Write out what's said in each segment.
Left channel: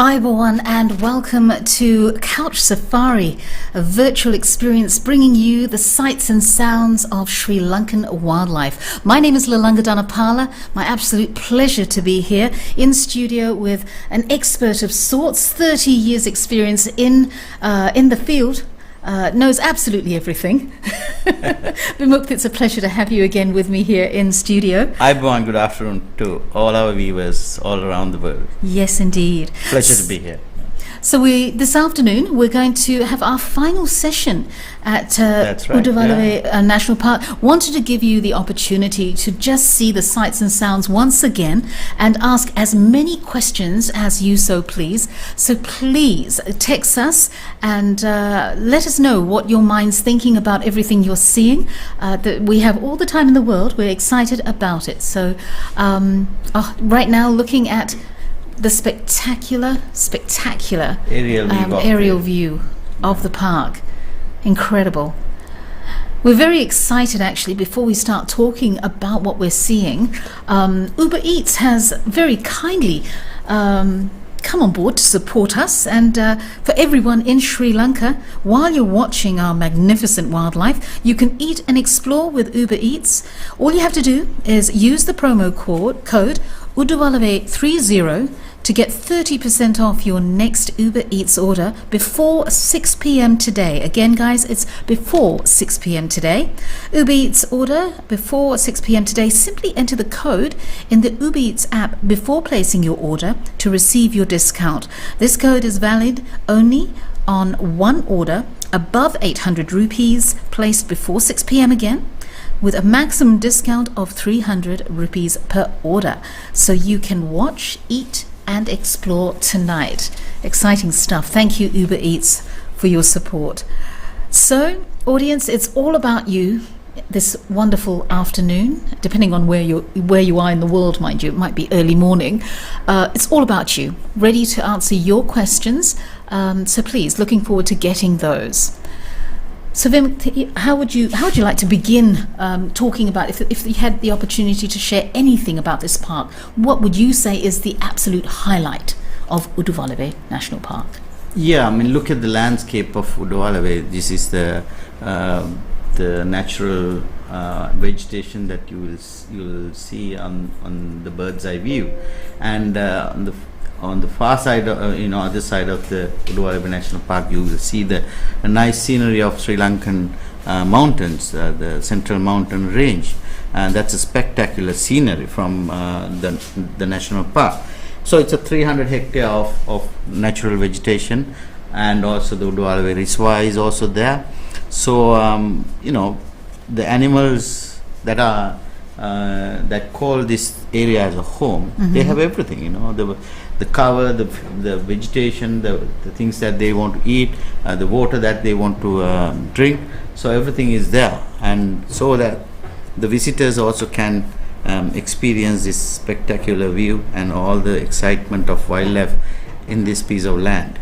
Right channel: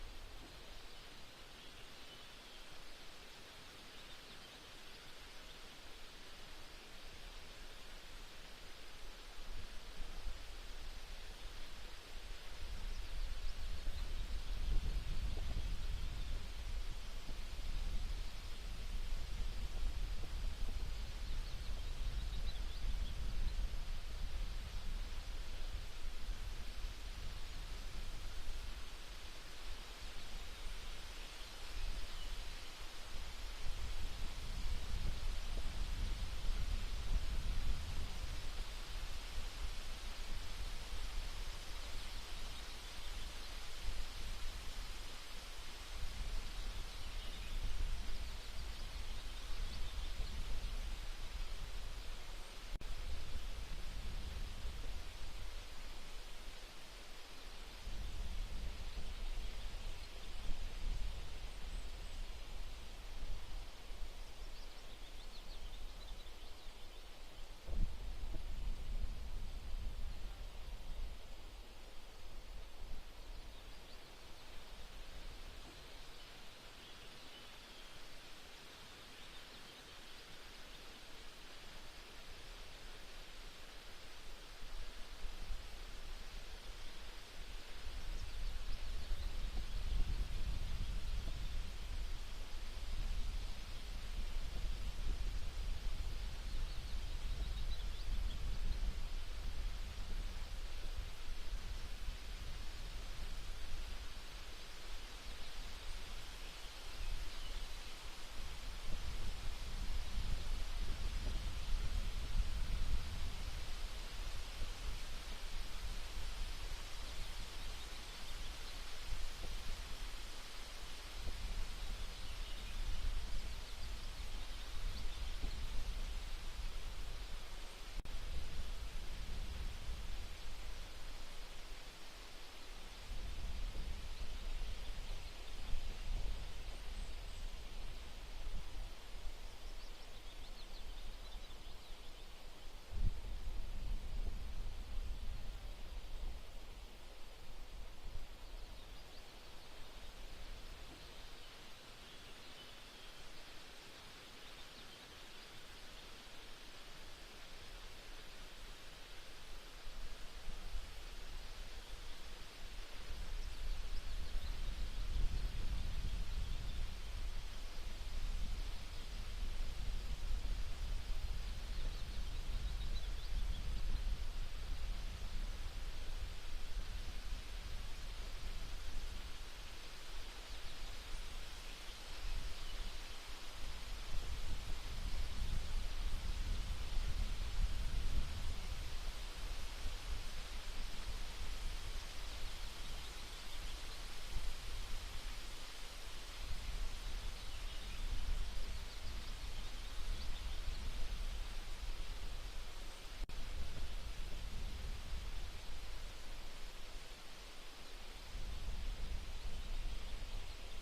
Everyone, and welcome to Couch Safari, a virtual experience bringing you the sights and sounds of Sri Lankan wildlife. My name is Lalanga Dhanapala. My absolute pleasure to be here in studio with an expert of sorts, 30 years experience in the field. Knows absolutely everything. Vimukth, it's a pleasure to have you again with me here in studio. Everyone, good afternoon to all our viewers all around the world. Yes, indeed. Pleasure to be here. So this afternoon we're going to have our final session at Udawalawe National Park. Wanted to give you the opportunity to just see the sights and sounds once again and ask as many questions as you so please. So please text us and let us know what your mind's thinking about everything you're seeing. That we have all the time in the world. We're excited about it. So right now looking at the spectacular aerial view of the park. Incredible. We're very excited actually. Before we start talking about what we're seeing, Uber Eats has very kindly come on board to support us, and for everyone in Sri Lanka, while you're watching our magnificent wildlife, you can eat and explore with Uber Eats. All you have to do is use the promo code Udawalawe30 to get 30% off your next Uber Eats order before 6 p.m. today. Again, guys, it's before 6 p.m. today. Uber Eats order before 6 p.m. today. Simply enter the code in the Uber Eats app before placing your order to receive your discount. This code is valid only on one order above 800 rupees placed before 6 p.m. again, with a maximum discount of 300 rupees per order. So you can watch, eat, and explore tonight. Exciting stuff. Thank you, Uber Eats, for your support. So, audience, it's all about you this wonderful afternoon, depending on where you are in the world, mind you. It might be early morning. It's all about you, ready to answer your questions. So please, looking forward to getting those. So Vim, how would you like to begin talking about, if you had the opportunity to share anything about this park, what would you say is the absolute highlight of Udawalawe National Park? Yeah, I mean, look at the landscape of Udawalawe. This is the natural vegetation that you will see on the bird's eye view, and on the far side, other side of the Udawalawe National Park, you will see the nice scenery of Sri Lankan mountains, the central mountain range, and that's a spectacular scenery from the national park. So it's a 300 hectare of natural vegetation, and also the Udawalawe Reservoir is also there. So the animals that are that call this area as a home, they have everything. The cover, the vegetation, the things that they want to eat, the water that they want to drink. So everything is there, and so that the visitors also can experience this spectacular view and all the excitement of wildlife in this piece of land.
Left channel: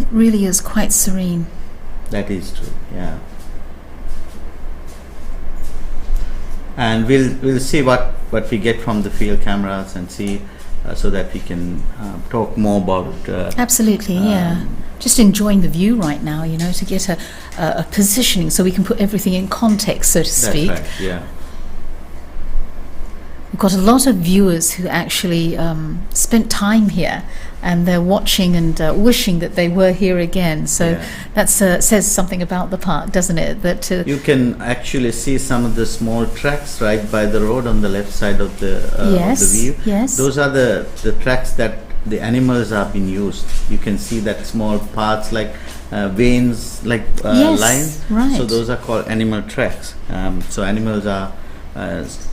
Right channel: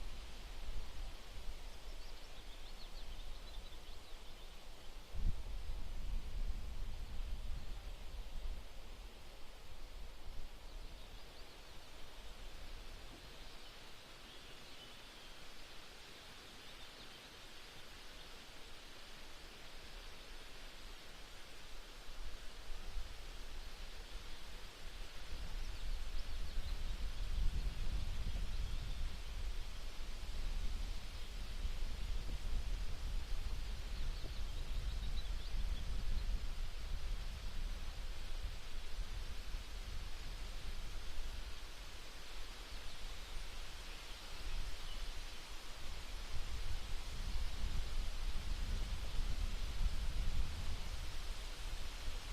It really is quite serene. That is true, yeah. And we'll see what we get from the field cameras and see so that we can talk more about absolutely, yeah. Just enjoying the view right now, to get a positioning so we can put everything in context, so to speak. That's right, yeah. We've got a lot of viewers who actually spent time here, and they're watching and wishing that they were here again. So that says something about the park, doesn't it? That you can actually see some of the small tracks right by the road on the left side of the view. Yes. Those are the tracks that the animals have been used. You can see that small parts like veins, like lines. Right. So those are called animal tracks. So animals are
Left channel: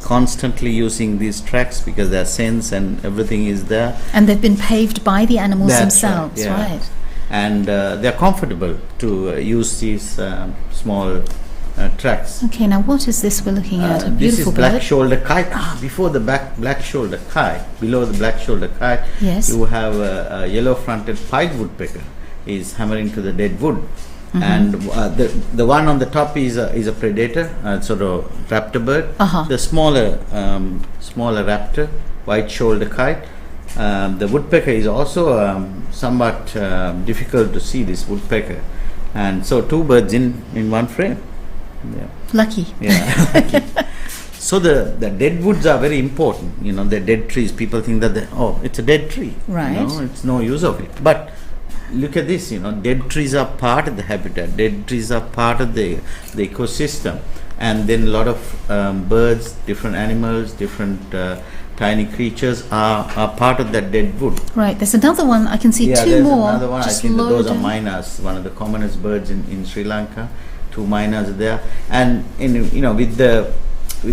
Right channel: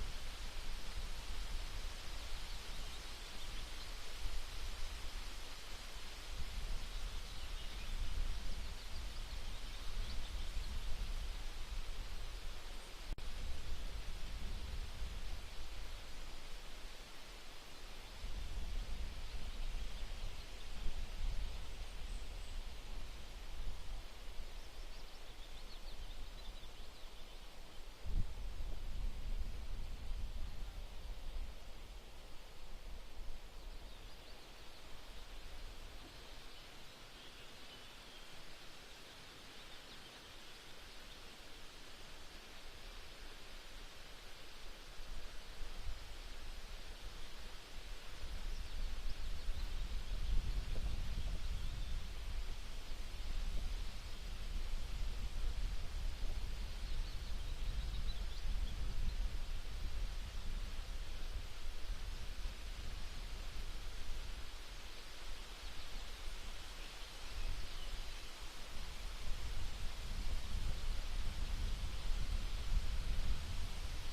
constantly using these tracks because their sense and everything is there. And they've been paved by the animals That's themselves, right? And they're comfortable to use these small tracks. Okay, now what is this we're looking at? A beautiful bird. This is black-shouldered kite. Before the black-shouldered kite, below the black-shouldered kite, you have a yellow-fronted pied woodpecker is hammering to the dead wood. And the one on the top is a predator, sort of raptor bird. The smaller raptor, white-shouldered kite, The woodpecker is also somewhat difficult to see, this woodpecker, and so two birds in one frame. Yeah. Lucky. Yeah. Lucky. So the dead woods are very important. You know, the dead trees. People think that it's a dead tree. Right. You know, it's no use of it. But look at this. You know, dead trees are part of the habitat. Dead trees are part of the ecosystem. And then a lot of birds, different animals, different tiny creatures are part of that dead wood. Right. There's another one. I can see Yeah, two there's more. another one. I just think that those are loaded. miners, one of the commonest birds in Sri Lanka. Two miners are there, and with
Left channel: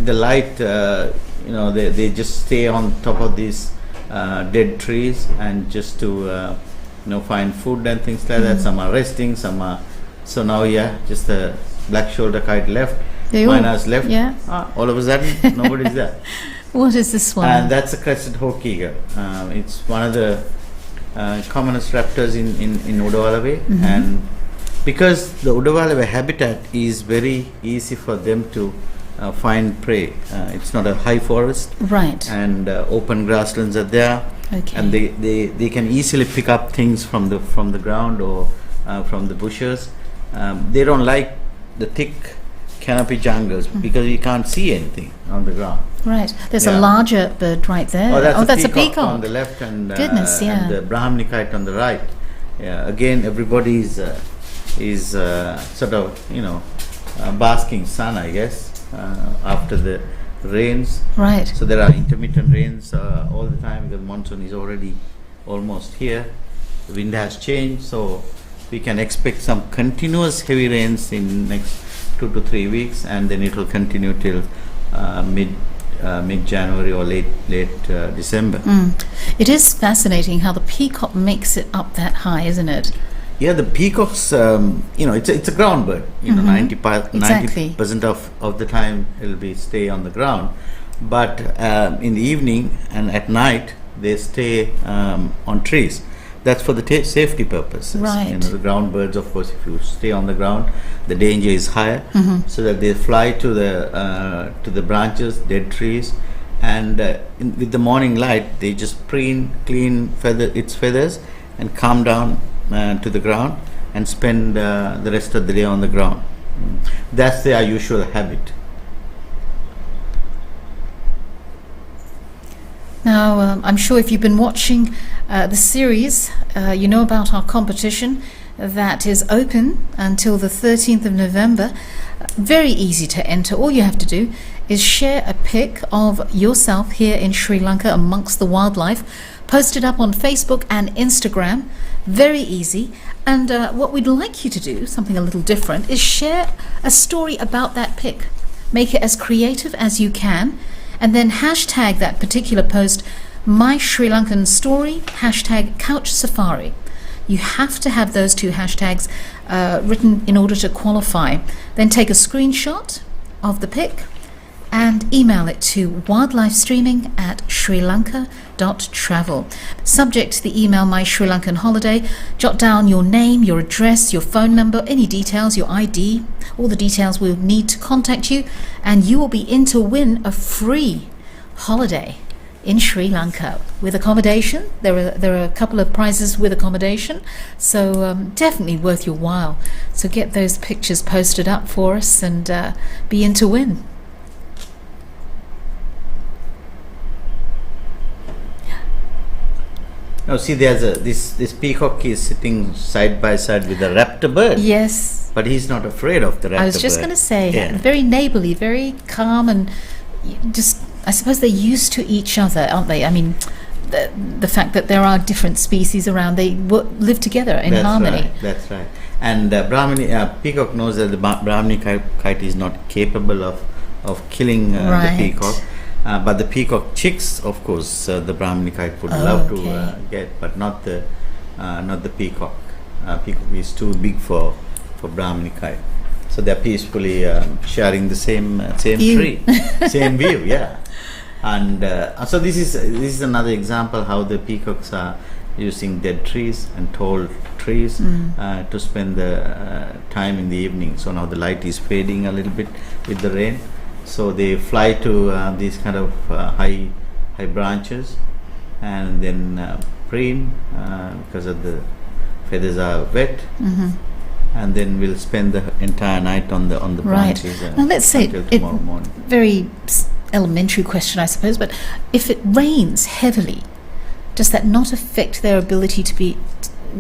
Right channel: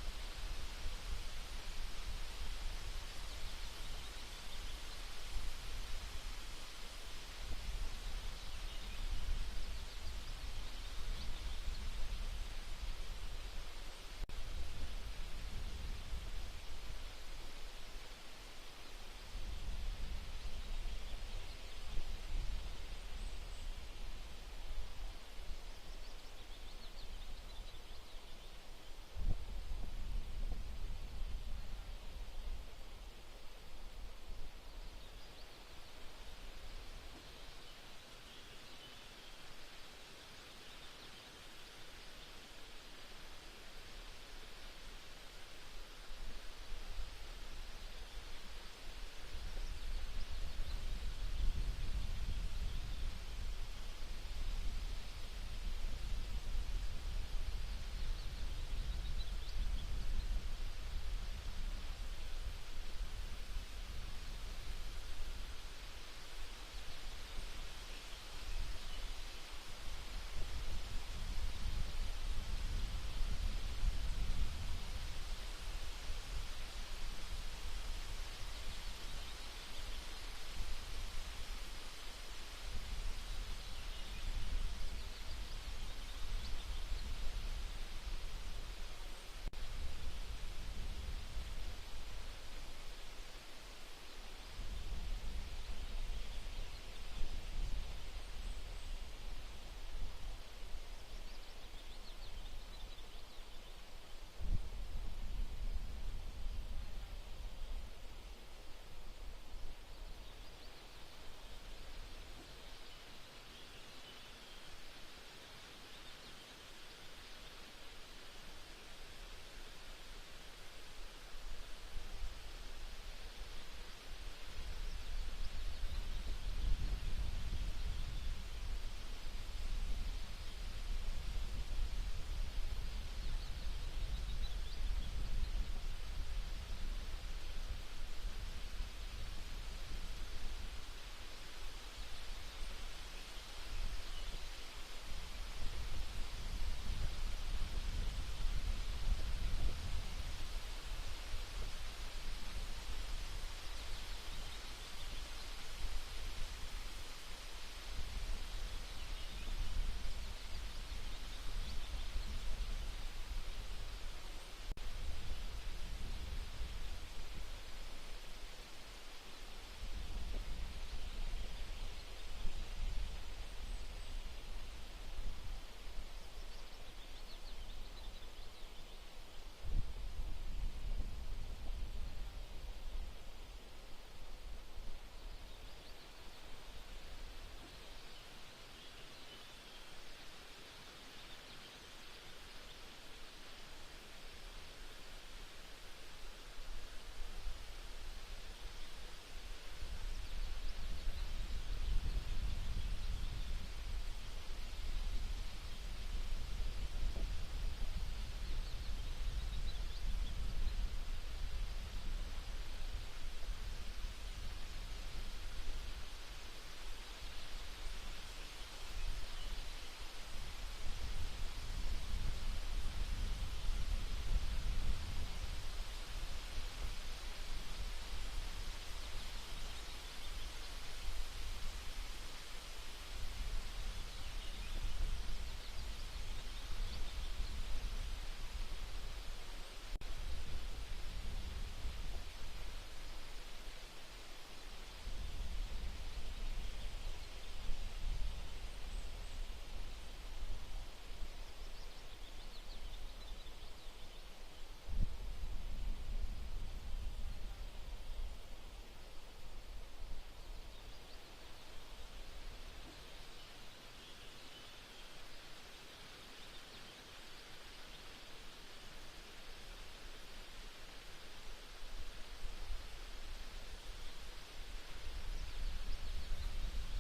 the light, they just stay on top of these dead trees and just to find food and things like that. Some are resting, some are. So now, just the black shoulder kite left. Miners left. Yeah. All of a sudden, nobody's there. What is this one? And that's a crested hawk eagle. It's one of the commonest raptors in Udawalawe, and because the Udawalawe habitat is very easy for them to find prey. It's not a high forest, Right. and open grasslands are there, Okay. and they can easily pick up things from the ground or from the bushes. They don't like the thick canopy jungles because you can't see anything on the ground. Right. There's Yeah. a larger bird right there. Oh, that's a a peacock on peacock. the left, and Goodness, yeah. and the Brahmini kite on the right. Yeah. Again, everybody is sort of basking sun, I guess, after the rains. Right. So there are intermittent rains all the time because monsoon is already almost here. The wind has changed, so we can expect some continuous heavy rains in next 2 to 3 weeks, and then it will continue till mid January or late December. It is fascinating how the peacock makes it up that high, isn't it? Yeah, the peacocks, it's a ground bird. 90% of the time it'll be stay on the ground, but in the evening and at night they stay on trees. That's for the safety purposes. Right. The ground birds, of course, if you stay on the ground, the danger is higher, so that they fly to the branches, dead trees, and with the morning light, they just clean its feathers and come down to the ground and spend the rest of the day on the ground. That's their usual habit. Now, I'm sure if you've been watching the series, you know about our competition that is open until the 13th of November. Very easy to enter. All you have to do is share a pic of yourself here in Sri Lanka amongst the wildlife, post it up on Facebook and Instagram. Very easy. And what we'd like you to do, something a little different, is share a story about that pic. Make it as creative as you can, and then hashtag that particular post My Sri Lankan Story, hashtag Couch Safari. You have to have those two hashtags written in order to qualify. Then take a screenshot of the pic and email it to wildlifestreaming@srilanka.travel. Subject to the email My Sri Lankan Holiday, jot down your name, your address, your phone number, any details, your ID, all the details we'll need to contact you, and you will be in to win a free holiday in Sri Lanka with accommodation. There are a couple of prizes with accommodation, so definitely worth your while. So get those pictures posted up for us and be in to win. Now see, there's this peacock is sitting side by side with a raptor bird. Yes. But he's not afraid of the raptor bird. I was just going to say, Yeah. very neighbourly, very calm, and just, I suppose they're used to each other, aren't they? I mean, the fact that there are different species around, they live together in harmony. That's right. And peacock knows that the Brahmini kite is not capable of killing Right. the peacock. But the peacock chicks, of course, the Brahmini kite would love to okay. get, but not the peacock. Peacock is too big for Brahmini kite. So they're peacefully sharing the same View. tree, same view, yeah. And so this is another example how the peacocks are using dead trees and tall trees to spend the time in the evening. So now the light is fading a little bit with the rain. So they fly to these kind of high branches and then preen because of the feathers are wet, and then we'll spend the entire night on the Right. branches Now let's say until tomorrow morning. very elementary question, I suppose, but if it rains heavily, does that not affect their ability to be,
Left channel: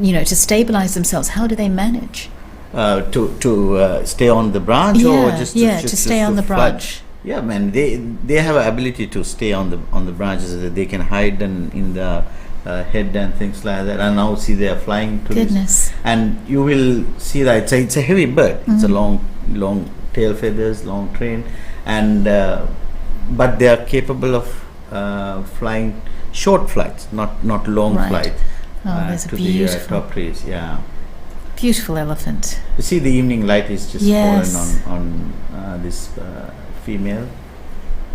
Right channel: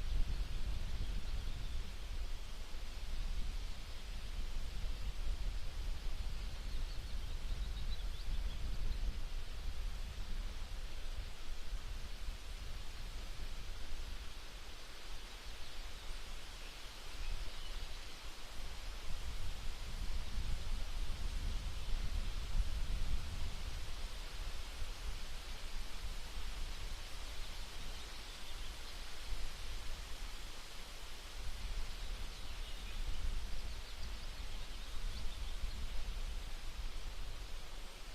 to stabilize themselves? How do they manage? To stay on the branch, or just to stay on the fly? branch. Yeah, man, they have an ability to stay on the branches. That they can hide in the head and things like that. And now see they are flying to Goodness. this, and you will see that it's a heavy bird. It's a long tail feathers, long train, and but they are capable of flying short flights, not long Right. flight There's a to the beautiful, top trees. Yeah. beautiful elephant. You see, the evening light is just Yes. fallen on this female.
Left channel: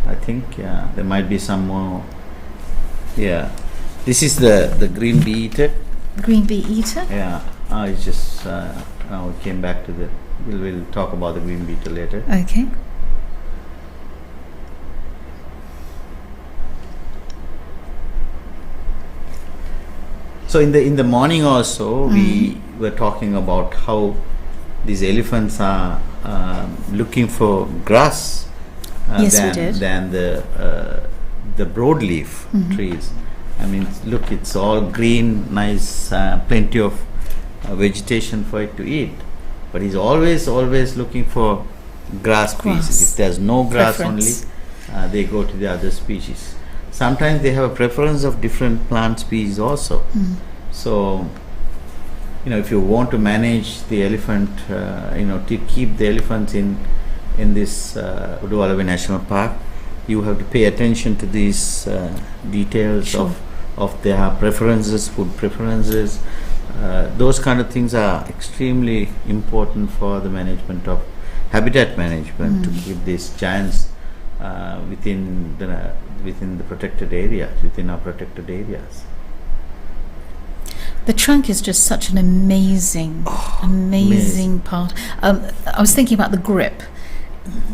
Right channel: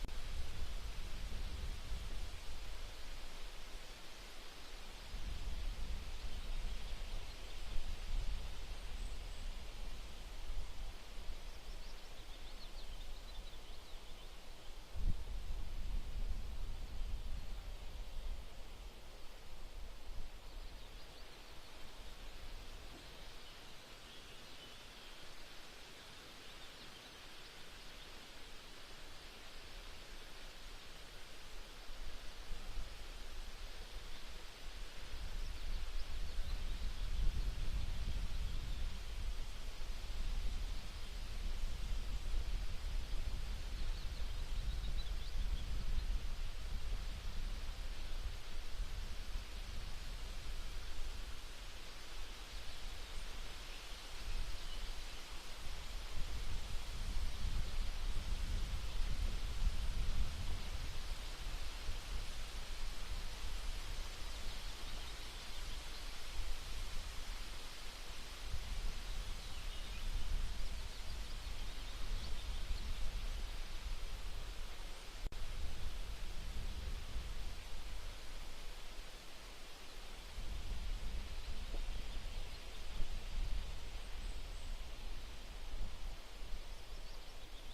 I think, yeah, there might be some more. Yeah, this is the green bee eater. Green bee eater? Yeah, it's just now we came back to the. We'll talk about the green bee eater later. Okay. So in the morning also, we were talking about how these elephants are looking for grass Yes, we did. than the broadleaf trees. I mean, look, it's all green, nice, plenty of vegetation for it to eat. But he's always looking for grass species. If there's no grass Preference. only, they go to the other species. Sometimes they have a preference of different plant species also. So, if you want to manage the elephant, to keep the elephants in this Udawalawe National Park, you have to pay attention to these details Sure. of their preferences, food preferences. Those kind of things are extremely important for the management of habitat management, to keep these giants within the protected area, within our protected areas. The trunk is just such an amazing part. I was thinking about the grip.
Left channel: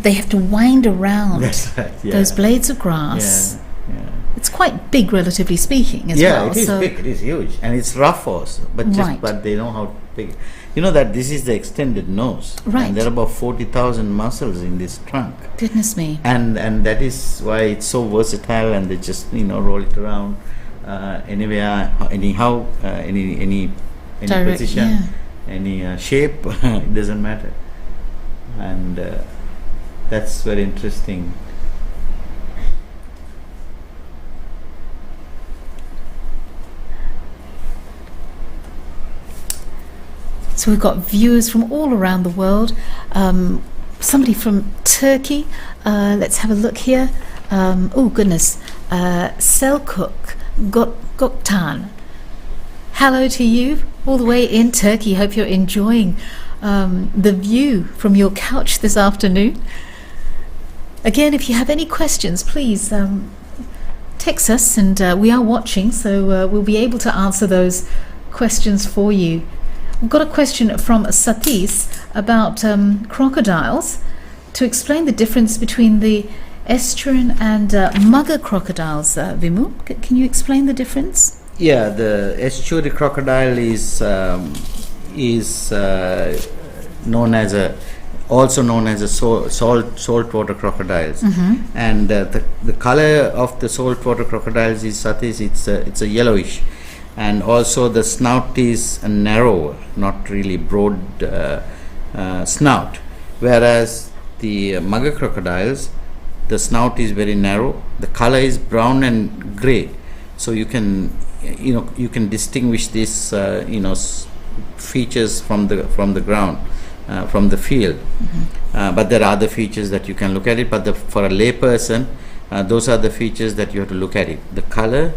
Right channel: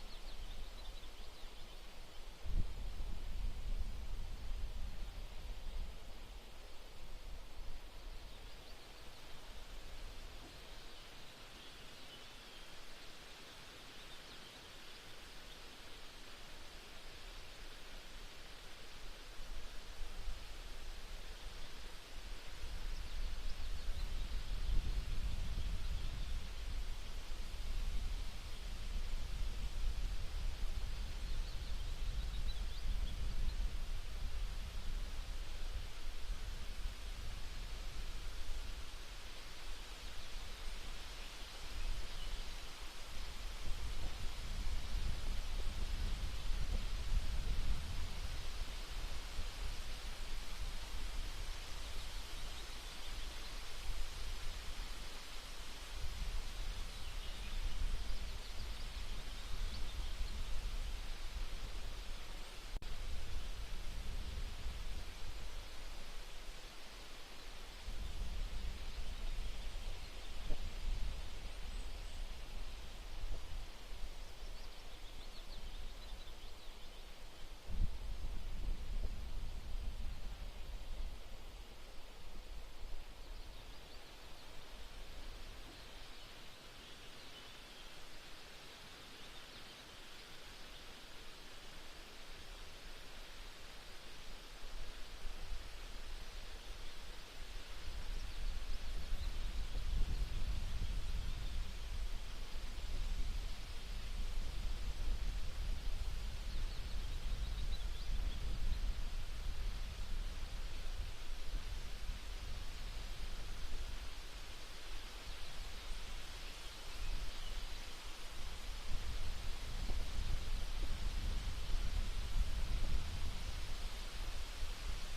They have to wind around That's right. Yeah. those blades of grass. Yeah. It's quite big, relatively speaking, as Yeah, well. it is big. It is huge, and it's rough also. Right. But they know how to pick it. You know that this is the extended nose, Right. and there are about 40,000 muscles in this trunk, Goodness me. and that is why it's so versatile. And they just roll it around anywhere, anyhow, any Direct, position, any shape. It doesn't matter, and that's very interesting. So we've got viewers from all around the world. Somebody from Turkey. Let's have a look here. Oh goodness, Selçuk Goktan. Hello to you, all the way in Turkey. Hope you're enjoying the view from your couch this afternoon. Again, if you have any questions, please text us, and we are watching, so we'll be able to answer those questions for you. We've got a question from Satis about crocodiles. To explain the difference between the estuarine and mugger crocodiles, Vimu, can you explain the difference? Yeah, the estuary crocodile is also known as a saltwater crocodiles, and the color of the saltwater crocodiles is it's a yellowish, and also the snout is narrow, not really broad snout, whereas the mugger crocodiles, the snout is very narrow, the color is brown and gray, so you can distinguish these features from the ground, from the field. But there are other features that you can look at it, but for a lay person, those are the features that you have to look at it: the color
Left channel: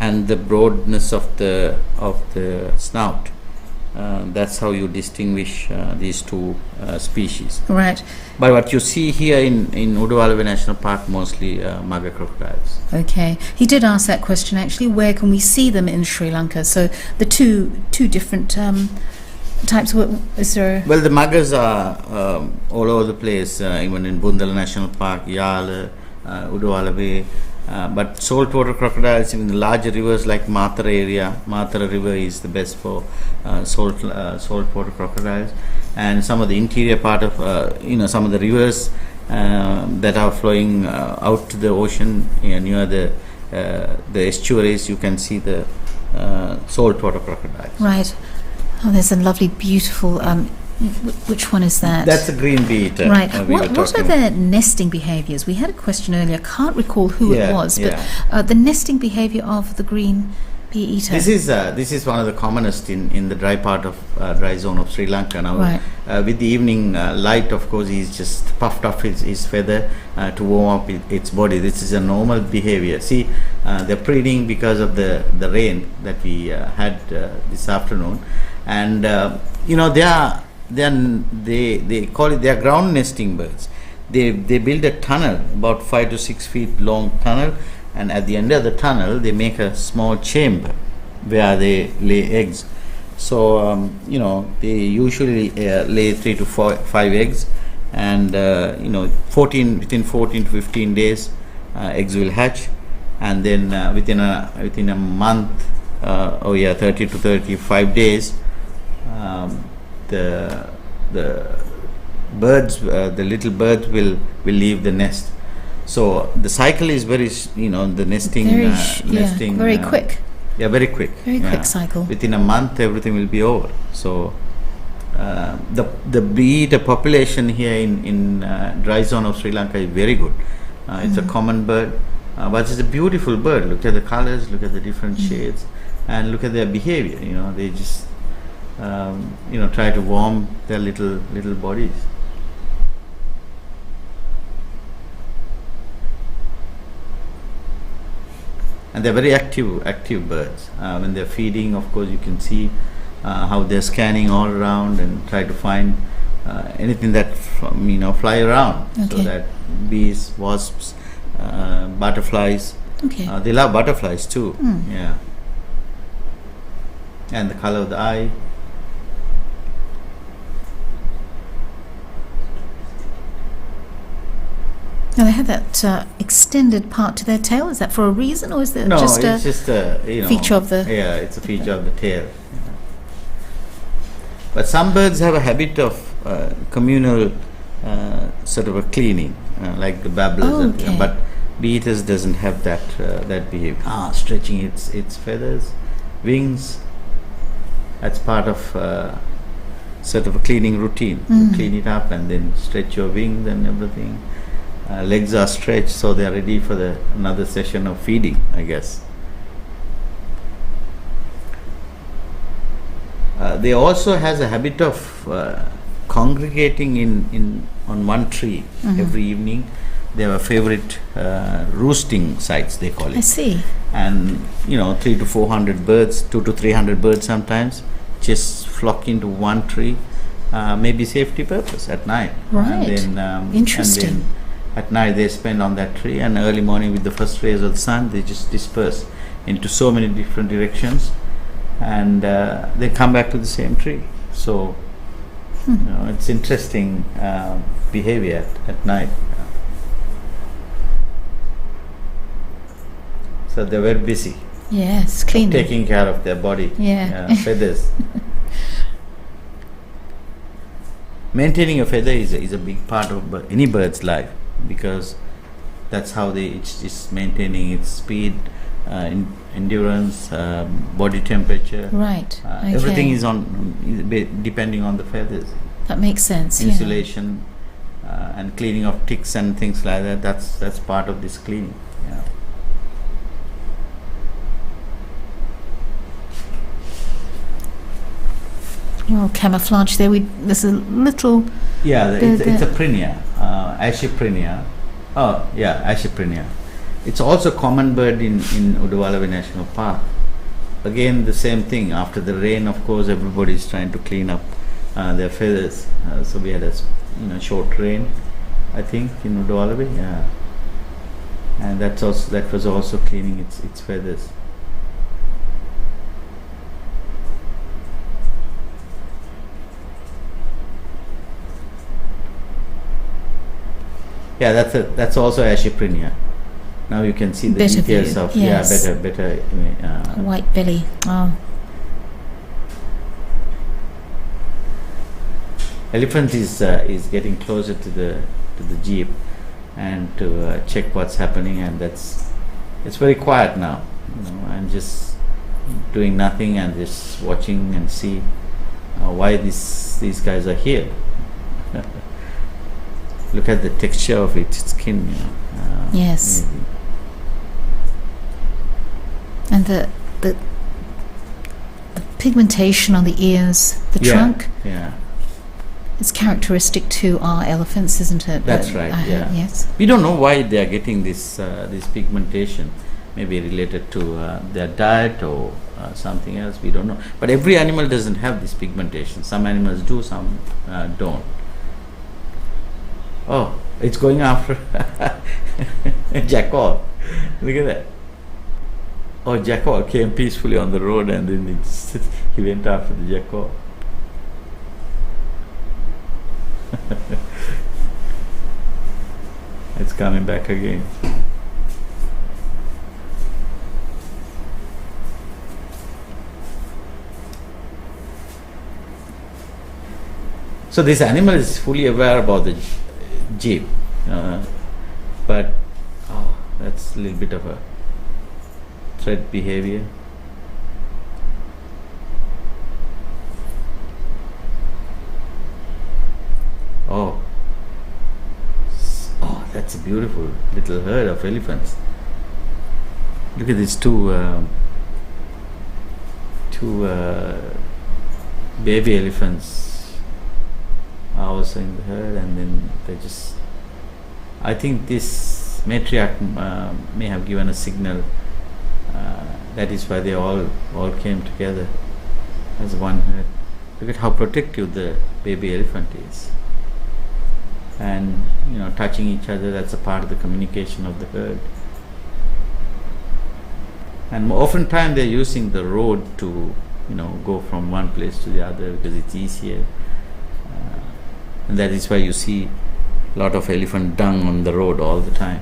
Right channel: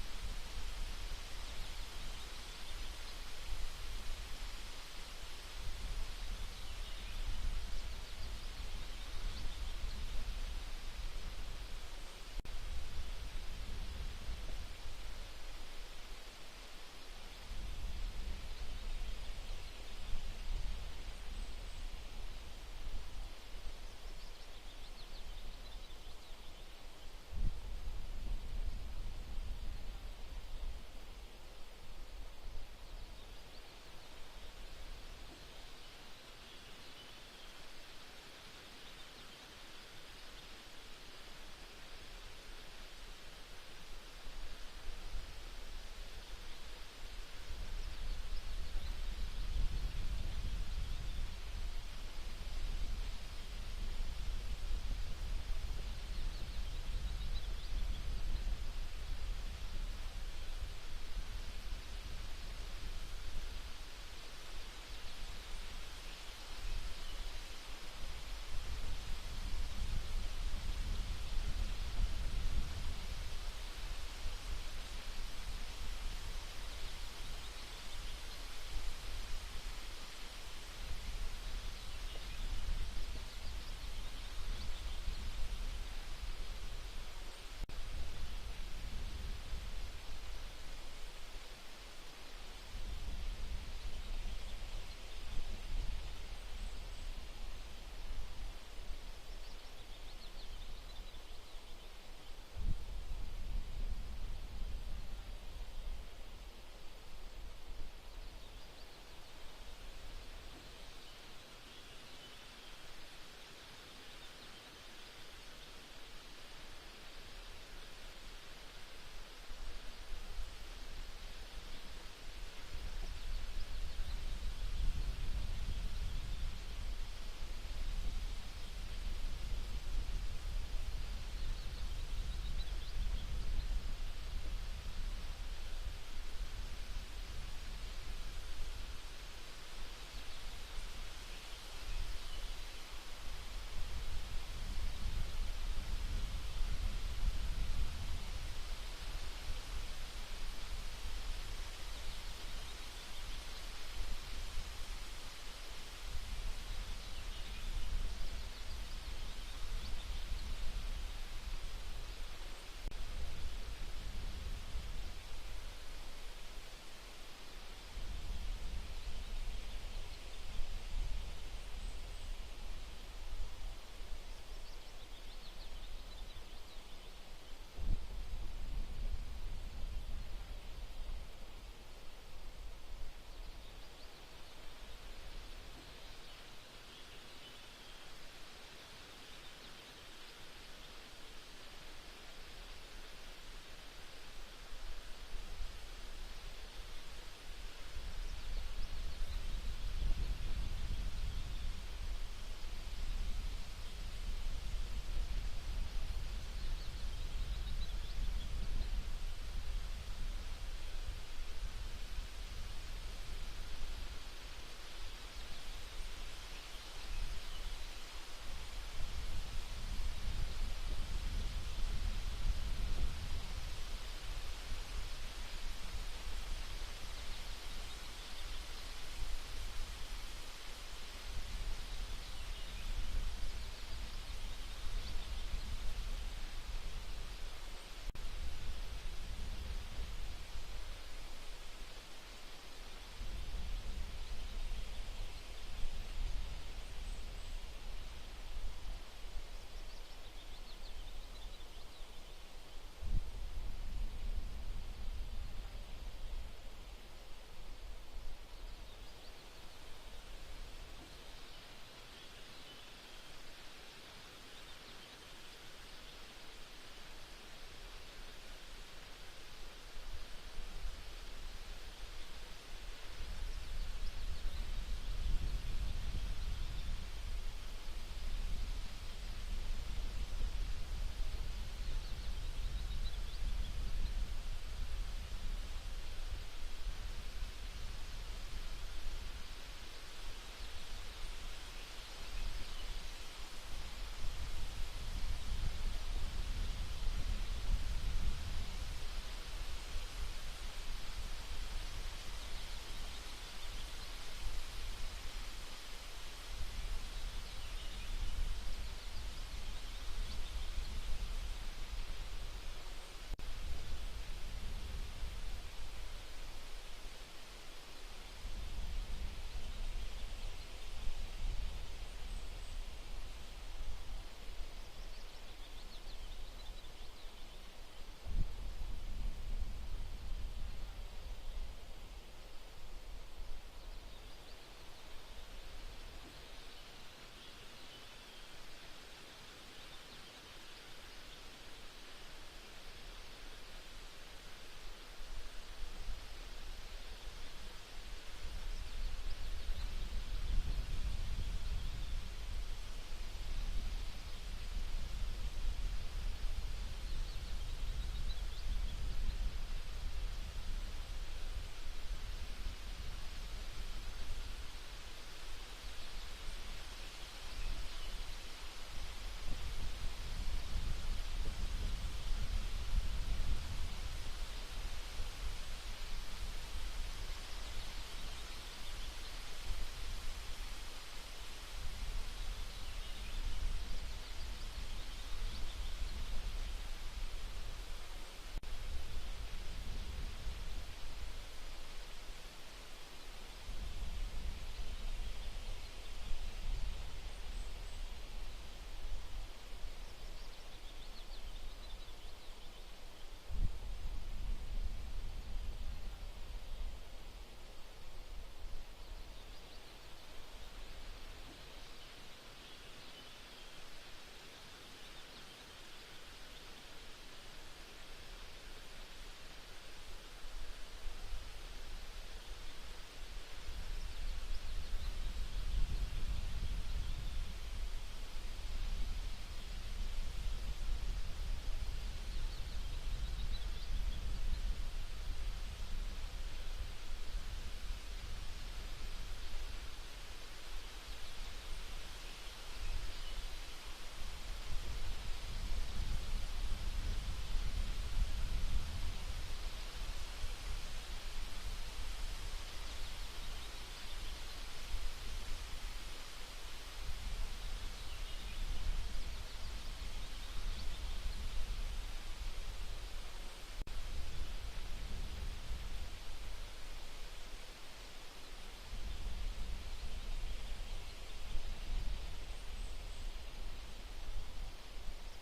and the broadness of the snout. That's how you distinguish these two species. Right. But what you see here in Udawalawe National Park, mostly mugger crocodiles. Okay. He did ask that question actually. Where can we see them in Sri Lanka? So the two different types. Is there? Well, the muggers are all over the place. Even in Bundala National Park, Yala, Udawalawe, But saltwater crocodiles in the larger rivers like Mathura area, Mathura River is the best for saltwater crocodiles, and some of the interior part of some of the rivers that are flowing out to the ocean near the estuaries, you can see the saltwater crocodiles. Right. Oh, there's a lovely, beautiful. Which one is that? That's a green bee-eater. Right. What are their nesting behaviours? We had a question earlier. I can't recall who it was, but the nesting behaviour of the green bee-eater. This is one of the commonest in the dry part of dry zone of Sri Lanka now. Right. With the evening light, of course, he's just puffed off his feather to warm up its body. This is a normal behavior. See, they're breeding because of the rain that we had this afternoon, and they call it, they are ground nesting birds. They build a tunnel, about 5 to 6 feet long tunnel, and at the end of the tunnel they make a small chamber where they lay eggs. So they usually lay 3 to 5 eggs, and within 14 to 15 days eggs will hatch, and then within a month 30 to 35 days the birds, the little birds will leave the nest. So the cycle is very, the nesting, very quick. Yeah, very quick. Very quick cycle. Within a month, everything will be over. So the bee-eater population here in dry zone of Sri Lanka is very good. It's a common bird, but it's a beautiful bird. Look at the colors, look at the different shades, and look at their behavior. They just try to warm their little bodies. And they're very active birds. When they're feeding, of course, you can see how they're scanning all around and try to find anything that fly around. Okay. So that bees, wasps, butterflies. Okay. They love butterflies too. Yeah. And the color of the eye. Now they have that extended part to their tail. Is that for a reason, or is that No, just it's just a feature of the? Yeah, it's a feature of the tail. Yeah. But some birds have a habit of communal sort of a cleaning, like the babblers. Okay. But bee-eaters doesn't have that behavior. Stretching its feathers, wings. That's part of sort of a cleaning routine. You clean it up and then stretch your wings and everything. Legs are stretched, so they are ready for another session of feeding, I guess. They also has a habit of congregating on one tree every evening. They have a favorite roosting sites, they call it. I see. And 300 to 400 birds, 200 to 300 birds sometimes, just flock into one tree, maybe safety purpose at night. Right. And then, Interesting. And then at night they spend on that tree, and early morning with the first rays of the sun they just disperse into so many different directions, and they come back to the same tree. So it's interesting behavior at night. So they're very busy. Yes, cleaning. Taking care of their body. Feathers. Maintaining a feather is a big part of any bird's life, because that's how it's maintaining its speed, endurance, body temperature. Right. Okay. Everything is depending on the feathers. That makes sense. Insulation and cleaning of ticks and things like that. That's part of this cleaning. Yeah. Well, camouflage there. There's a little. Yeah, it's a prinia, Ashiprinia. Oh, yeah, Ashiprinia. It's also a common bird in Udawalawe National Park. Again, the same thing. After the rain, of course, everybody is trying to clean up their feathers. So we had a short rain, I think, in Udawalawe. Yeah, and that was also cleaning its feathers. Yeah, that's also Ashiprinia. Now you can see the Better details view, of yes. better. White belly. Oh, Elephant is getting closer to the jeep and to check what's happening, and it's very quiet now, and just doing nothing and just watching and see why these guys are here. Look at the texture of its skin. yes. Maybe. And the pigmentation on the ears, the trunk. Yeah. It's characteristic to our elephants, isn't it? That's right, yeah. Yes. We don't know why they are getting this pigmentation. Maybe related to their diet or something else. We don't know. But every animal doesn't have this pigmentation. Some animals do, some don't. Oh, it's going after a jackal. Look at that. Oh, jackal came peacefully on the road, and then he went after the jackal. It's coming back again. So this animal is fully aware about the jeep, but that's a little bit of a threat behavior. Oh, that's a beautiful little herd of elephants. Look at these two baby elephants are also in the herd, and then they just. I think this matriarch may have given a signal. That is why they all came together as one herd. Look at how protective the baby elephant is. And touching each other, that's a part of the communication of the herd. And oftentimes they're using the road to go from one place to the other because it's easier, and that is why you see a lot of elephant dung on the road all the time.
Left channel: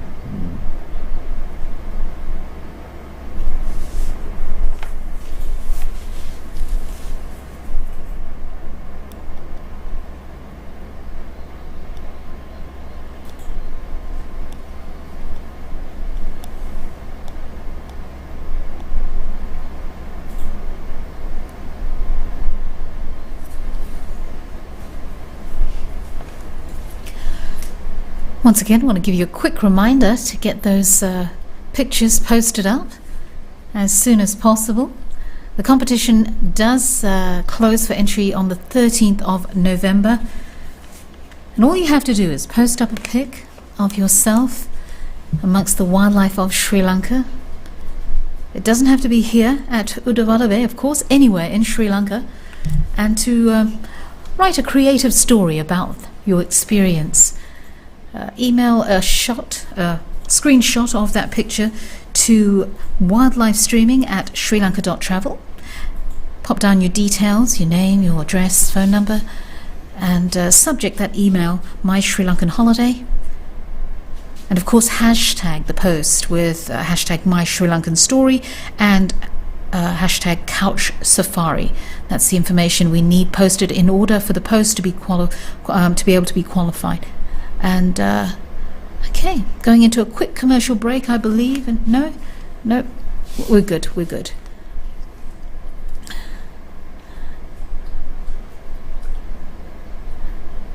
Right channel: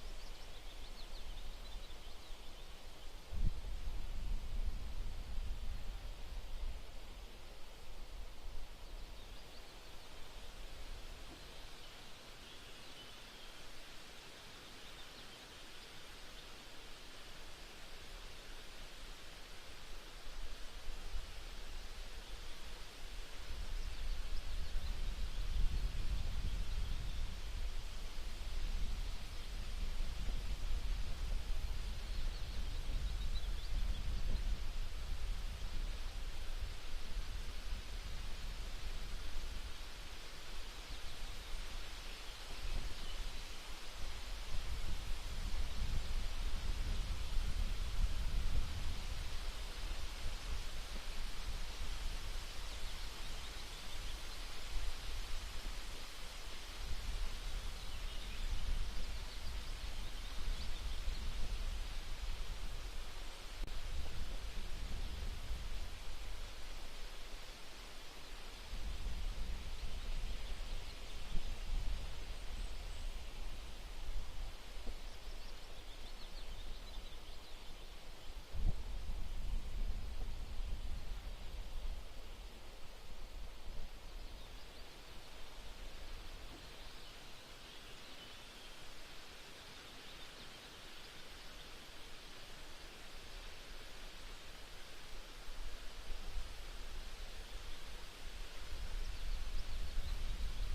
Once again, I want to give you a quick reminder to get those pictures posted up as soon as possible. The competition does close for entry on the 13th of November. And all you have to do is post up a pic of yourself amongst the wildlife of Sri Lanka. It doesn't have to be here at Udawalawe, of course, anywhere in Sri Lanka. And to write a creative story about your experience. Email a screenshot of that picture to wildlifestreaming@srilanka.travel. Pop down your details, your name, your address, phone number, and subject that email My Sri Lankan Holiday. And of course, hashtag the post with hashtag My Sri Lankan Story and hashtag Couch Safari. That's the information we need posted in order for the post to be able to be qualified. And okay, going into a quick commercial break, I believe. And no, we're good.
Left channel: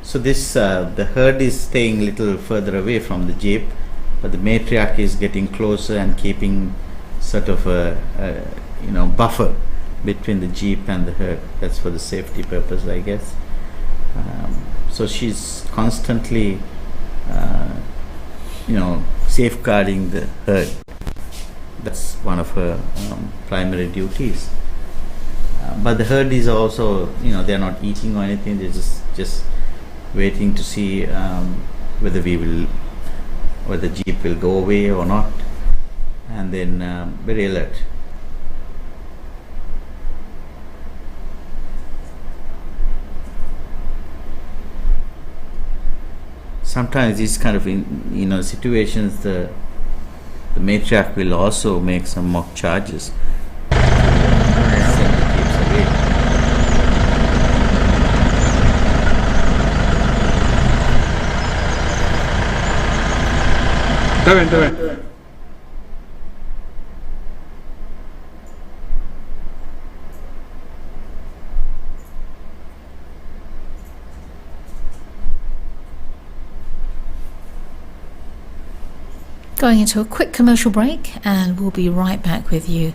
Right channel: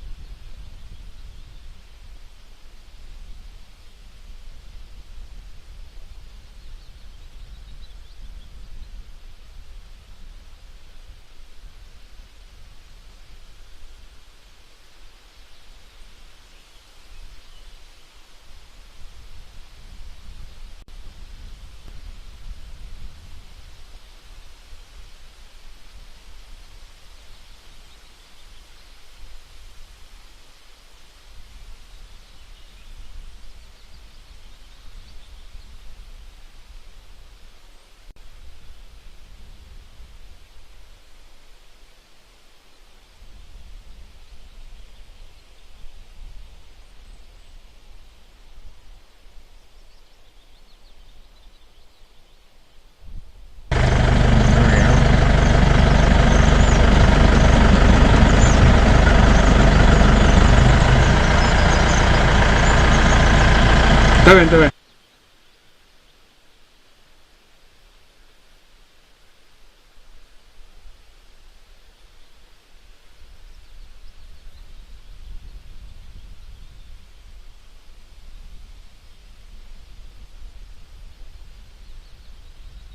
So this the herd is staying a little further away from the jeep, but the matriarch is getting closer and keeping sort of a buffer between the jeep and the herd. That's for the safety purpose, I guess. So she's constantly safeguarding the herd. That's one of her primary duties. But the herd is also, they're not eating or anything. They're just waiting to see whether the jeep will go away or not, and then very alert. Sometimes these kind of situations, the the matriarch will also make some mock charges. Está bien, está bien. Going into a quick commercial break, and we'll be right back with you.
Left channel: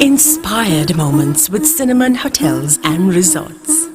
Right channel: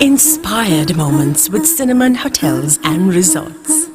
Inspired moments with Cinnamon Hotels and Resorts.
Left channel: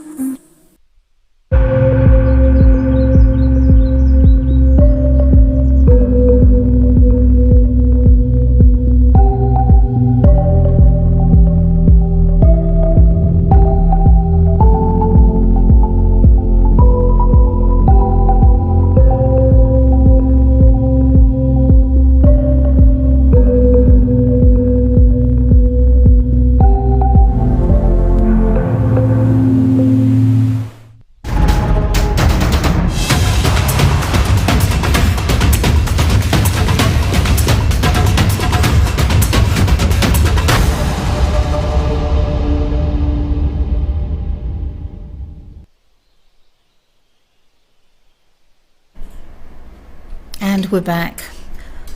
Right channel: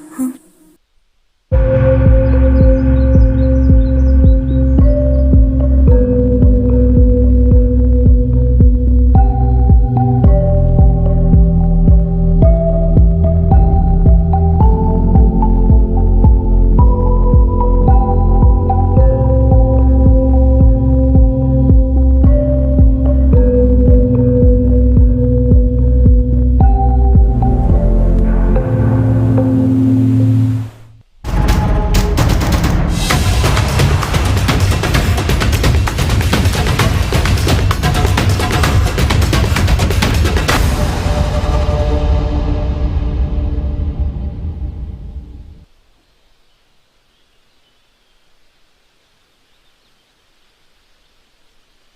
And we're back.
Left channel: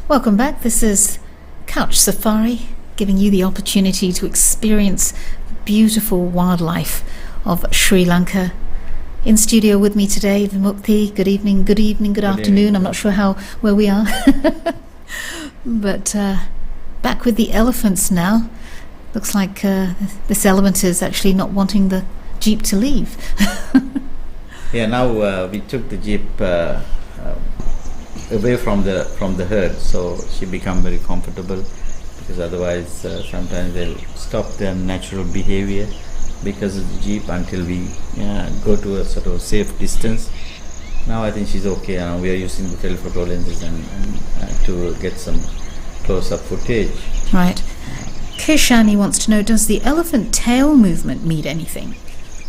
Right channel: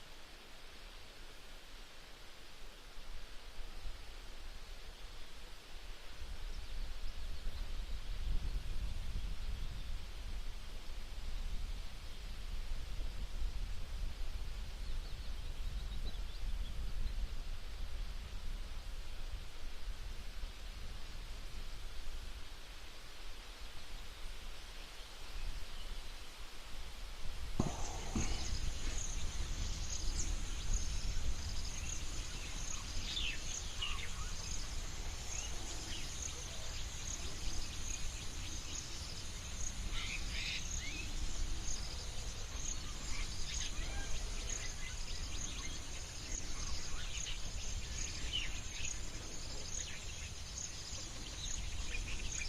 Welcome back. This is Couch Safari, giving you the opportunity to experience beautiful wildlife of Sri Lanka. In studio with me today, Vimukti. Good evening, good afternoon. I'm not sure where we are. But back with the elephants now. Looks like this elephant is actually not wanting the jeep to leave. Yeah, now we took the jeep away from the herd, so she become very comfortable, because otherwise sometimes they'll stop their natural behavior because of the jeep until we go to a sort of safe distance. Now I think she's okay. We are using the telephoto lenses and to get some close-up footage. Right. Keshani wants to know, does the elephant tail movement mean anything?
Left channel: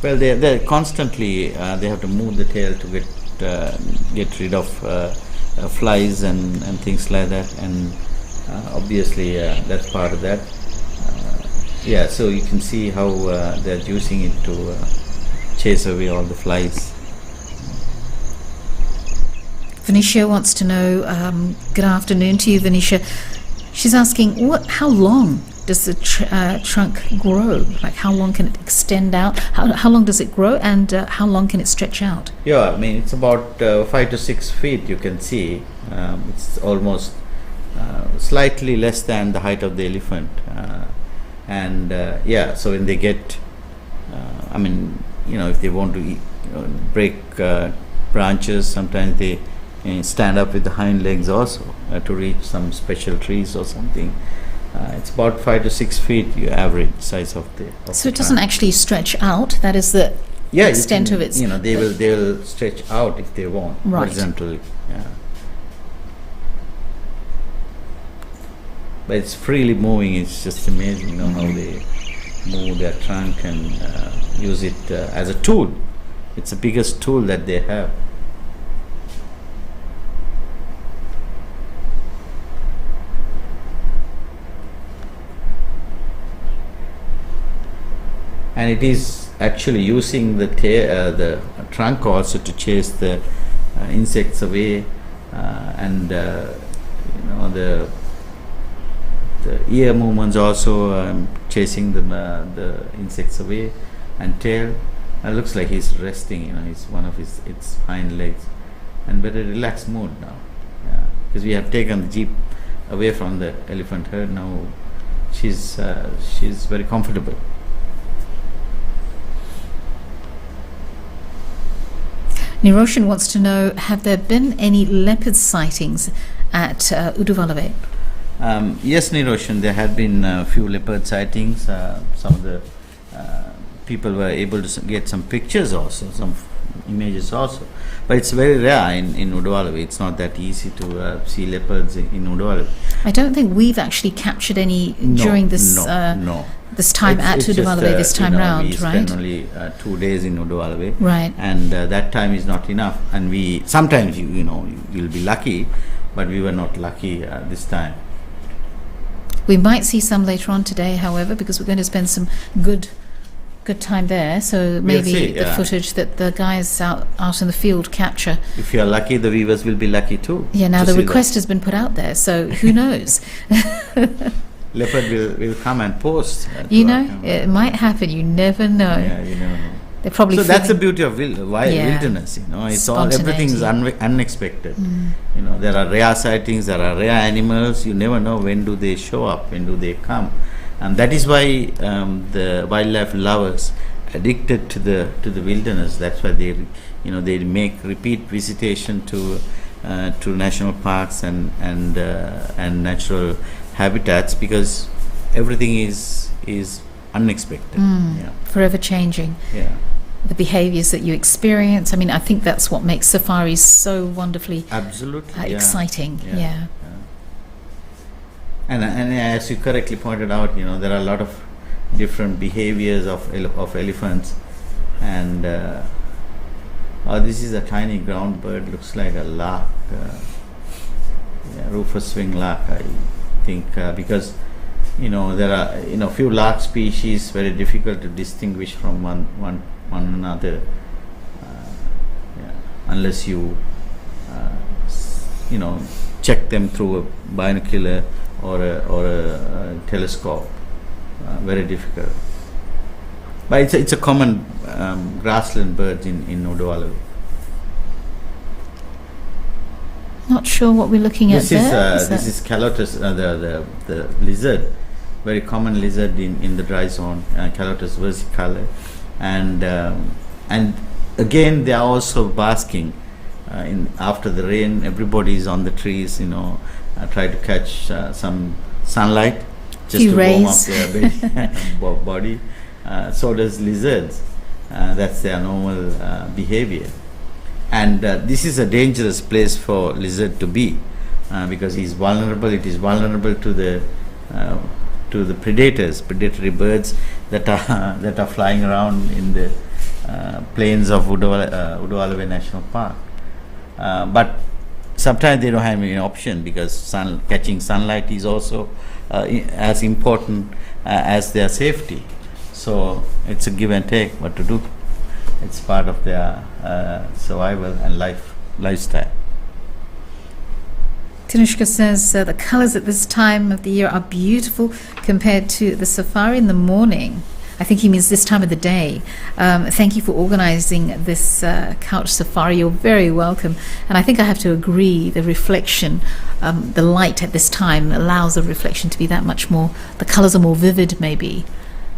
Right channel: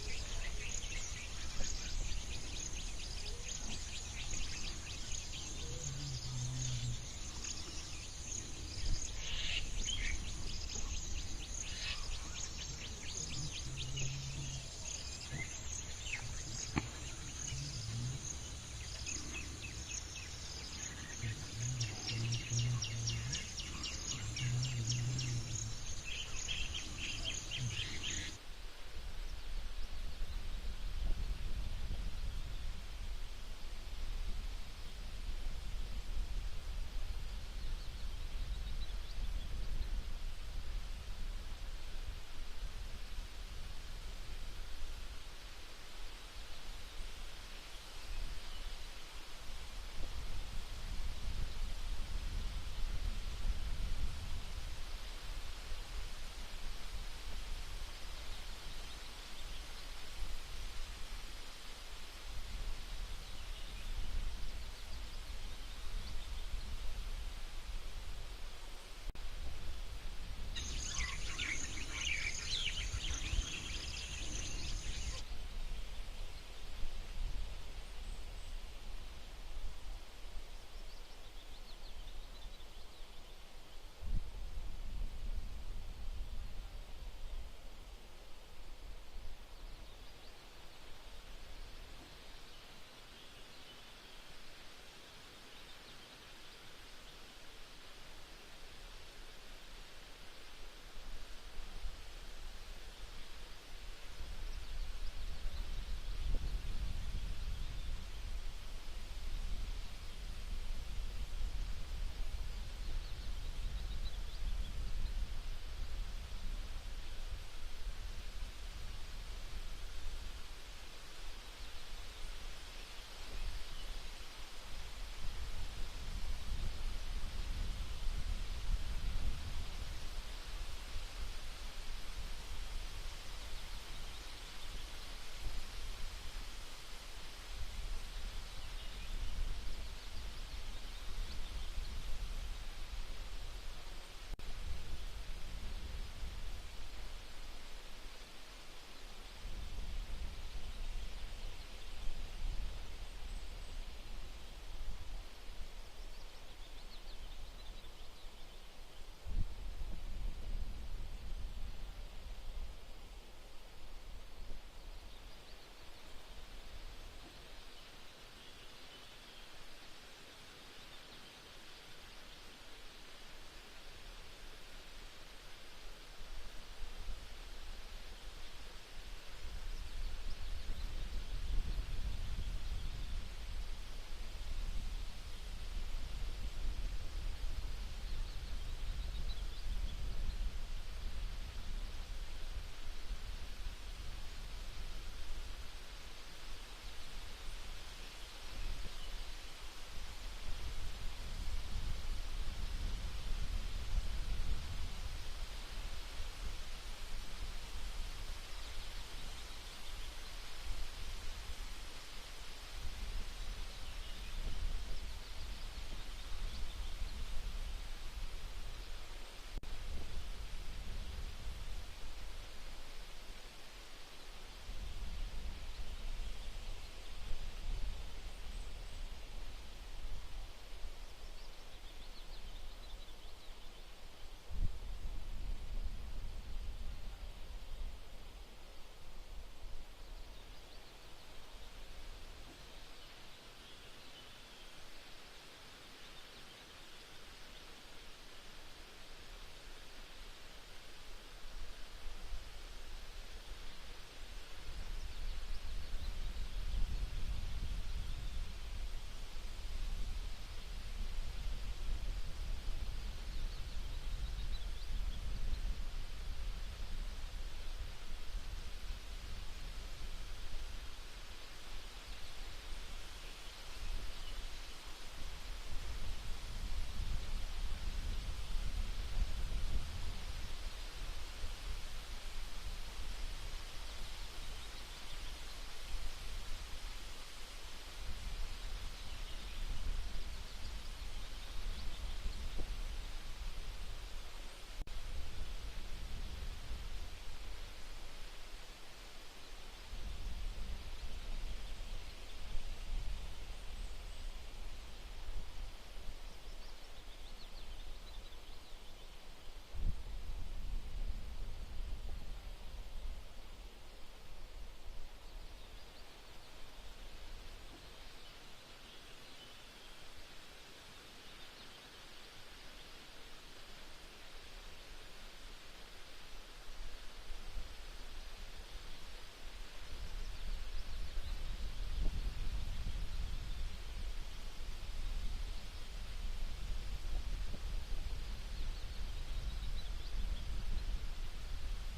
Well, they're constantly they have to move the tail to get rid of flies and things like that, and obviously that's part of that. So you can see how they're using it to chase away all the flies. Venetia wants to know, good afternoon to you, Venetia. She's asking, how long does the trunk grow? Like, how long can it extend out? How long does it grow, and how long can it stretch out? Yeah, I mean, it's about 5 to 6 feet, you can see. It's almost slightly less than the height of the elephant. So when they get, if they want to break branches, sometimes they stand up with the hind legs also to reach some special trees or something. It's about 5 to 6 feet, your average size of the. So it doesn't actually stretch out. That is the extent of its. They will stretch out if they want, right, horizontally. Yeah. But it's freely moving. It's just amazing, how they move their trunk and use it as a tool. It's the biggest tool that they have. and it is actually using the trunk also to chase the insects away, and the ear movements also chasing the insects away, and tail. Looks like he's resting. It's one of its hind legs, and very relaxed mood now. Yeah, because we have taken the jeep away from the elephant herd. Now she's very comfortable. Niroshan wants to know, have there been any leopard sightings at Udawalawe? Yes, Niroshan, there had been a few leopard sightings. Some of the people were able to get some pictures also, some images also. But it's very rare in Udawalawe. It's not that easy to see leopards in Udawalawe. I don't think we've actually captured any during this this time at Udawalawe this time round, we right? spend only 2 days in Udawalawe, Right. and that time is not enough. And we sometimes you'll be lucky, but we were not lucky this time. We might see some later on today, however, because we're going to spend some good time there. So maybe see, the yeah. footage that the guys out in the field capture. If you are lucky, the viewers will be lucky too. Yeah, now to the see request has been put out there, so who knows? Leopard will come and post. You to our know, camera. it might happen. You never know. Yeah, you never know. They're probably So that's the feeling- beauty of wilderness. It's all everything is unexpected. There are rare sightings, there are rare animals. You never know when do they show up, when do they come, and that is why the wildlife lovers addicted to the wilderness. That's why they make repeat visitation to national parks and natural habitats, because everything is unexpected. Yeah. forever changing. Yeah. The behaviors that you experience. I mean, I think that's what makes safaris so wonderfully Absolutely. Yeah. exciting. Yeah. Yeah. And as you correctly pointed out, there are a lot of different behaviors of elephants, and this is a tiny ground bird. Looks like a lark, rufous wing lark, I think, because there are few lark species very difficult to distinguish from one another, unless you check them through a binocular or a telescope. Very difficult. But it's a common grassland bird in Udawalawe. Not sure what we're looking at there. This is Calotus, the lizard, very common lizard in the dry zone, Calotus versicolor, and again they are also basking after the rain. Everybody is on the trees, try to catch some sunlight just Few to warm up rays. their body. So does lizards. That's their normal behavior. And this is a dangerous place for lizard to be, because he's vulnerable. It is vulnerable to the predators, predatory birds that are flying around in the plains of Udawalawe National Park. But sometimes they don't have any option, because catching sunlight is also as important as their safety. So it's a give and take. What to do? It's part of their survival and lifestyle. Tanushka says the colours at this time of the year are beautiful compared to the safari in the morning. I think he means this time of the day. Thank you for organising this couch safari. You're very welcome. And I think I have to agree, the reflection, the light at this time allows the reflection to be that much more, the colours are more vivid maybe.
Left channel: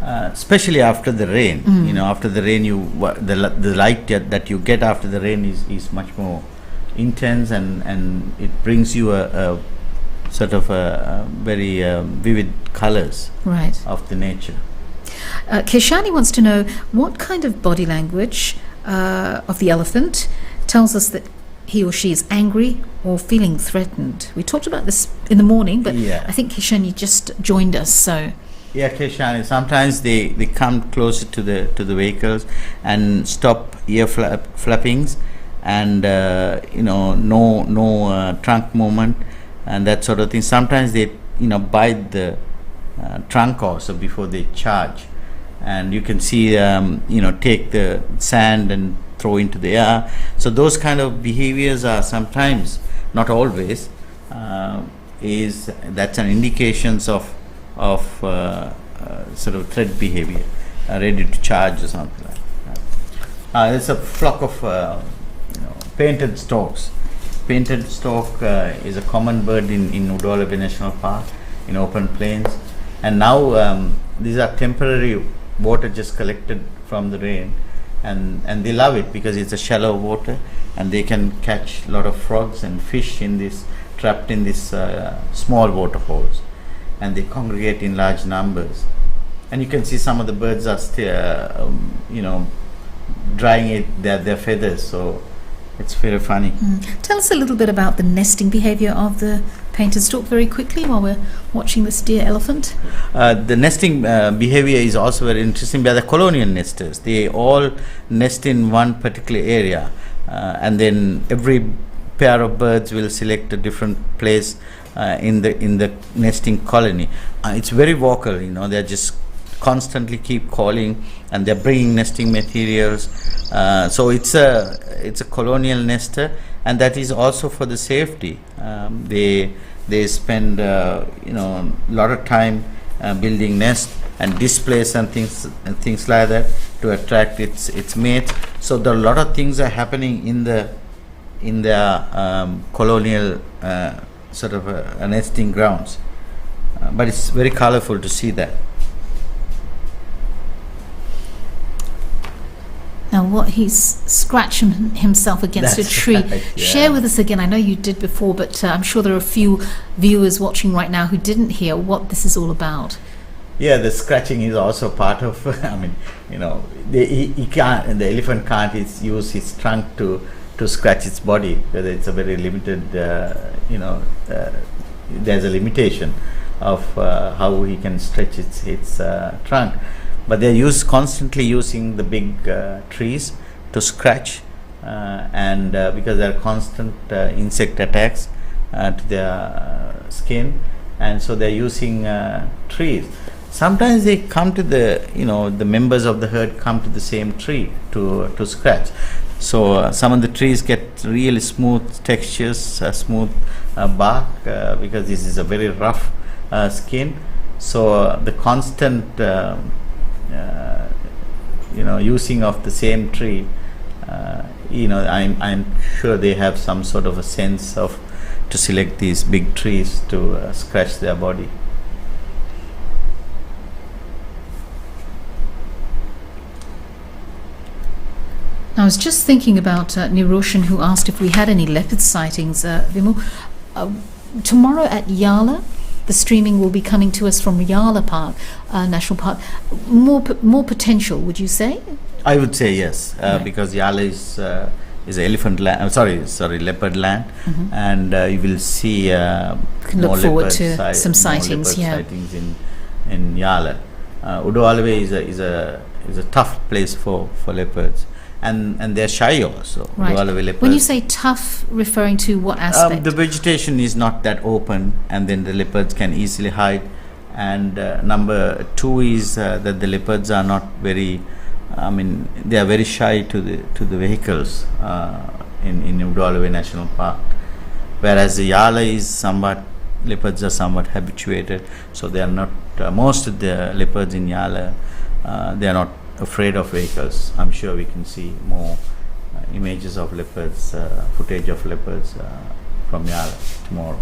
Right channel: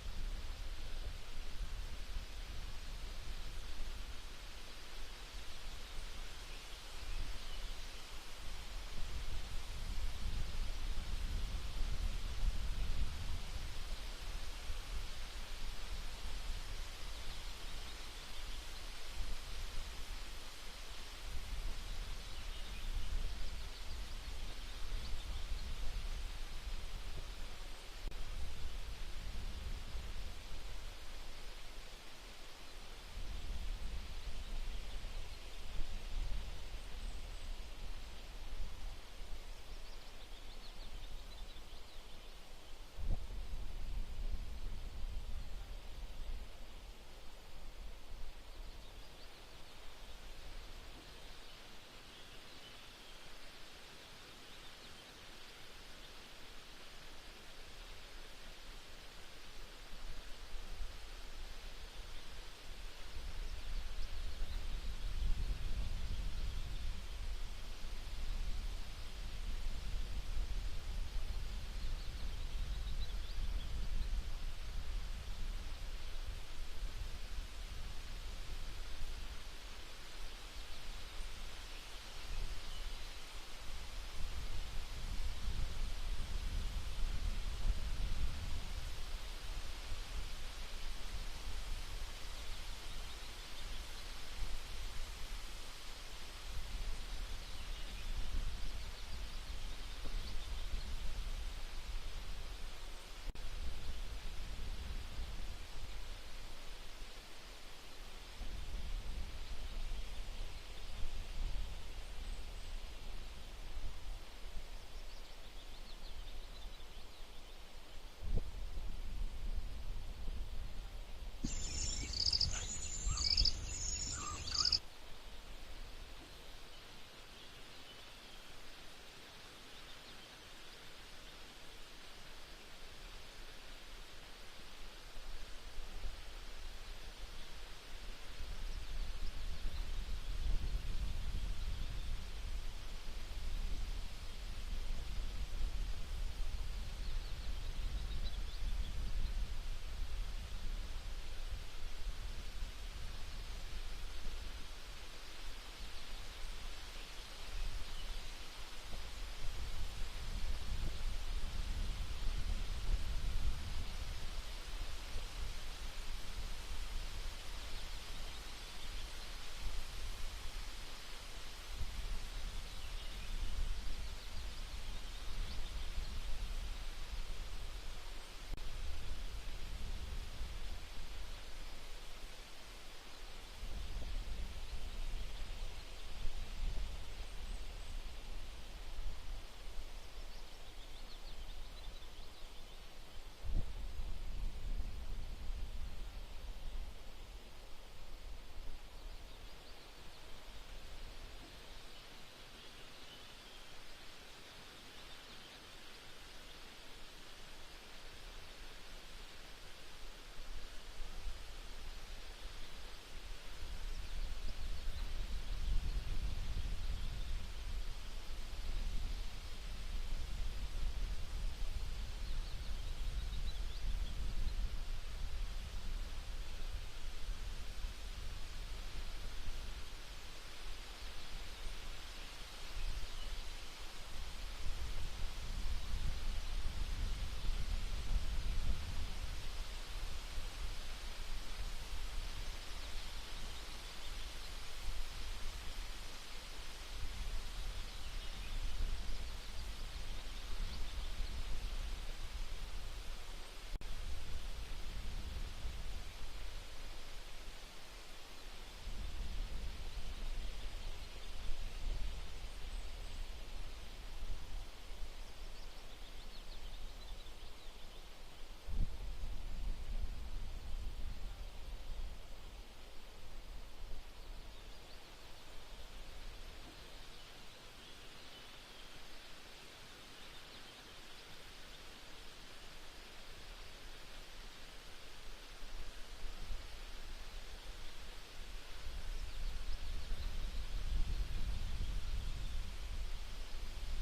Especially after the rain. After the rain, the light that you get after the rain is much more intense, and it brings you a sort of a very vivid colors Right. of the nature. Keshani wants to know what kind of body language of the elephant tells us that he or she is angry or feeling threatened. We talked about this in the morning, but Yeah. I think Keshani just joined us, so... Yeah, Keshani. Sometimes they come closer to the vehicles and stop ear flappings, and no trunk movement and that sort of thing. Sometimes they bite the trunk also before they charge. and you can see take the sand and throw into the air. So those kind of behaviors are sometimes, not always, that's an indications of sort of threat behavior, ready to charge or something like that. There's a flock of painted storks. Painted stork is a common bird in Udawalawe National Park, in open plains, and now these are temporary water just collected from the rain, and they love it because it's a shallow water, and they can catch a lot of frogs and fish in this, trapped in this small waterholes, and they congregate in large numbers. And you can see some of the birds are still drying their feathers, so it's very funny. Tell us a little bit about the nesting behavior of the painted stork very quickly while we're watching this deer elephant. The nesting behavior is also very interesting. They are the colonial nesters. They all nest in one particular area, and then every pair of birds will select a different place in the nesting colony. It's very vocal, they're just constantly keep calling, and they're bringing nesting materials. So it's a colonial nester, and that is also for the safety. They spend a lot of time building nests and displays and things like that to attract its mate. So there are a lot of things are happening in their colonial sort of nesting grounds, but it's very colorful to see that. Now, what he's scratching himself against That's a tree. right, yeah. Share with us again. I know you did before, but I'm sure there are a few viewers watching right now who didn't hear what this is all about. Yeah, the scratching is also part of. He can't. The elephant can't use his trunk to scratch its body. Whether it's a very limited. There's a limitation of how he can stretch its trunk. But they're constantly using the big trees to scratch, and because there are constant insect attacks to their skin, and so they're using trees. Sometimes they come to the members of the herd come to the same tree to scratch. So some of the trees get really smooth textures, smooth bark, because this is a very rough skin. So the constant using of the same tree, I'm sure they have some sort of a sense of to select these big trees to scratch their body. I was just thinking about Niroshan, who asked if we had any leopard sightings. Vimal, tomorrow at Yala, the streaming will be coming to us from Yala Park, National Park. More potential, would you say? I would say yes, Right. because Yala is elephant land. Sorry, leopard land, and you will see Can look more forward leopard to some sightings. more leopard sightings in Yala. Udawalawe is a tough place for leopards, and they're shy also. Right. Udawalawe leopards. When you say tough, referring to what aspect? The vegetation is not that open, and then the leopards can easily hide. And number two is that the leopards are not very. They are very shy to the vehicles in Udawalawe National Park, whereas the Yala is leopards are somewhat habituated, so they are not. Most of the leopards in Yala, they are not afraid of vehicles. I'm sure we can see more images of leopards, footage of leopards from Yala tomorrow.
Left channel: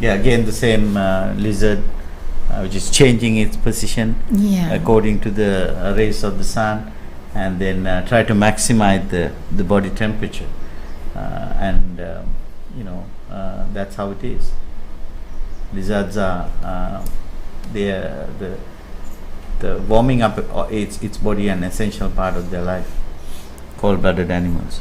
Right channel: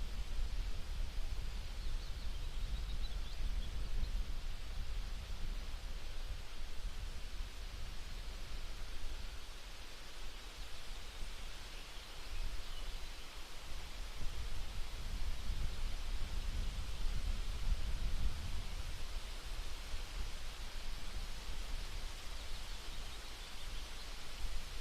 Yeah, again the same lizard, which is changing its position according to the rays of the sun, and then try to maximize the body temperature, and that's how it is. Lizards are the warming up its body an essential part of their life. Cold-blooded animals.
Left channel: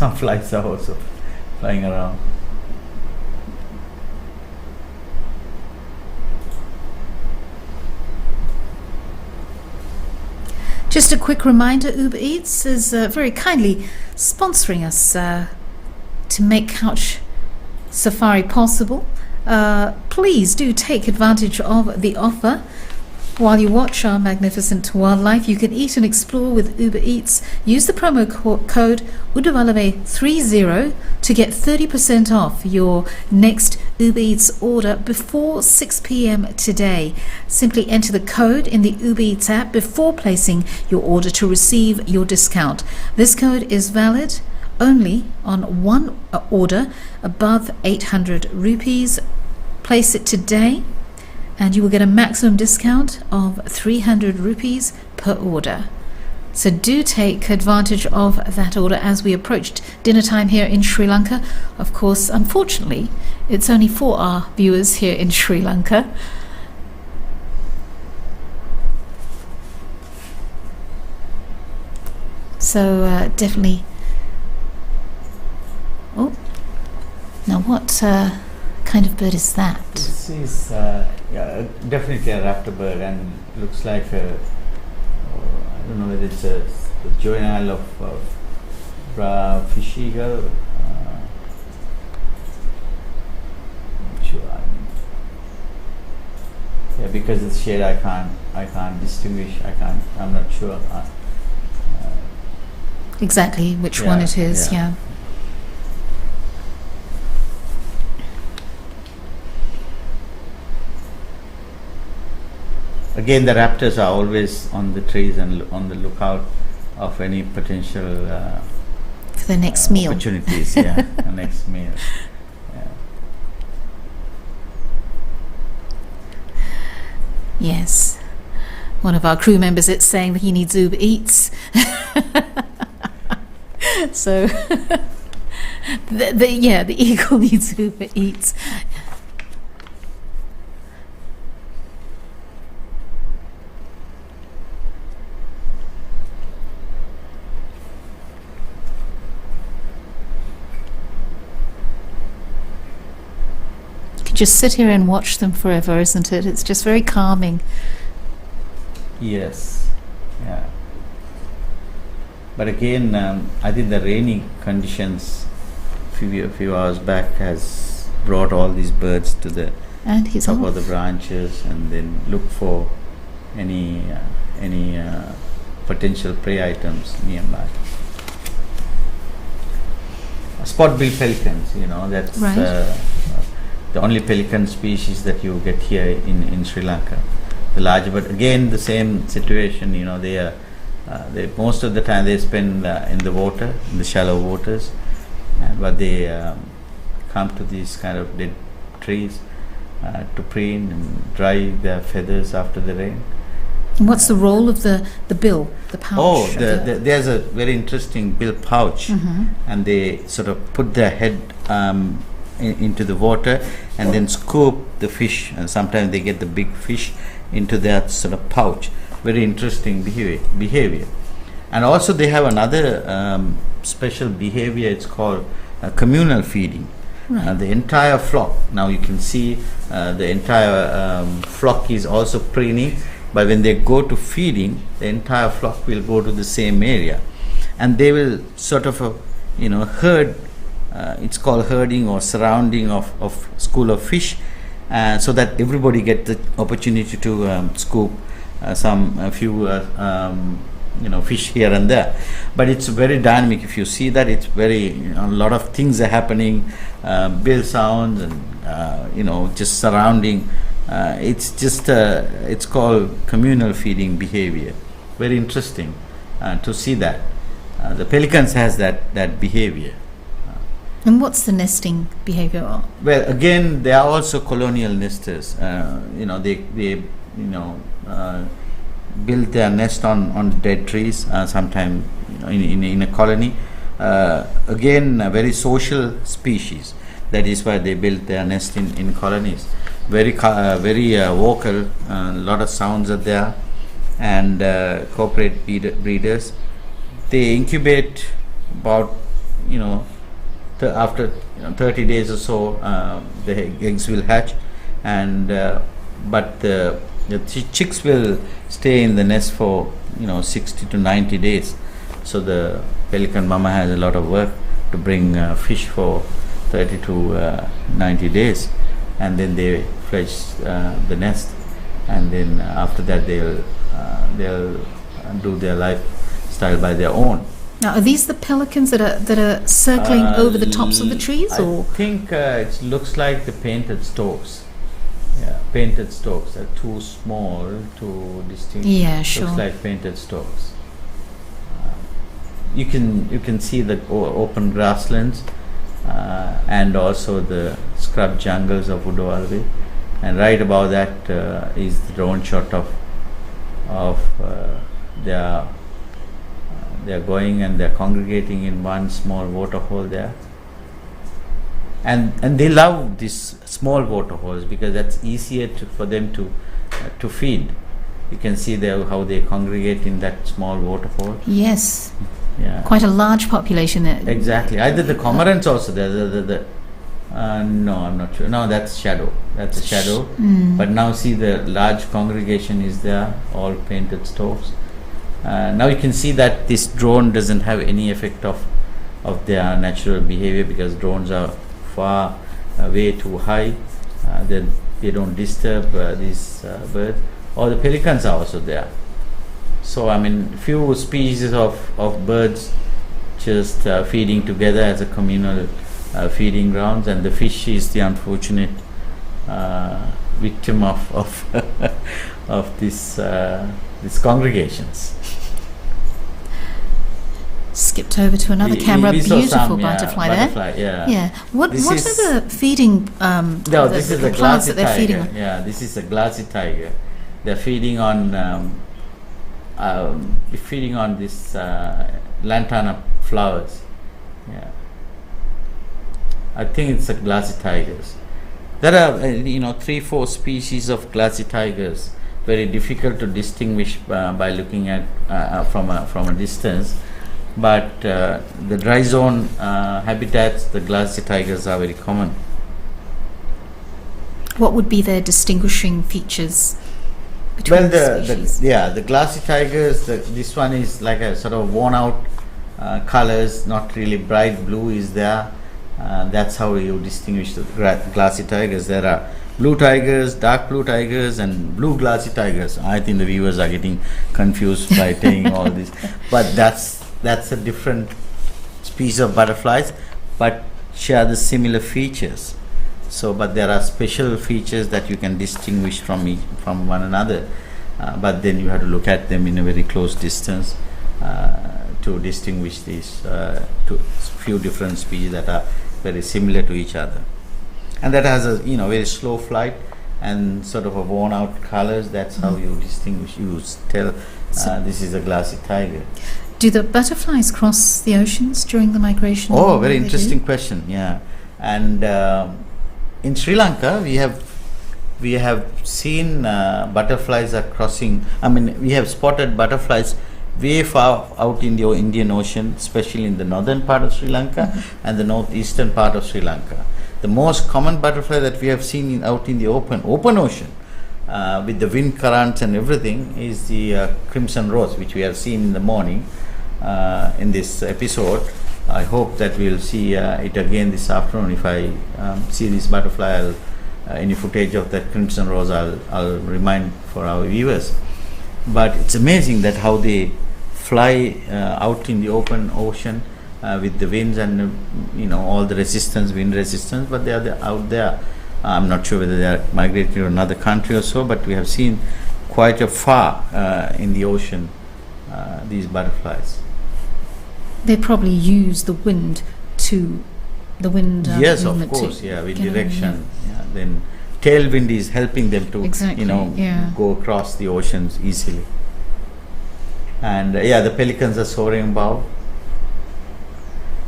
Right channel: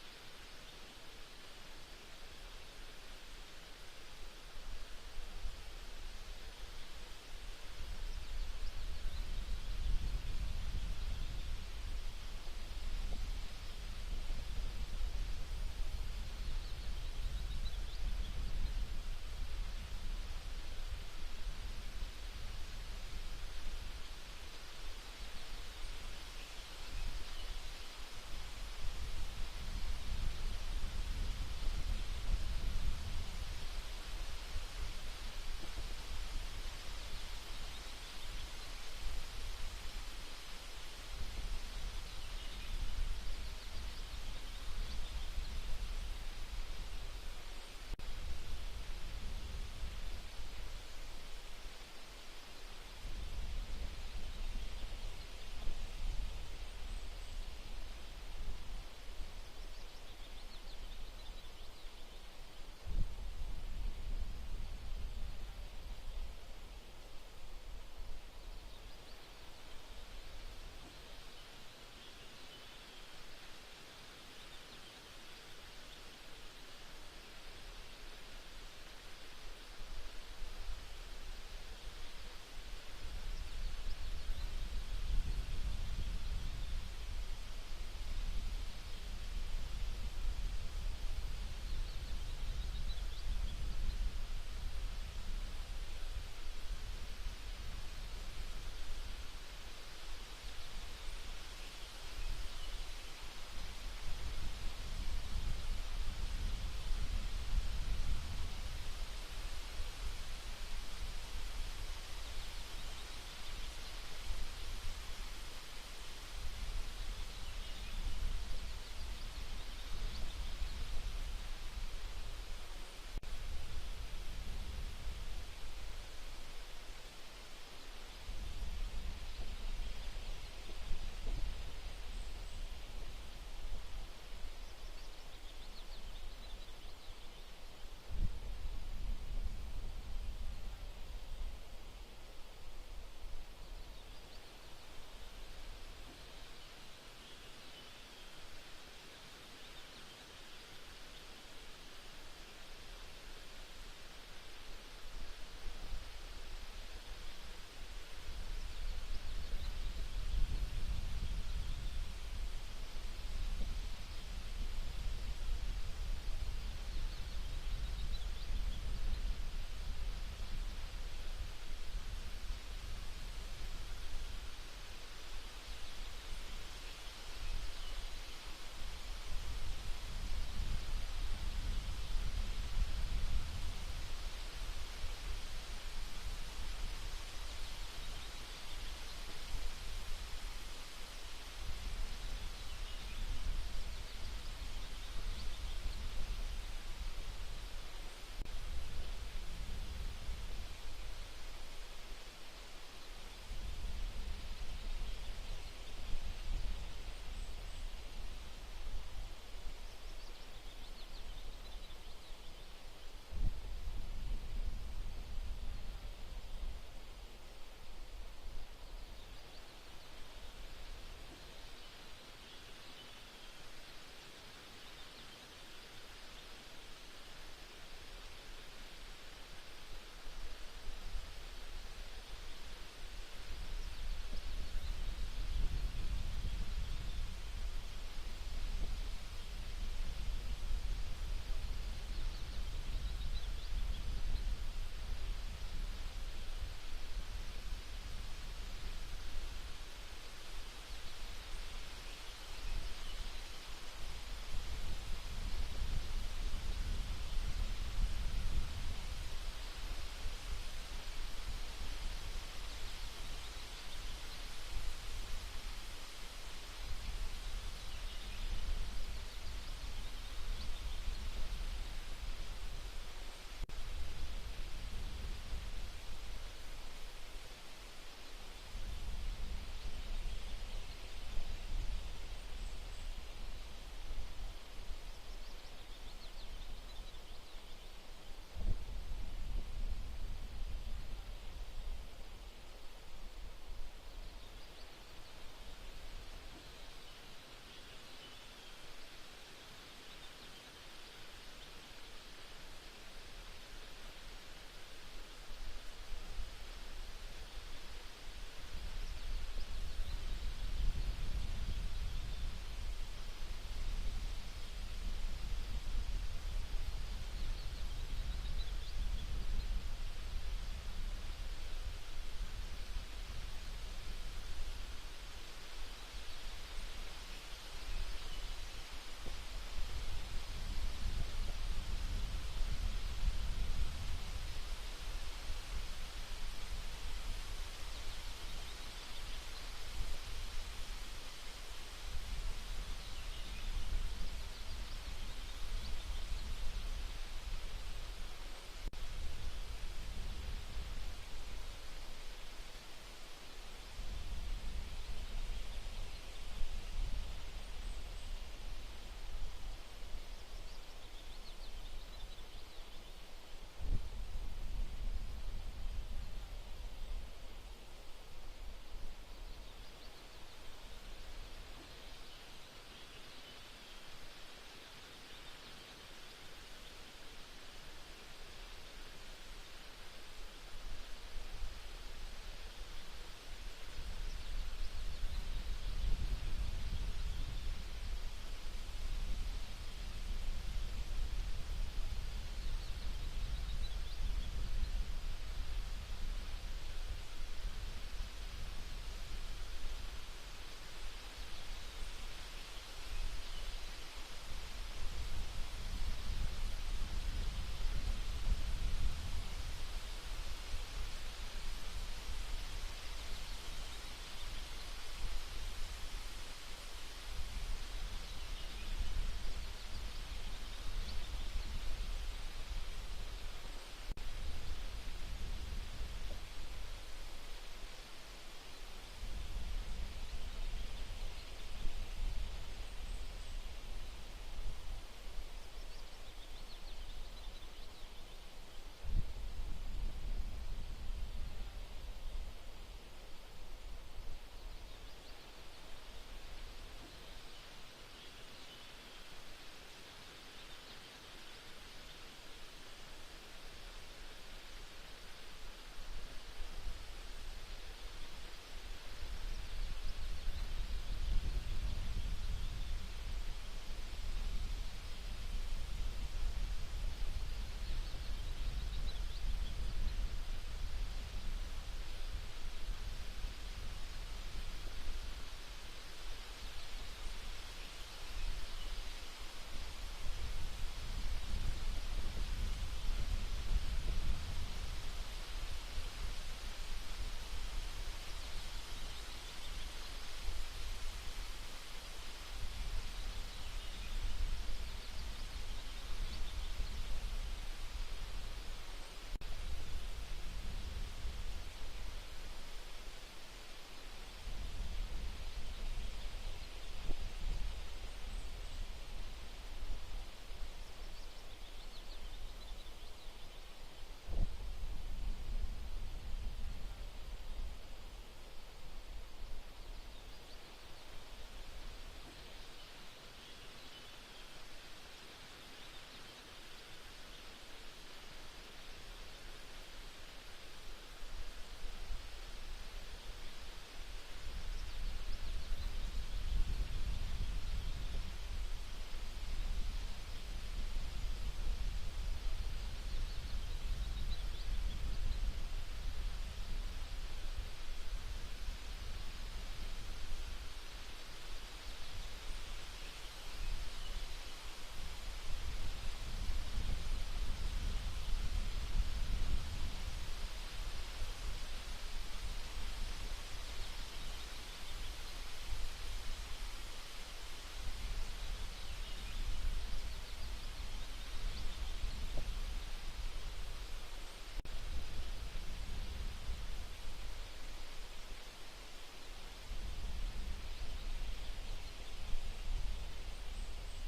some flies are also flying around. Just a quick reminder, Uber Eats is very kindly sponsoring us to make couch safari possible. Please do take advantage of the offer. While you watch our magnificent wildlife, you can eat and explore with Uber Eats. Use the promo code Udawalawe30 to get 30% off your next Uber Eats order before 6 p.m. today. Simply enter the code in the Uber Eats app before placing your order to receive your discount. This code is valid only on one order above 800 rupees. Place it today and you will get a maximum discount of 300 rupees per order. So do take advantage of that order as we approached dinner time here in Sri Lanka. Of course, unfortunately, it's only for our viewers here in Sri Lanka. So definitely. Oh, now what kind of bird is that? This is definitely a raptor bird, and looks like I don't know whether it's the juvenile of fish eagle. Sure. Yeah, because it's shade, I can't distinguish. I'm not sure. Exactly which one it is. Yeah. Again, the raptors are always on the trees and on the lookout of any potential For the next meal. opportunities. Yeah, the next meal. Yeah. Yes. One of our crew members is saying that he needs Uber Eats. So, the eagle needs Uber Eats. Just sit here and watch them forever, isn't it? It's just very calming. Yes. Yeah. But again, I think the rainy conditions few hours back has brought all these birds to the And he's top off. of the branches, and then look for any potential prey items nearby. Spot-billed pelicans, that's Right. the only pelican species that you get here in Sri Lanka. The larger, but again the same situation. They most of the time they spend in the water, in the shallow waters, but they come to these kind of dead trees to preen and dry their feathers after the rain. And what's the role of the bill, the pouch? Oh, of the- there's a very interesting bill pouch, Mhm. and they sort of put their head into the water and then scoop the fish, and sometimes they get the big fish into that sort of pouch. Very interesting behavior. And also they have another special behavior. It's called communal feeding. Right. The entire flock, now you can see the entire flock is also preening, but when they go to feeding, the entire flock will go to the same area, and they will sort of herd. It's called herding or surrounding of school of fish, so that everybody get the opportunity to scoop a few fish here and there. But it's very dynamic. If you see that, it's very a lot of things are happening, bill sounds and just surrounding. It's called communal feeding behavior. Very interesting to see that. The pelicans has that behavior. And what's the nesting behavior? Well, again, they are also colonial nesters. They build their nest on dead trees, sometimes in a colony. Again, a very social species. That is why they build their nest in colonies. Very vocal. A lot of sounds are there, and corporate breeders. They incubate about after 30 days or so, the eggs will hatch, and but the chicks will stay in the nest for 60 to 90 days. So the pelican mama has a lot of work to bring fish for 30 to 90 days, and then they fledge the nest, and then after that they'll do their lifestyle by their own. Now, are these the pelicans that are circling over the tops of the trees, or? I think it looks like the painted storks. Yeah, painted storks are too small to distinguish. Yeah, sure. Looks like painted storks. You can see the open grasslands and also the scrub jungles of Udawalawe, and right above that is the drone shot of they are going and they are congregating in one small waterhole there, and they love these small waterholes because that's easier for them to feed. You can see there how they congregate in that small waterhole. Yes. Yeah. Quite a large population there. Exactly. Either the cormorants also there. No, I'm not sure. No, that's shadow. That's a shadow. But now see the large congregation is there, all painted storks. Now you can see that this drone doesn't have any effect of their natural behavior, because drones are far way too high. They don't disturb these birds. Or the pelicans are also there. So I mean, few species of birds just feeding together as a communal feeding grounds, and the fish is the unfortunate victim of these congregations. Skipped over to another camera. We saw Beautiful some, butterfly there. Butterfly, yeah. Yeah. What This are is- the feeding? No, this is the a plants glassy that they're feeding tiger. on? Yeah, this is a glassy tiger. They're feeding on this lantana flowers. Yeah, I think it's a glassy tigers. There are 3-4 species of glassy tigers. Very difficult to distinguish by looking at from a distance. But the dry zone habitats, the glassy tigers are very common. What would be their distinguishing features between Well, the species? the glassy tigers. This one is like a sort of worn out colors, not really bright blue is there. That's how you distinguish the glassy tigers. There are blue tigers, dark blue tigers, and blue glassy tigers. I think the viewers are getting confused by saying all this, but that's a different species of butterflies, but share the similar features. So, but there are special features that you can distinguish from one another. But then you have to look at them in a very close distance to distinguish these few different species that are very similar to each other. And that has a very slow flight and sort of a worn out colors. That's how you distinguish. You tell this is a glassy tiger. Do the butterflies cross the oceans during the migration? Oh, very They do? interesting question. Yeah, and in Sri Lanka we have seen butterflies are crossing. I mean, we have spotted butterflies way far out in the Indian Ocean, especially in the northern part of Sri Lanka and the northeastern part of Sri Lanka. The most common butterfly that we have seen out in the open ocean with the wind currents and everything is the crimson rose, which we have seen in the morning in this episode. I hope that we'll see it again this afternoon. If I see this butterfly, any footage of that crimson rose, I'll remind for our viewers. But it's amazing that how they fly out in the open ocean with the winds and all the wind resistance, but they are out there. I'm not sure whether they are migrating to another country or so, but we have seen quite a far in the ocean these butterflies. They probably use the wind Yes, of movement course, to yeah, wind get on, direction. Yeah. Then tailwind is helping them to Exactly, yeah. go across the oceans easily. And the pelicans are soaring above,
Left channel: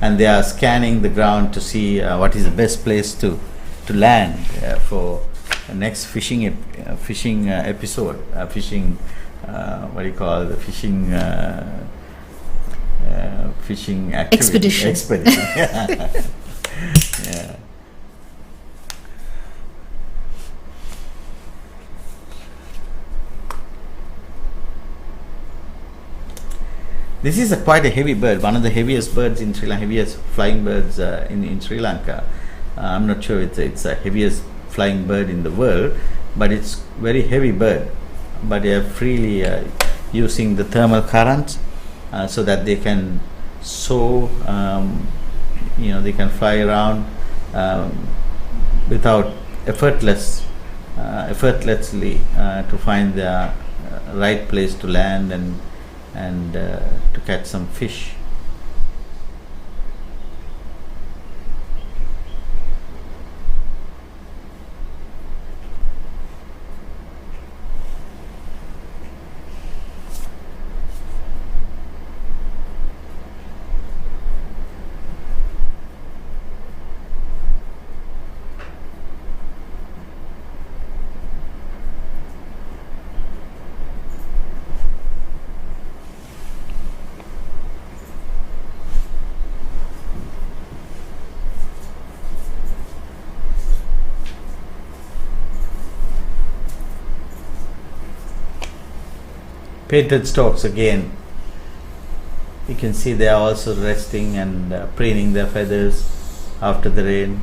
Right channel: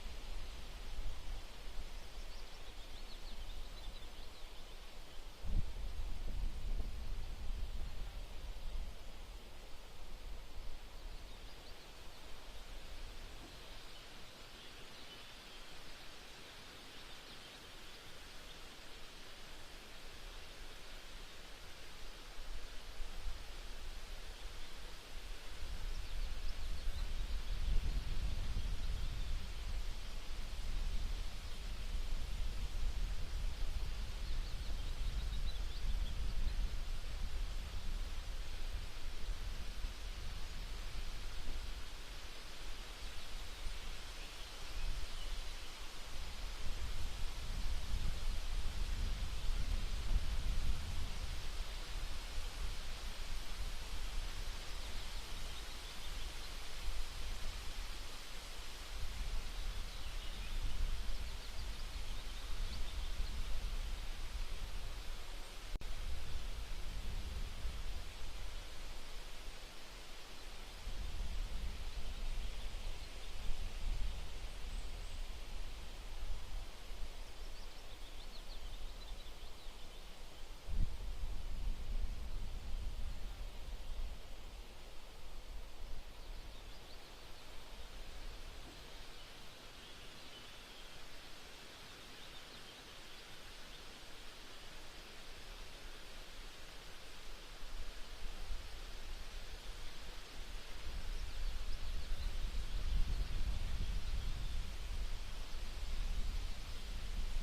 and they are scanning the ground to see what is the best place to land for the next fishing episode. Fishing, what do you call the fishing fishing activity. Expedition. Expedition. Yeah. This is quite a heavy bird, one of the heaviest birds in Sri Lanka, heaviest flying birds in Sri Lanka. I'm not sure it's the heaviest flying bird in the world, but it's very heavy bird. But they are freely using the thermal currents so that they can soar, they can fly around without effortlessly to find the right place to land and to catch some fish. Painted storks again, you can see they are also resting and preening their feathers after the rain,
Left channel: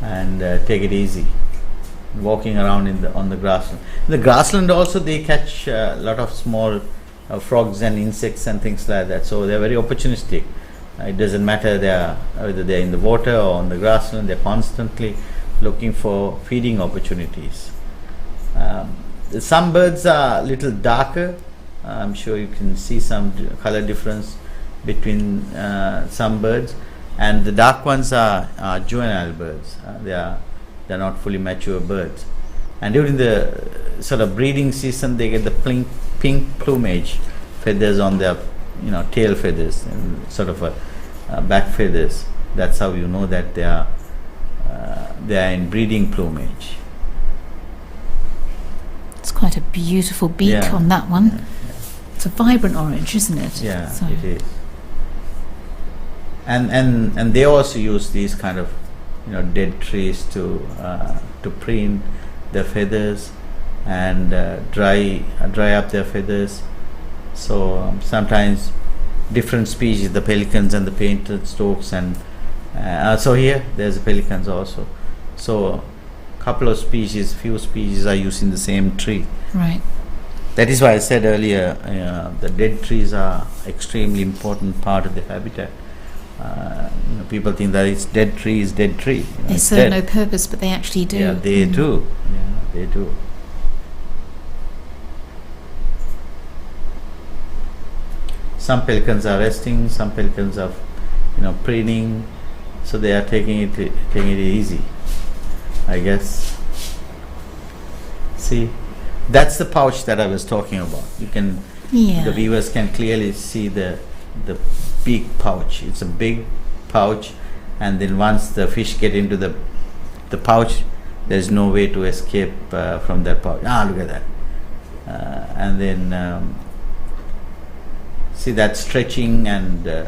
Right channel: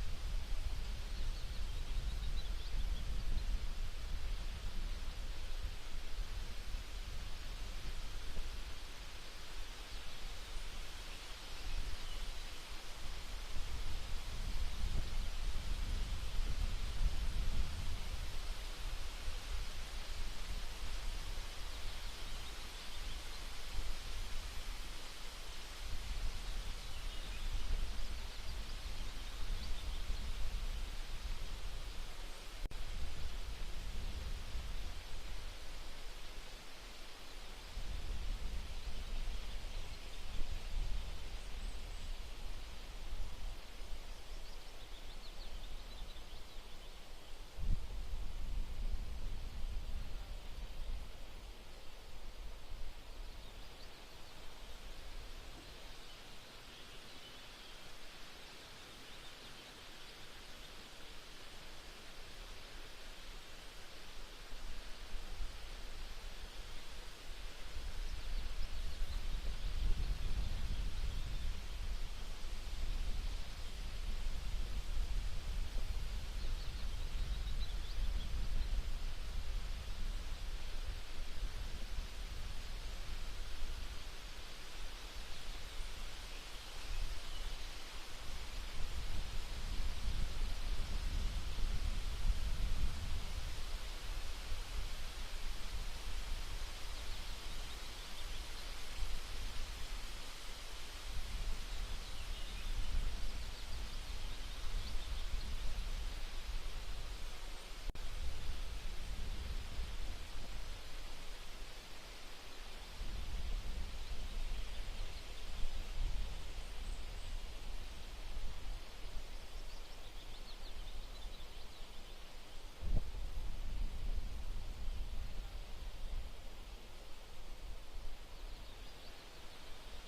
and take it easy, walking around on the grassland. In the grassland also they catch a lot of small frogs and insects and things like that, so they are very opportunistic. It doesn't matter whether they are in the water or on the grassland, they are constantly looking for feeding opportunities. Some birds are a little darker. I'm sure you can see some color difference between some birds, and the dark ones are juvenile birds. They're not fully mature birds, and during the sort of breeding season they get the pink plumage feathers on their tail feathers and sort of back feathers. That's how you know that they are in breeding plumage. It's quite a beautiful beak on that one. Yeah. It's a vibrant orange, isn't it? Yeah, it is. And they also use these kind of dead trees to preen their feathers and dry up their feathers. So sometimes different species, the pelicans and the painted storks, and so here there's the pelicans also. So few species are using the same tree. Right. That is why I said earlier, the dead trees are extremely important part of the habitat. People think that it's dead tree is dead tree. They serve no purpose, but they actually do. Yeah, they do. Yeah, they do. Some pelicans are resting, some pelicans are, preening, so they are taking it easy, I guess. See, that's the pouch that I was talking about. The viewers can clearly see the big pouch. It's a big pouch, and then once the fish get into the pouch, there's no way to escape from that pouch. Look at that. And then see that stretching and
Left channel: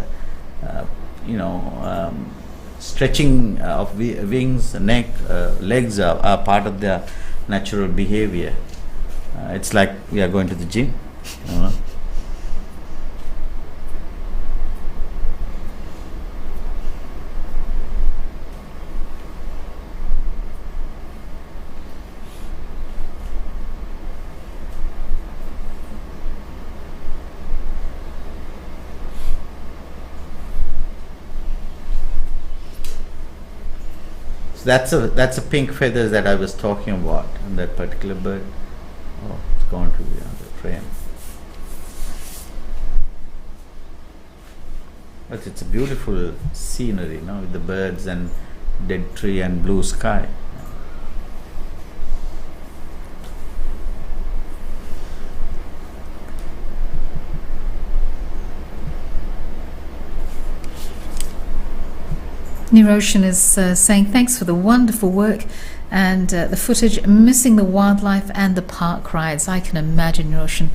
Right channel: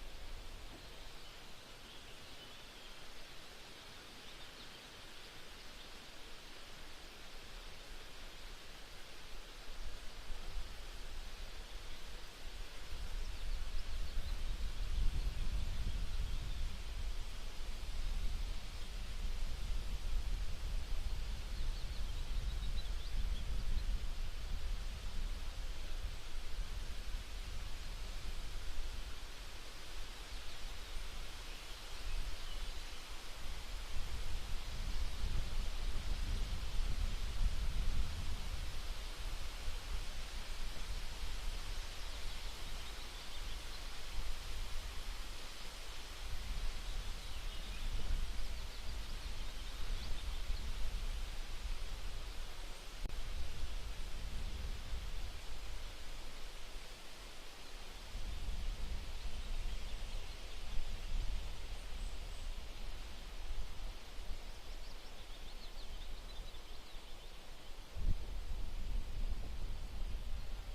stretching of wings, neck, legs are part of their natural behavior. It's like we are going to the gym. So that's a pink feather that I was talking about on that particular bird. Oh, it's gone to the other frame. But it's a beautiful scenery, with the birds and dead tree and blue sky. Niroshan is saying thanks for the wonderful work and the footage, missing the wildlife and the park rides. I can imagine, Niroshan.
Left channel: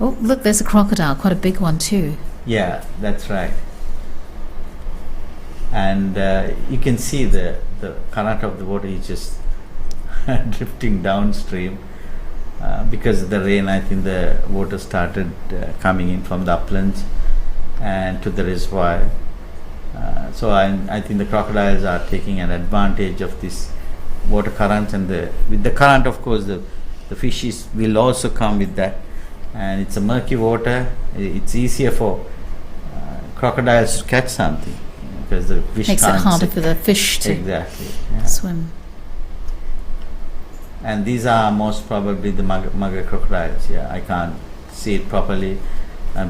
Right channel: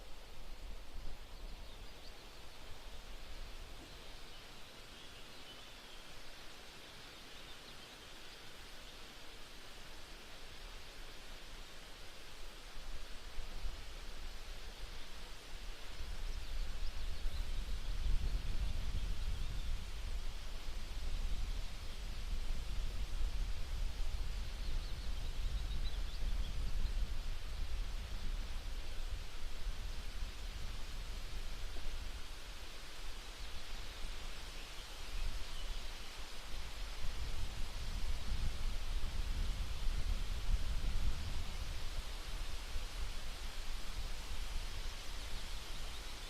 Oh, look, there's a crocodile, quite a big one too. Yeah, that's right. And you can see the current of the water is just drifting downstream because of the rain. I think the water started coming in from the uplands and to the reservoir. So I think the crocodiles are taking an advantage of this water currents, and with the current, of course, the fishes will also come with that. And it's a murky water. It's easier for crocodiles to catch something because the fish Makes it can't harder see. for the fish to Exactly. Yeah. swim. And these are most probably the mugger crocodiles. Yeah, I can't see it properly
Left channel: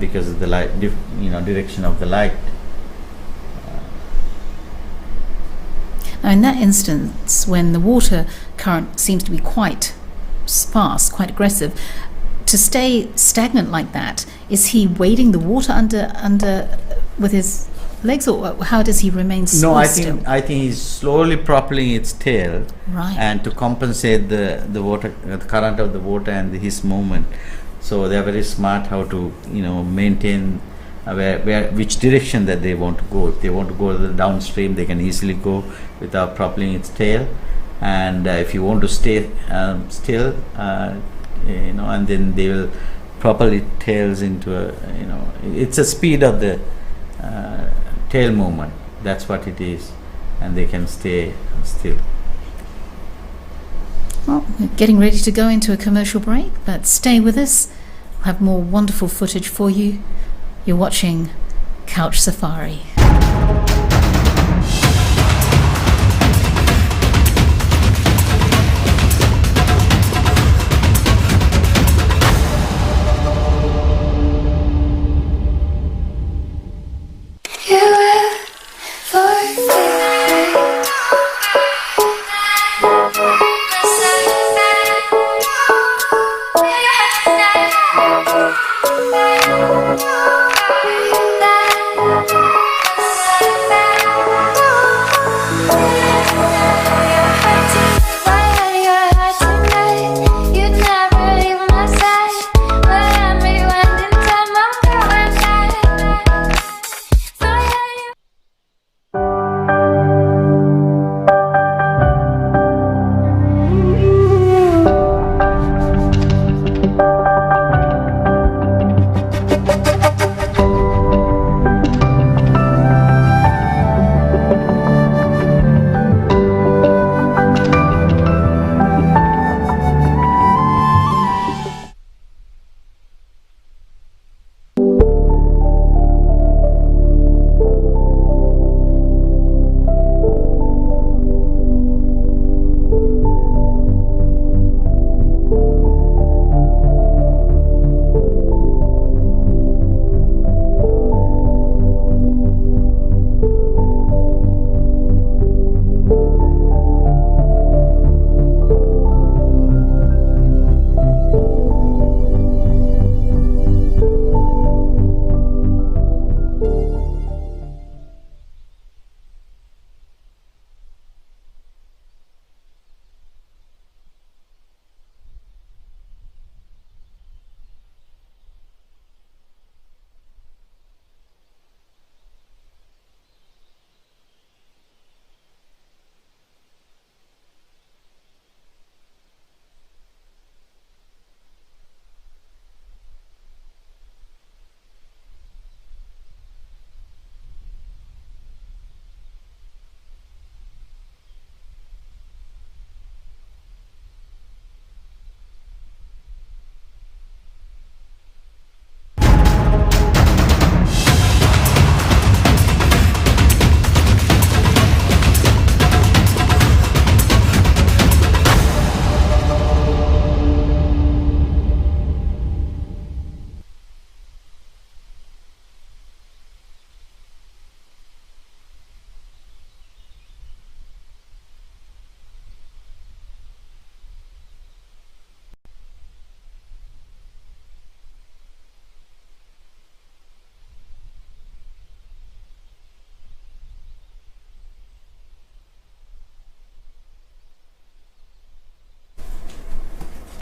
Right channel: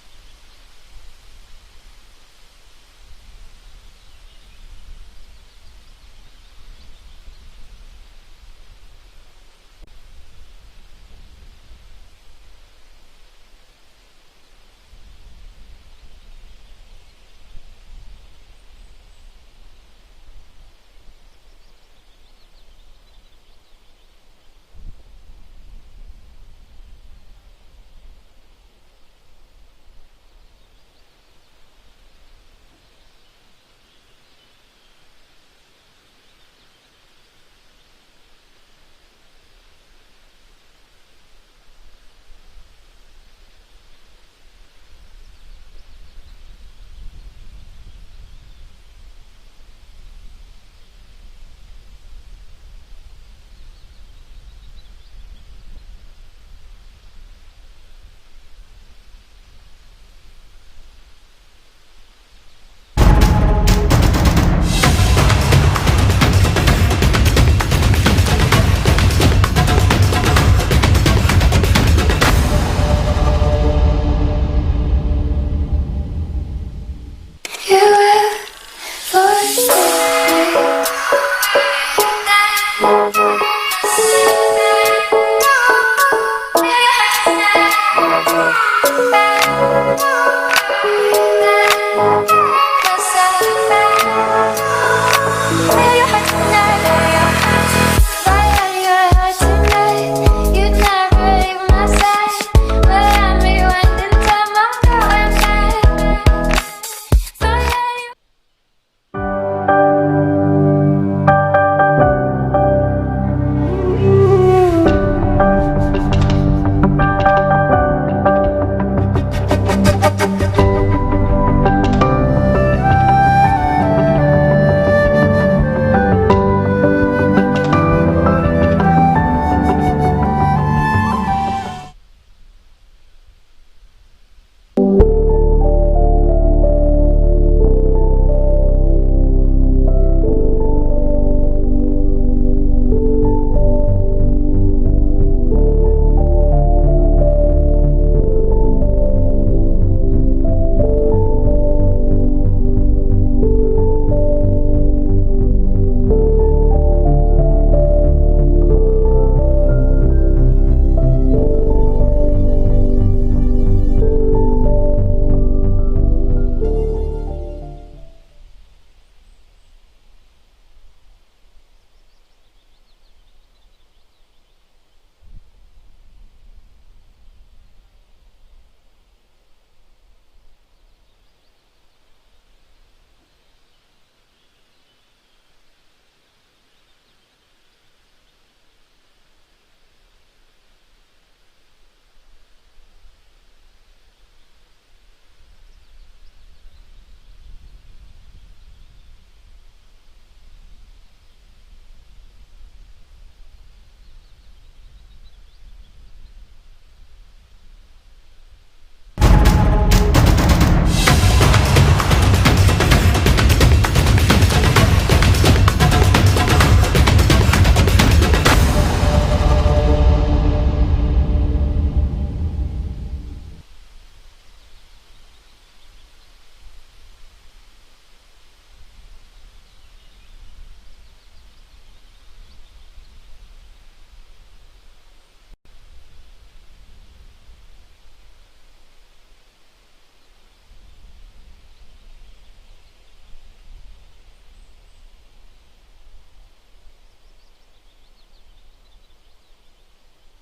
because of the light, direction of the light. Now, in that instance, when the water current seems to be quite sparse, quite aggressive, to stay stagnant like that, is he wading the water under with his legs, or how does he remain No, I still? think he's slowly propelling its tail, Right. and to compensate the water, the current of the water and his movement. So they are very smart how to maintain which direction that they want to go. If they want to go the downstream, they can easily go without propelling its tail. And if you want to stay still, and then they will propel its tails into it's a speed of the tail movement. That's what it is, and they can stay still. Well, we're getting ready to go into a commercial break, but stay with us. We'll have more wonderful footage for you. You're watching Couch Safari.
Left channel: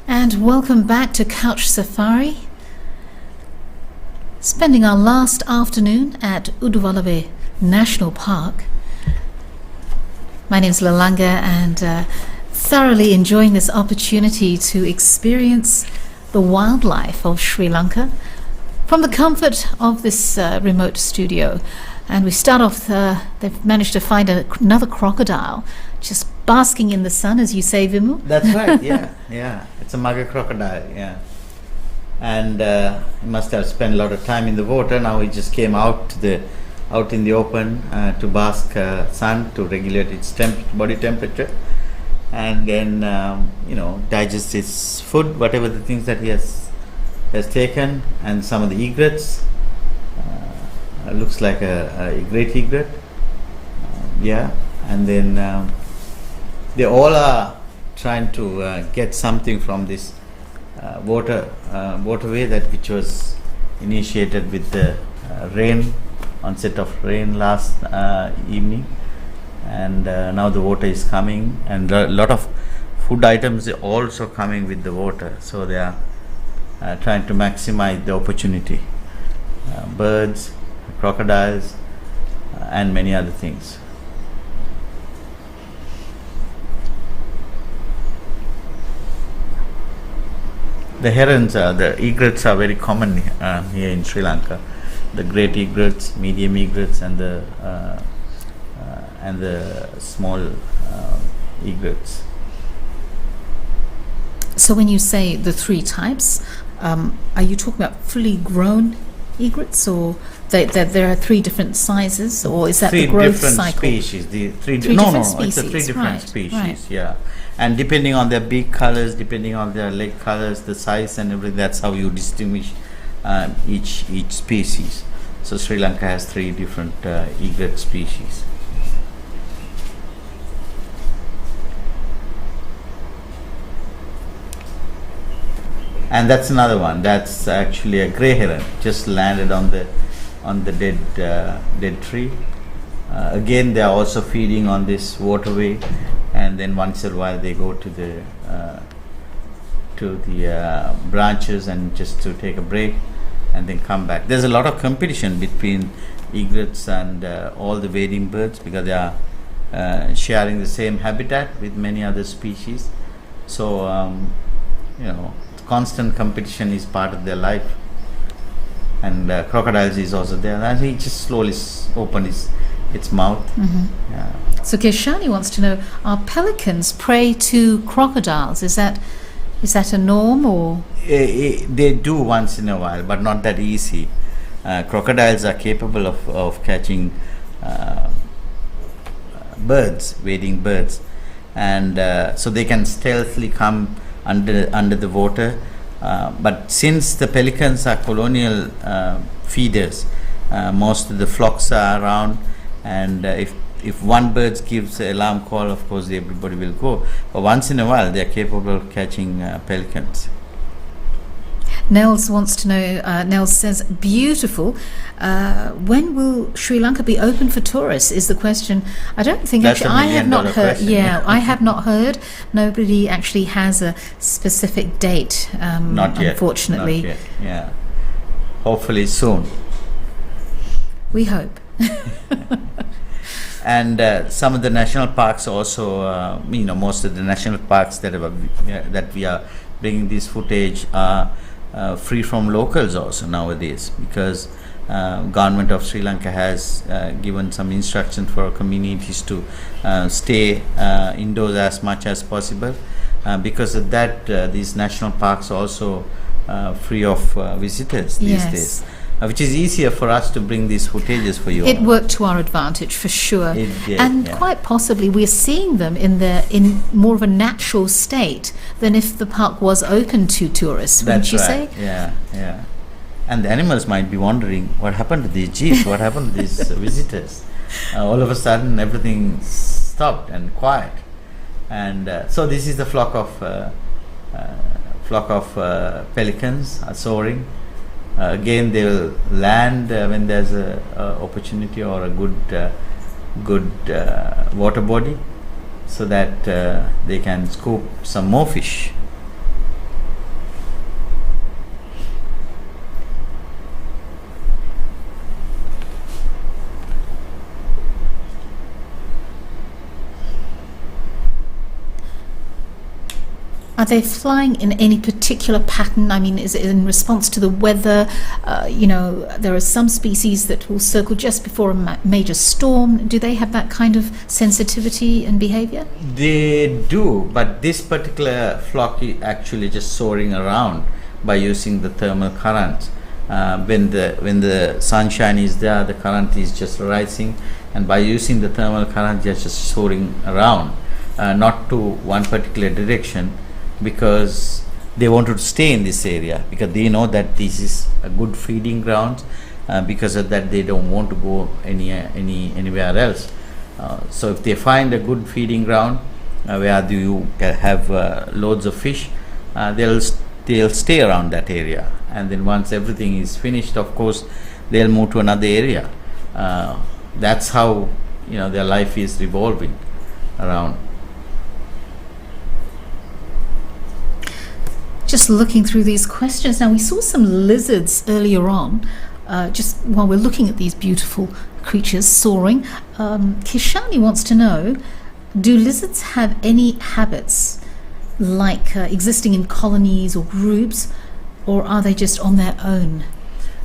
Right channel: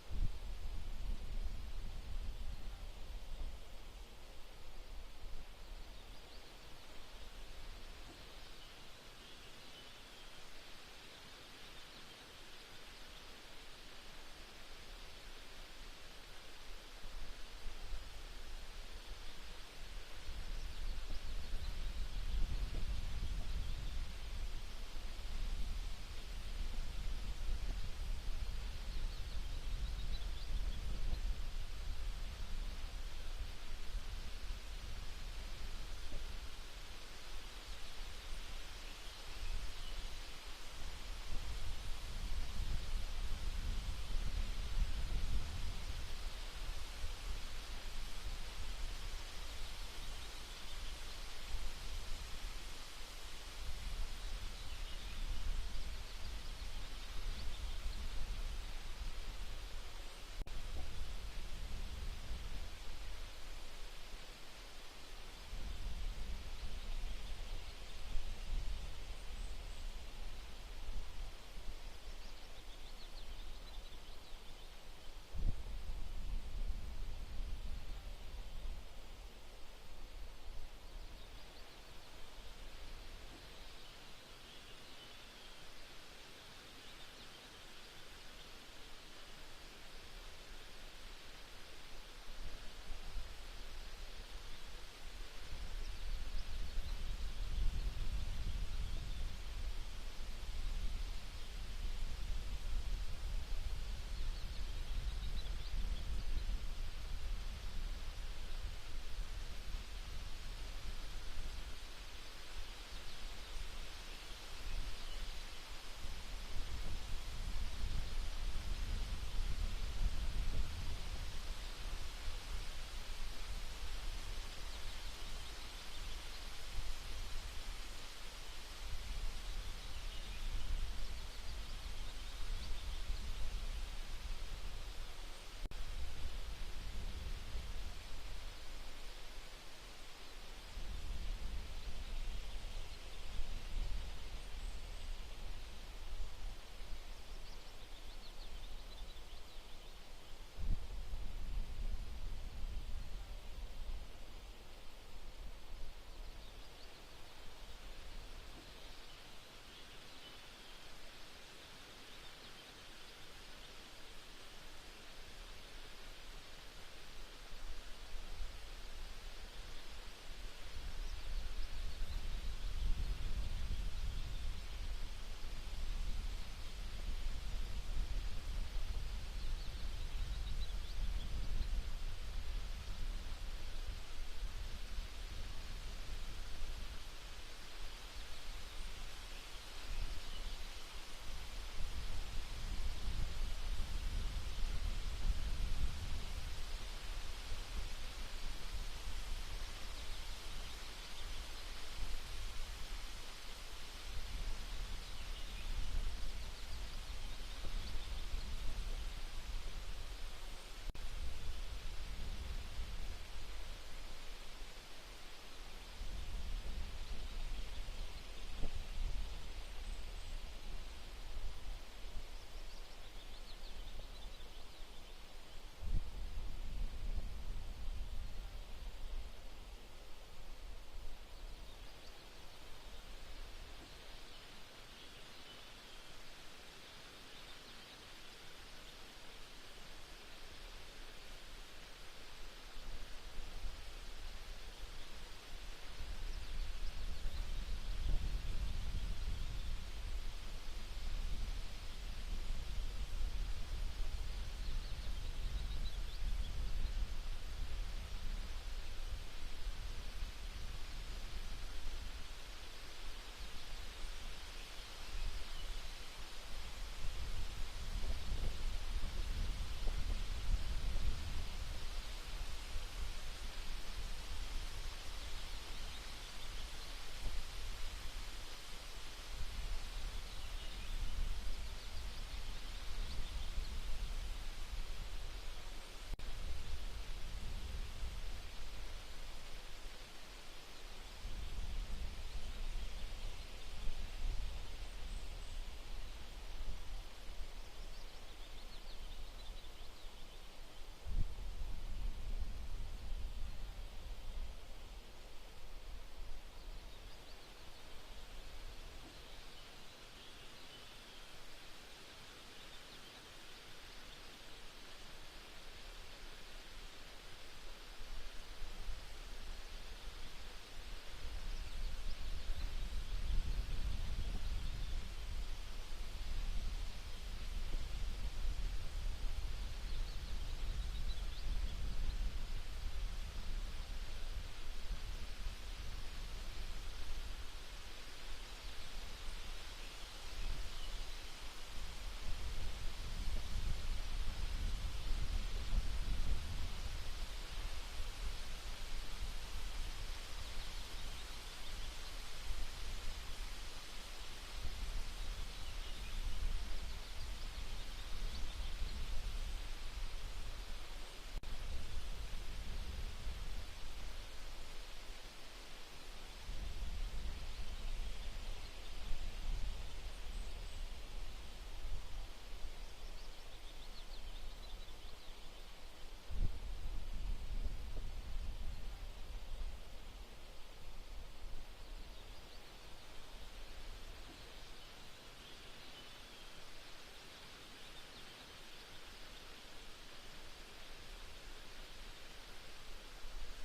And welcome back to Couch Safari. spending our last afternoon at Udawalawe National Park. My name is Lanka, and thoroughly enjoying this opportunity to experience the wildlife of Sri Lanka from the comfort of this remote studio. And we start off, they've managed to find another crocodile just basking in the sun, as you say, Vimu. That's right, yeah. It's a mugger crocodile, yeah. And he must have spent a lot of time in the water. Now he just came out in the open to bask sun, to regulate its body temperature, and then digest its food, whatever the things that he has taken, and some of the egrets. Looks like a great egret, and then they all are trying to get something from this waterway which was initiated with the onset of rain last evening, and now the water is coming, and a lot of food items are also coming with the water, so they are trying to maximize the opportunity. Birds, crocodiles, and many other things. The herons, the egrets are very common here in Sri Lanka. The great egrets, medium egrets, and the small egrets. So when you say the three types, are you talking about fully grown egrets, or that there are three different sizes, or is that three the growth different cycle? Species. Three It's different a three different right, species. right. Yeah, and depending on their beak colors, depending on their leg colors, the size and everything, that's how you distinguish each species. So Sri Lanka has three different egret species. And that's another one. That's actually a grey heron, just landed on the dead tree. Again, they are also feeding on this waterway, and then once in a while they go to the branches and just to take a break, and then come back. There's a lot of competition between egrets and all the wading birds, because they are sharing the same habitat with many other species. So constant competition is part of their life. And crocodiles is also there, and he just slowly opened its mouth. Mm-hmm. Yeah. So Keshani wants to know: are pelicans prey to crocodiles? Is that a norm, or? They do once in a while, but not that easy. Crocodiles are capable of catching birds, wading birds, and so they can stealthily come under the water. But since the pelicans are colonial feeders, most of the flocks are around, and if one bird gives an alarm call, of course everybody will go. But once in a while, they are capable of catching pelicans. Nels wants to know. Nels says, "Beautiful. When will Sri Lanka be open for tourists?" Is the question. I don't think That's actually. I have not $1 million heard. question. Yeah, I have not heard. Nobody actually has a specific date. Not yet. Unfortunately, Not yet. Yeah. Hopefully soon. we hope. And some of the national parks also, most of the national parks that we are bringing this footage are free from locals also nowadays, because government of Sri Lanka has given some instructions for communities to stay indoors as much as possible. Because of that, these national parks are also free of visitors these Yes. days. Which is easier for us to bring these footages for you. It worked to our advantage for sure. It did, and yeah. quite possibly we're seeing them in more of a natural state than if the park was open to tourists, wouldn't That's you right. say? Yeah. And the animals might be wondering, what happened to these jeeps? What happened to these visitors? All of a sudden, everything stopped and quiet. And so this is the flock of pelicans are soaring. Again, they will land when there's a opportunity or a good water body, so that they can scoop some more fish. Are they flying in any particular pattern? I mean, is it in response to the weather? There are some species that will circle just before a major storm. Do they have that kind of sensitivity and behavior? They do, but this particular flock is actually just soaring around by using the thermal currents. When the sunshine is there, the current is just rising, and by using the thermal current, they're just soaring around, not to one particular direction, because they want to stay in this area, because they know that this is a good feeding ground. Because of that, they don't want to go anywhere else. So if they find a good feeding ground where you have loads of fish, they'll stay around that area. And then once everything is finished, of course, they'll move to another area. That's how their life is revolving around. Just looking through these questions now, we saw some lizards earlier on. Just while we're looking at these beautiful creatures soaring, Kishani wants to know: do lizards have any habits, like existing in colonies or groups, or are they just on their own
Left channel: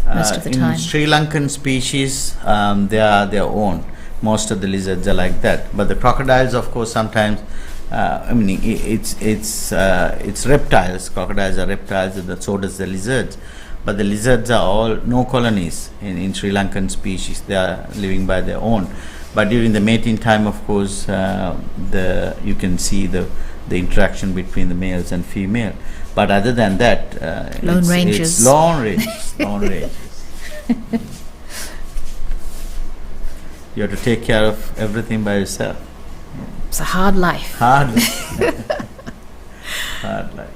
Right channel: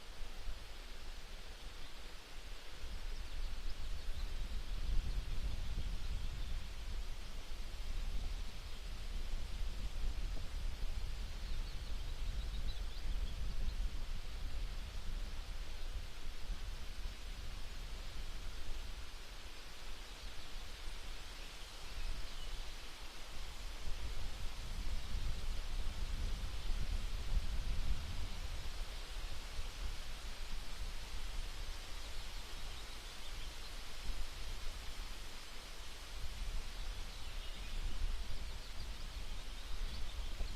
most of the time? In Sri Lankan species, they are their own. Most of the lizards are like that. But the crocodiles, of course, sometimes, it's reptiles. Crocodiles are reptiles, and so does the lizards. But the lizards are all no colonies in Sri Lankan species. They are living by their own. But during the mating time, of course, you can see the interaction between the males and female. But other than that, lone rangers. It's lone rangers. Lone rangers. You have to take care of everything by yourself. It's a hard life. Hard life. Hard life.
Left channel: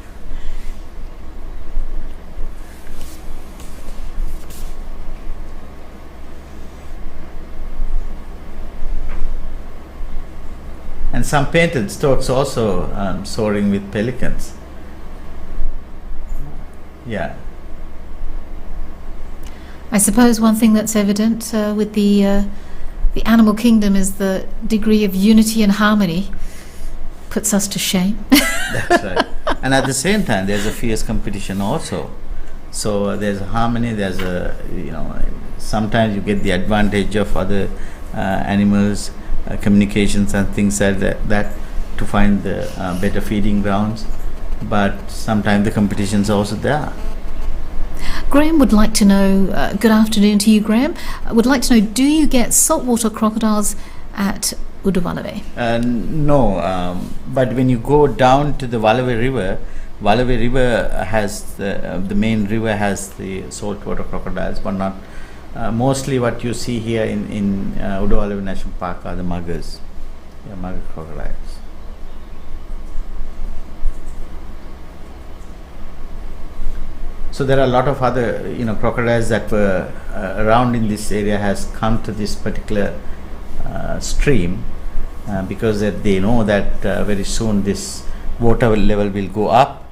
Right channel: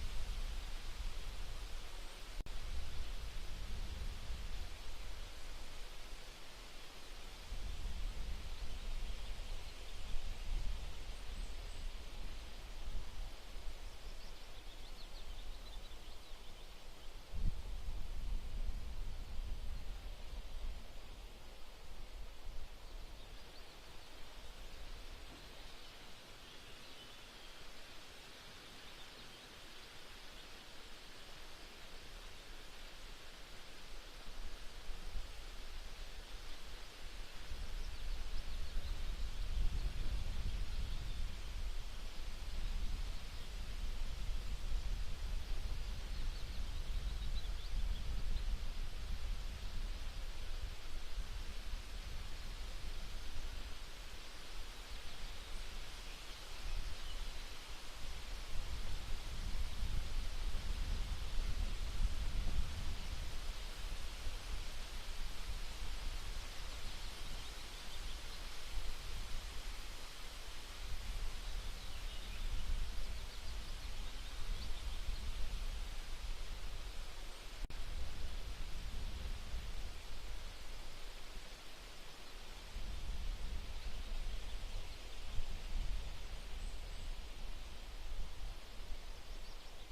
And some painted storks also soaring with pelicans. Yeah. I suppose one thing that's evident with the animal kingdom is the degree of unity and harmony. Puts us to shame. That's right. And at the same time, there's a fierce competition also. So there's a harmony. There's sometimes you get the advantage of other animals, communications and things like that to find the better feeding grounds. But sometimes the competition's also there. Graham would like to know, good afternoon to you, Graham. Would like to know, do you get saltwater crocodiles at Udawalawe? No, but when you go down to the Walawe River has the main river has the saltwater crocodiles, but not mostly what you see here in Udawalawe National Park are the muggers, mugger crocodiles. So there are a lot of other, crocodiles that were around in this area has come to this particular stream because they know that very soon this water level will go up,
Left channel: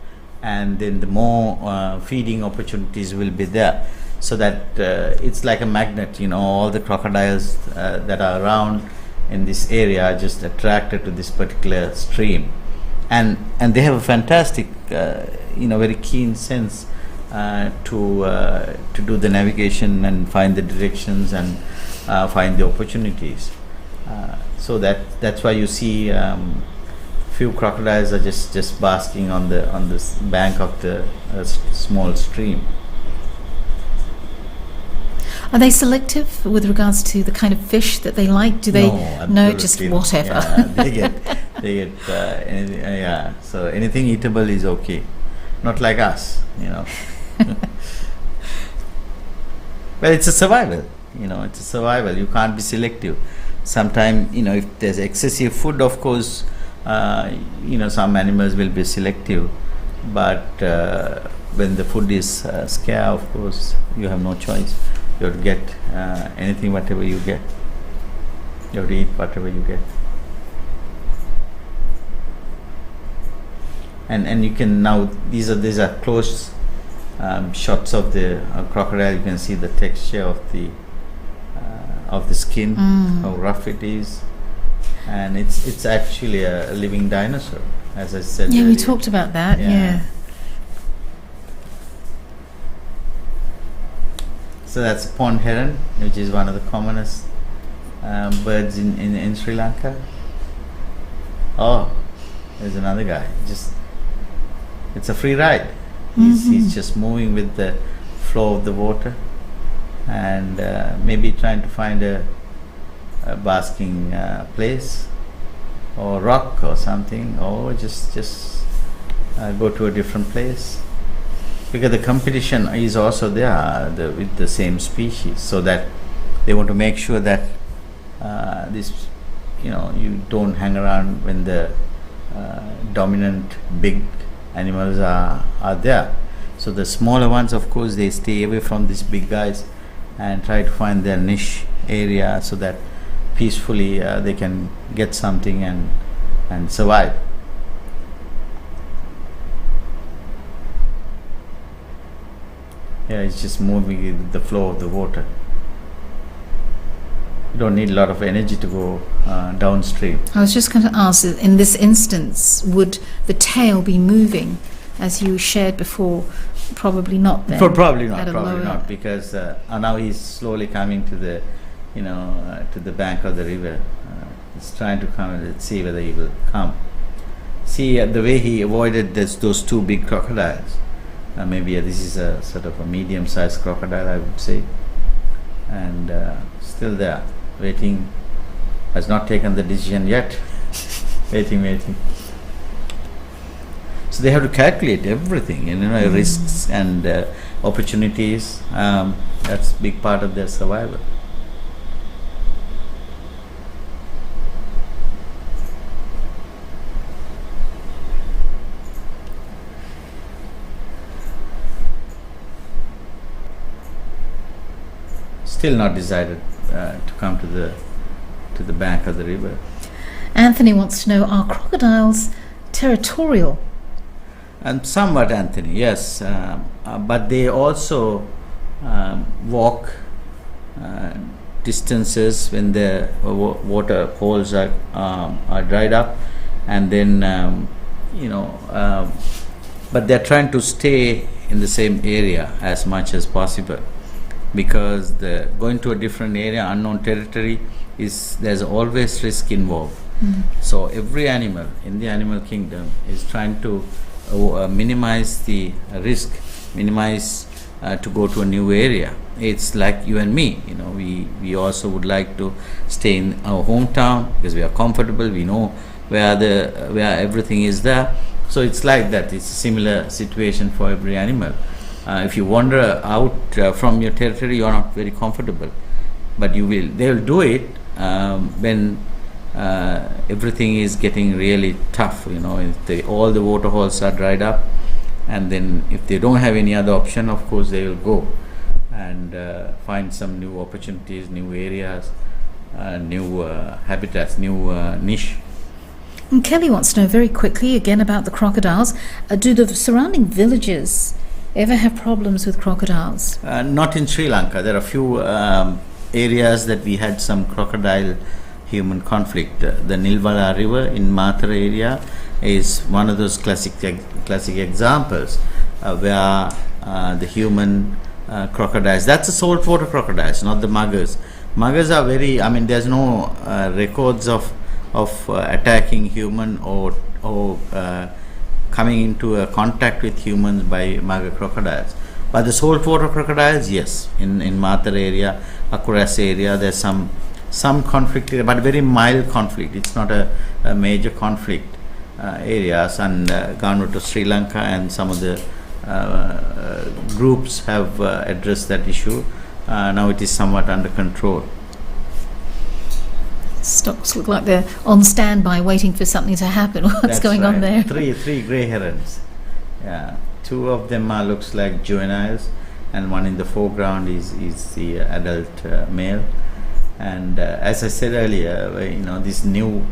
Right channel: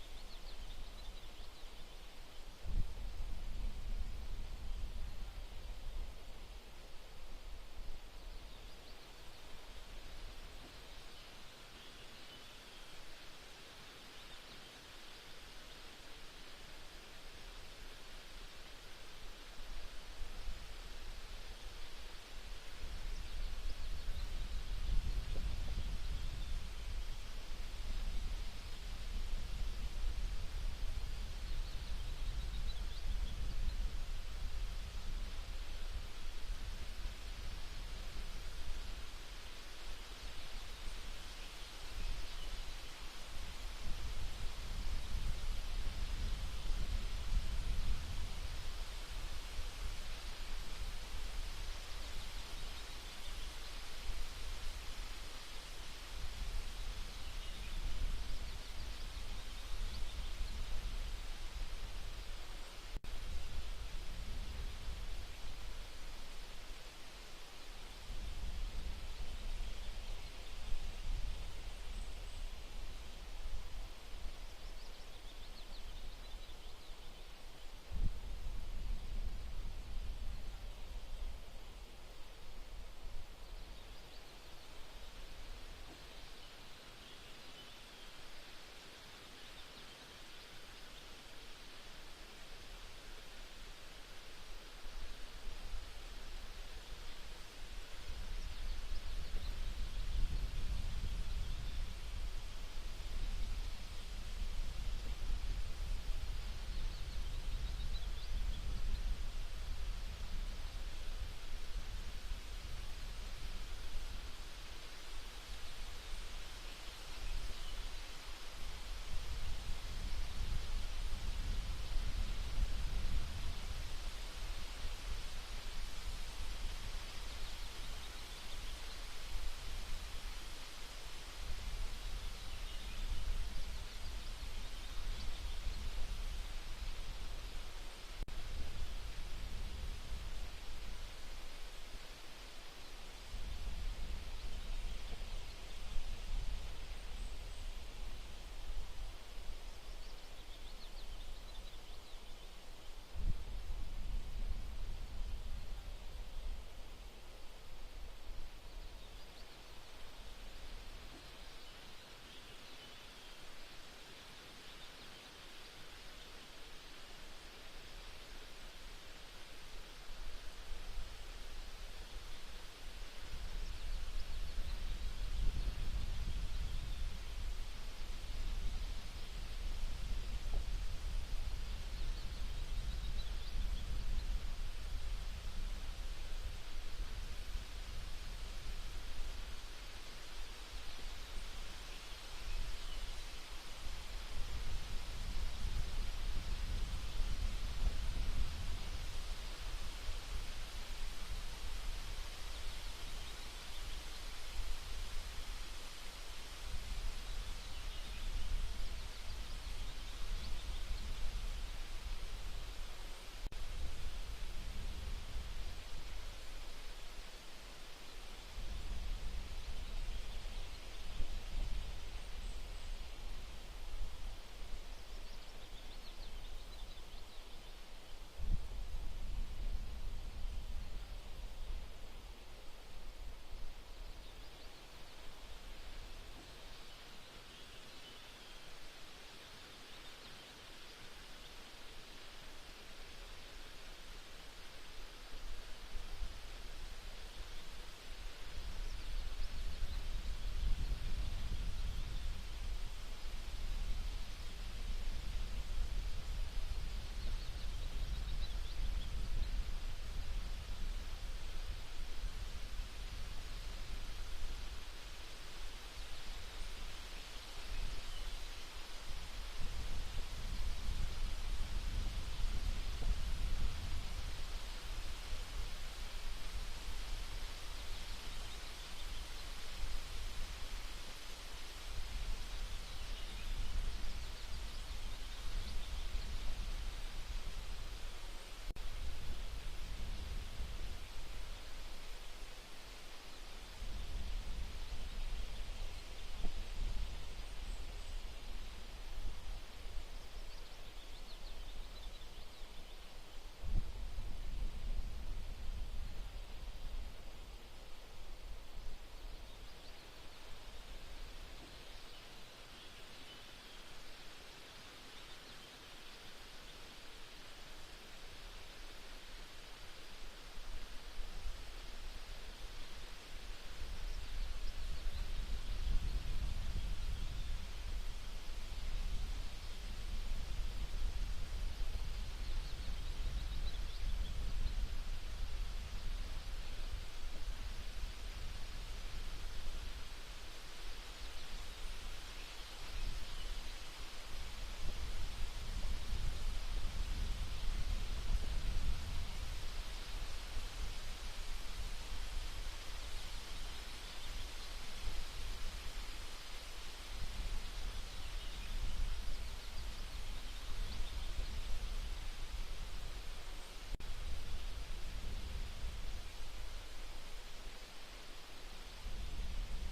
and then the more feeding opportunities will be there. So that it's like a magnet, all the crocodiles that are around in this area are just attracted to this particular stream, and they have a fantastic, very keen sense to do the navigation and find the directions and find the opportunities. So that's why you see few crocodiles are just basking on this bank of the small stream. Are they selective with regards to the kind of fish that they like? Do they No, just whatever? Yeah, they get yeah. So anything eatable is okay. Not like us, Well, it's a survival. It's a survival. You can't be selective. Sometimes, if there's excessive food, of course, some animals will be selective. But when the food is scarce, of course, you have no choice. You have to get anything, whatever you get. You have to eat whatever you get. And you can now, these are close shots of the crocodile. You can see the texture of the skin, how rough it is, and it's actually a living dinosaur. as I said Yeah, we earlier. talked about that. Yeah. So that's pond heron, which is one of the commonest birds in Sri Lanka. Oh, there's another guy. It's a free ride. He's just moving with the flow of the water, and maybe trying to find a basking place or rock or something, or just go to a different place, because the competition is also there with the same species, so that they want to make sure that this, you don't hang around when the dominant big animals are there. So the smaller ones, of course, they stay away from these big guys and try to find their niche area, so that peacefully they can get something and survive. Yeah, it's just moving with the flow of the water. You don't need a lot of energy to go downstream. I was just going to ask, in this instance, would the tail be moving, as you shared before? Probably not then. Probably at a not, lower- because now he's slowly coming to the, to the bank of the river. He's trying to come. Let's see whether he will come. See the way he avoided those two big crocodiles. Maybe this is a sort of a medium-sized crocodile, I would say, and still there, waiting. Has not taken the decision yet. waiting. So they have to calculate everything, risks and opportunities. That's a big part of their survival. Still not decided to come to the bank of the river. Anthony wants to know, are crocodiles territorial? And somewhat, Anthony, yes, but they also walk distances when the water holes are dried up, and then but they're trying to stay in the same area as much as possible, because going to a different area, unknown territory, there's always risk involved. So every animal in the animal kingdom is trying to minimize the risk, minimize to go to a new area. It's like you and me, we also would like to stay in our hometown because we are comfortable, we know where everything is there. So it's like that. It's a similar situation for every animal. If you wander out from your territory, you are not very comfortable, but they will do it when everything is getting really tough. If all the water holes are dried up, and then if they don't have any other option, of course they will go and find some new opportunities, new areas, new habitats, new niche. And Kelly wants to know very quickly again about the crocodiles. Do the surrounding villages ever have problems with crocodiles? Not in Sri Lanka. There are a few areas that we had some crocodile human conflict. The Nilwala River in Mathura area is one of those classic examples where the human crocodiles, that's the saltwater crocodiles, not the muggers. Muggers are there's no records of attacking human or coming into a contact with humans by mugger crocodiles. But the saltwater crocodiles, yes, in Mathura area, Akuras area, there's some conflict, but very mild conflict. It's not a major conflict areas, and government of Sri Lanka and some of the groups have addressed that issue. Now it is somewhat under control. Stocks look like they're on standby waiting for something to happen. What's That's going on right. there? Three grey herons. Yeah, two of them looks like juveniles, and one in the foreground is the adult male. And as I said earlier, these new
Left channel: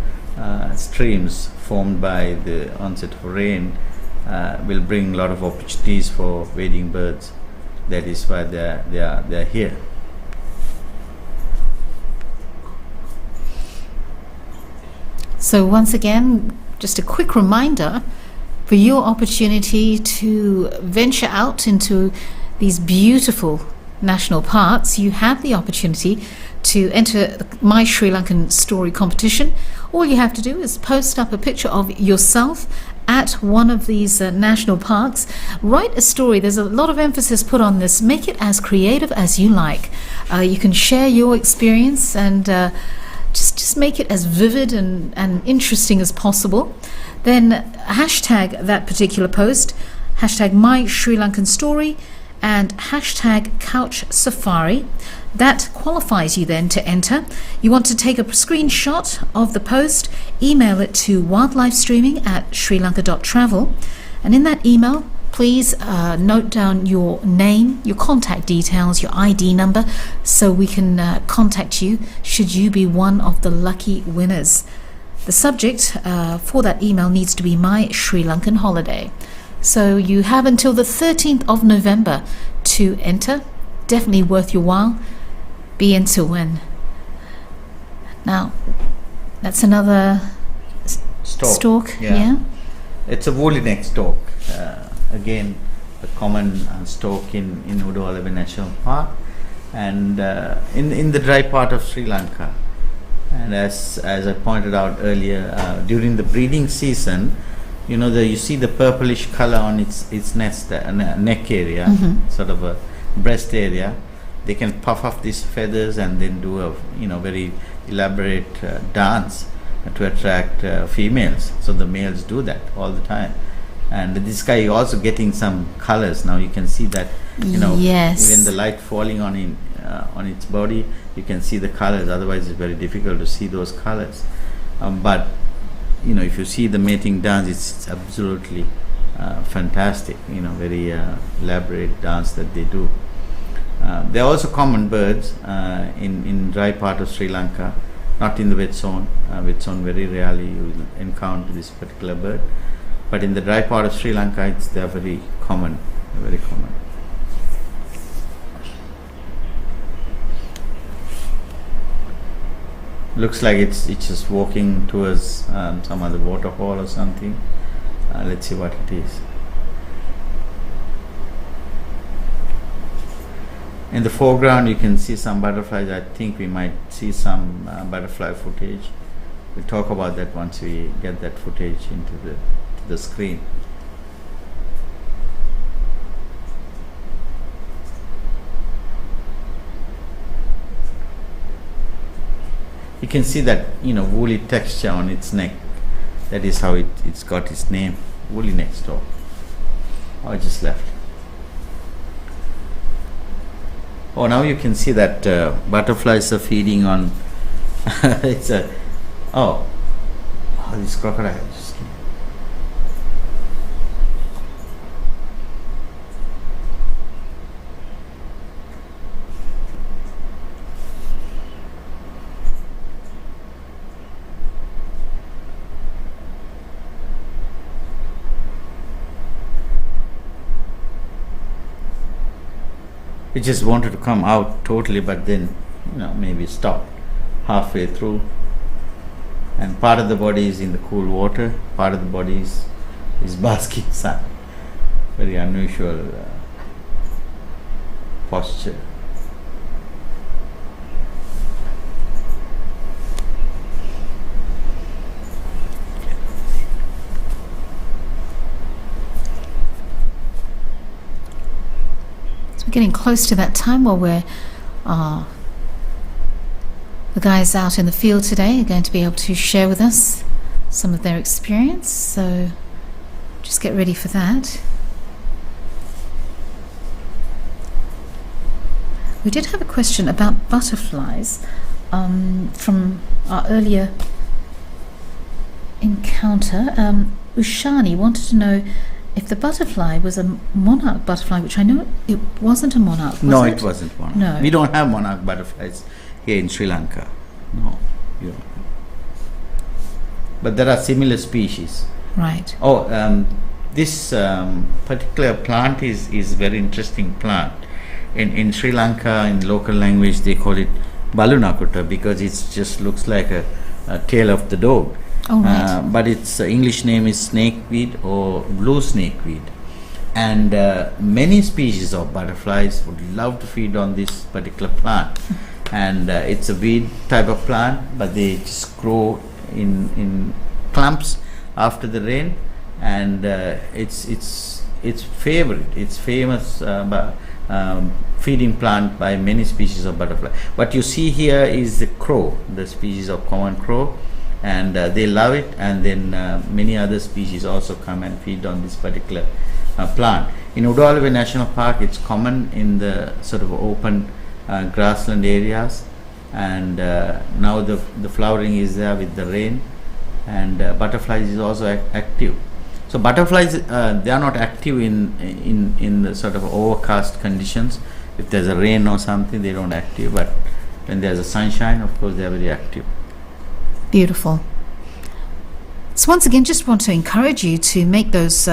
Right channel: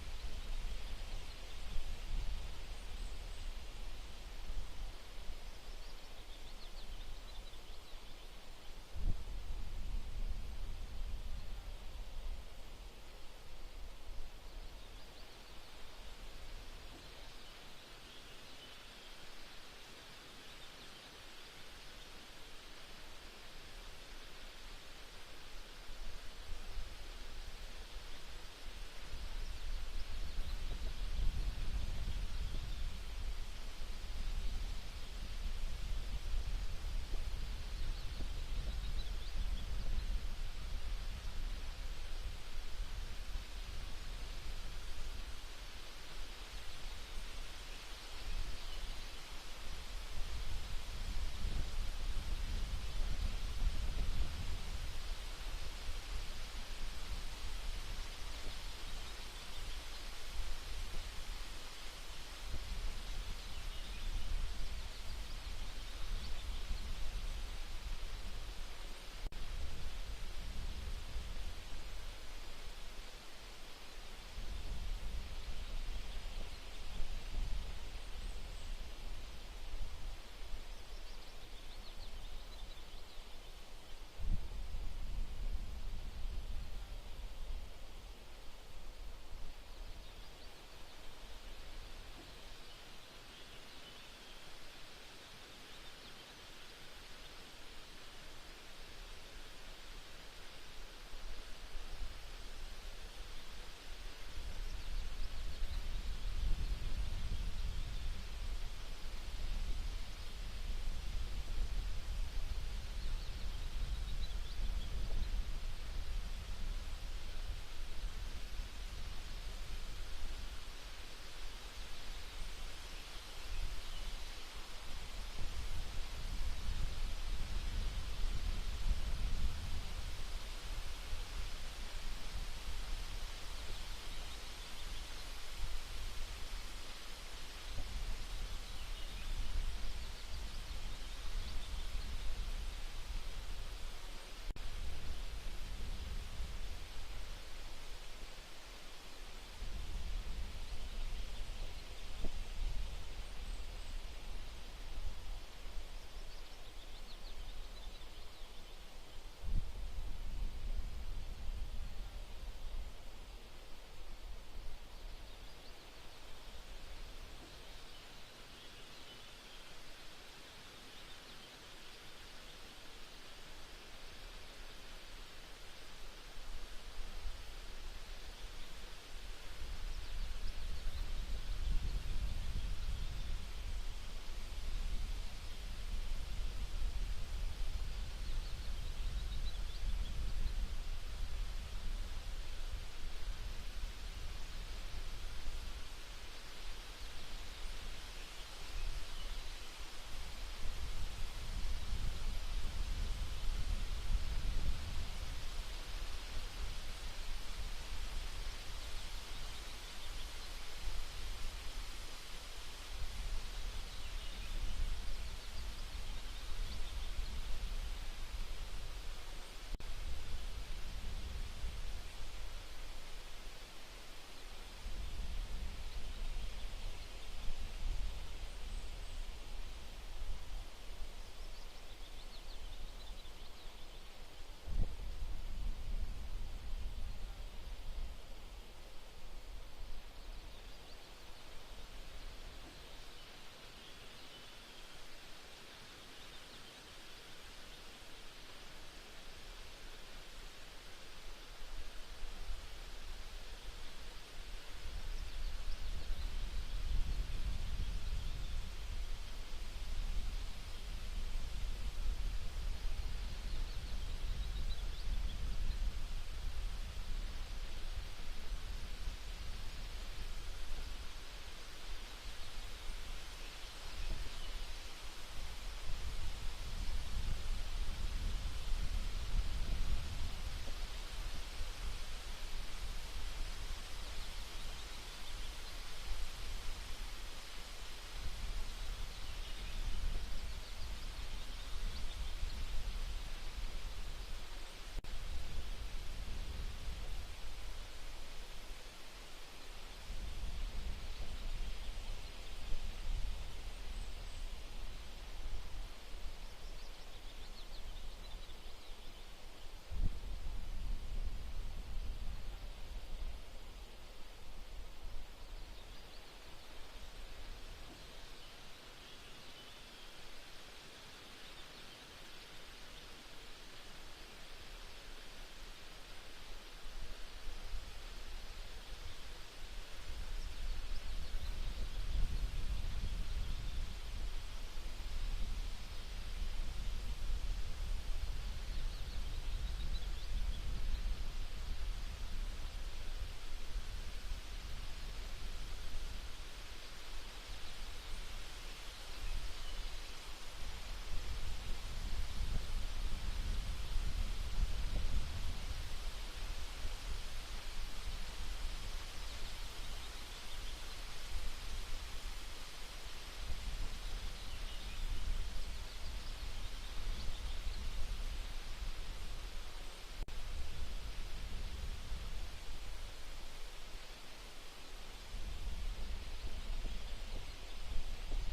streams formed by the onset of rain will bring a lot of opportunities for wading birds. That is why they are here. So once again, just a quick reminder for your opportunity to venture out into these beautiful national parks. You have the opportunity to enter the My Sri Lankan Story competition. All you have to do is post up a picture of yourself at one of these national parks. Write a story. There's a lot of emphasis put on this. Make it as creative as you like. You can share your experience and just make it as vivid and interesting as possible. Then hashtag that particular post, hashtag My Sri Lankan Story, and hashtag Couch Safari. That qualifies you then to enter. You want to take a screenshot of the post, email it to wildlifestreaming@srilanka.travel, and in that email, please note down your name, your contact details, your ID number, so we can contact you should you be one of the lucky winners. The subject for that email needs to be My Sri Lankan Holiday. So you have until the 13th of November to enter. Definitely worth your while. Be in to win. Now, that's another stork. Yeah. It's a woolly neck stork. Again, a common stork in Udawalawe National Park and in the dry part of Sri Lanka. And as I pointed out earlier, during the breeding season, you see the purplish color on its nest neck area, sort of a breast area. They can puff off these feathers and then do a very elaborate dance to attract females. So the males do that all the time. And this guy is also getting some colors. Now you can see that yes. Even the light falling on its body, you can see the colors. Otherwise it's very difficult to see those colors. But if you see the mating dance, it's absolutely fantastic. Very elaborate dance that they do. They are also common birds in dry part of Sri Lanka, not in the wet zone. Wet zone, very rarely you will encounter this particular bird, but in the dry part of Sri Lanka, they are very common. Very common. Looks like it's just walking towards some other waterfall or something. Let's see what it is. In the foreground you can see some butterflies. I think we might see some butterfly footage. We'll talk about that once we get that footage into the screen. You can see that woolly texture on its neck. That is how it's got its name, woolly neck stork. I just left. Oh, now you can see that butterflies are feeding on. It's a these crocodiles. It just wanted to come out totally, but then maybe stopped halfway through. And part of the body is in the cool water, part of the body is basking sun. Very unusual posture. We're getting close to that time where we're the guys out in the field today are going to be able to share with us some of their experience, so just get ready for that. We did have a question about butterflies from our earlier encounter. Ushani wanted to know if the butterfly was a monarch butterfly, which I know it wasn't a monarch. No, it wasn't monarch. No. We don't have monarch butterflies here in Sri Lanka. No. Yeah. But there are similar species. Right. This particular plant is very interesting plant. In Sri Lanka, in local language, they call it balunakuta because it just looks like a tail of the dog. Oh, right. But its English name is snakeweed or blue snakeweed. And many species of butterflies would love to feed on this particular plant. And it's a weed type of plant, but they just grow in clumps after the rain, and it's favorite. It's famous feeding plant by many species of butterfly. What you see here is the crow, the species of common crow, and they love it. And then many other species also come and feed on this particular plant. In Udawalawe National Park, it's common in the sort of open grassland areas, and now the flowering is there with the rain, and butterflies is also active. So butterflies, they are not active in the sort of overcast conditions. If there's a rain or something, they don't active, but when there's a sunshine, of course, they are very active. Beautiful. So once again, just want to encourage you to make those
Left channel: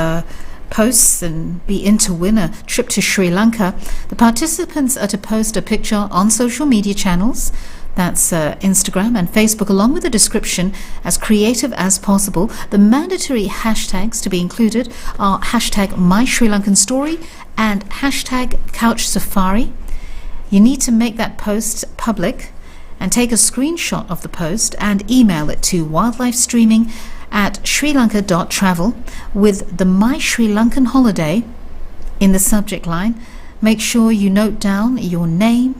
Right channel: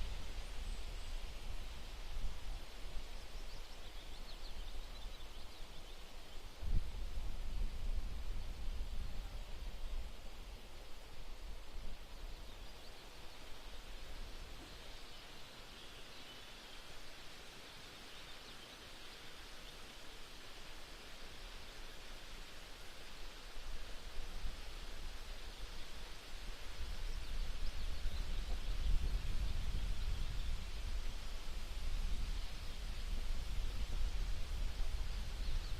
posts and be in to win a trip to Sri Lanka. The participants are to post a picture on social media channels, that's Instagram and Facebook, along with a description as creative as possible. The mandatory hashtags to be included are hashtag #MySriLankanStory and hashtag #CouchSafari. You need to make that post public and take a screenshot of the post and email it to wildlifestreaming@srilanka.travel with the My Sri Lankan Holiday in the subject line. Make sure you note down your name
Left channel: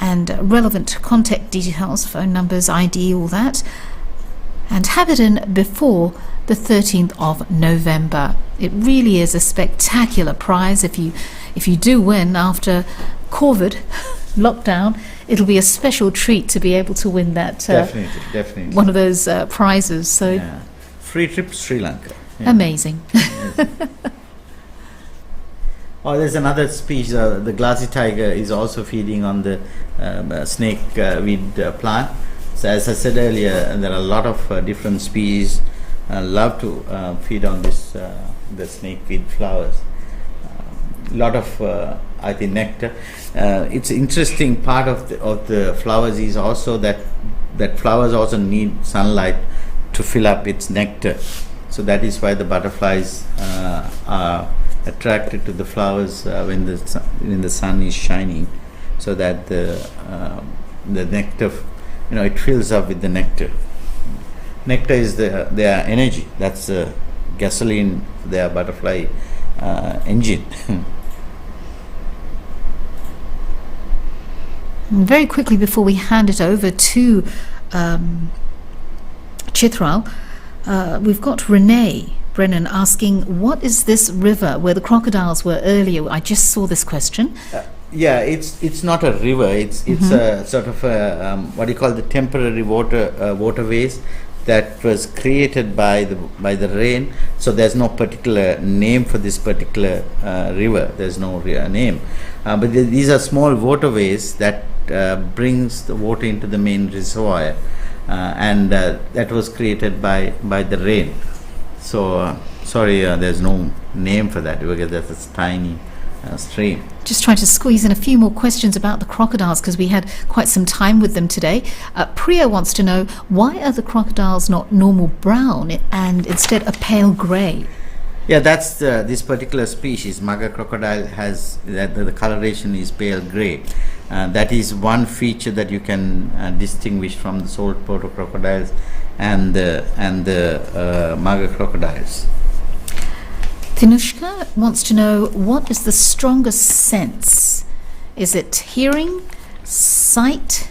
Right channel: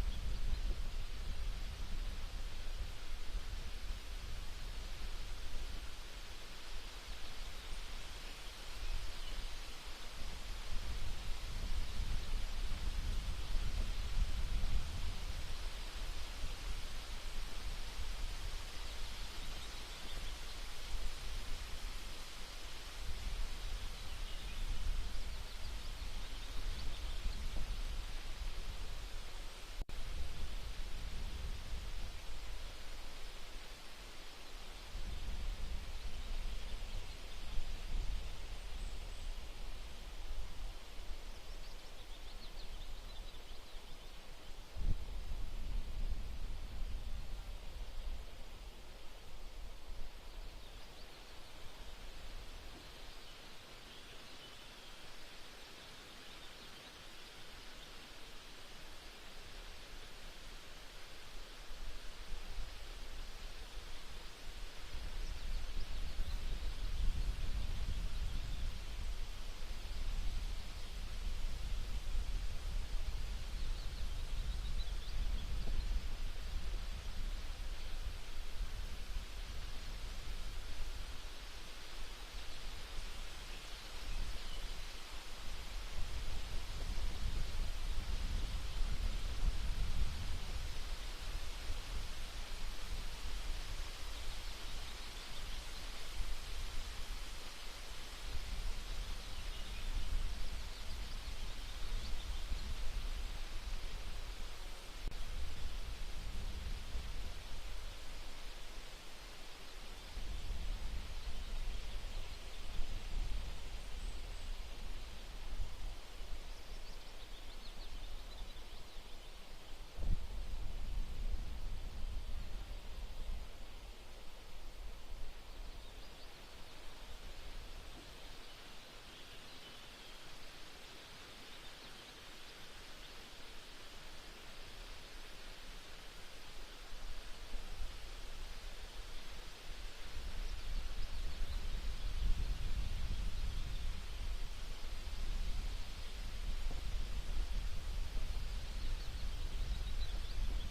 and relevant contact details, phone numbers, ID, all that, and have it in before the 13th of November. It really is a spectacular prize. If you do win after COVID lockdown, it'll be a special treat to be able to win that Definitely. one of those prizes. So Yeah. Free trip to Sri Lanka. Yeah. amazing. Oh, there's another species. The glassy tiger is also feeding on the snake weed plant. So as I said earlier, there are a lot of different species love to feed on this the snakeweed flowers. A lot of I think nectar. It's interesting part of the flowers is also that flowers also need sunlight to fill up its nectar. So that is why the butterflies are attracted to the flowers when the sun is shining, so that the nectar, it fills up with the nectar. Nectar is their energy. That's gasoline, their butterfly engine. And very quickly, before we hand it over to Chithral, we've got Renee Brennan asking, what is this river where the crocodiles were earlier? I just saw this question. Yeah, it's not a river. It's a sort of a, what do you call the temporary waterways that was created by the rain. So there's no particular name for this particular river. There's no name, but these are small waterways that brings the water into the main reservoir, and that was created by the rain. So sorry, there's no name for that because that's a tiny stream. Just trying to squeeze in a few more questions about the crocodiles because we had quite some time with them today. Priya wants to know, why are the crocodiles not normal brown and instead a pale grey? Yeah, that's this particular species. Maga crocodile has the coloration is pale grey. That is one feature that you can distinguish from the saltwater crocodiles and the Maga crocodiles. Tinushka wants to know, what is the strongest sense? Is it hearing, sight,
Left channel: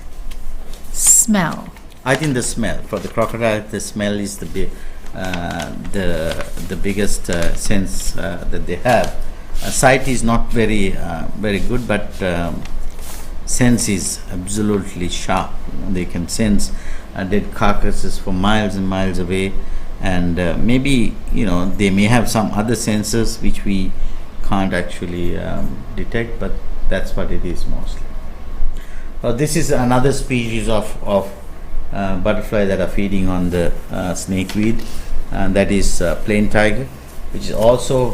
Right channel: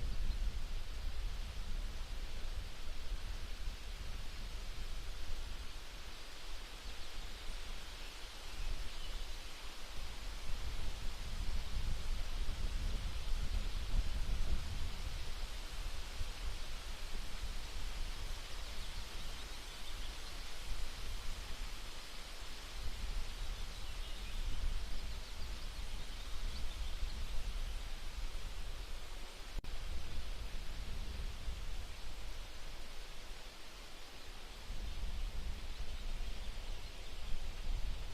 smell? I think the smell. For the crocodile, the smell is the biggest sense that they have. Sight is not very good, but sense is absolutely sharp. They can sense dead carcasses for miles and miles away. And maybe they may have some other senses which we can't actually detect, but that's what it is mostly. This is another species of butterfly that are feeding on the snakeweed, and that is plain tiger, which is also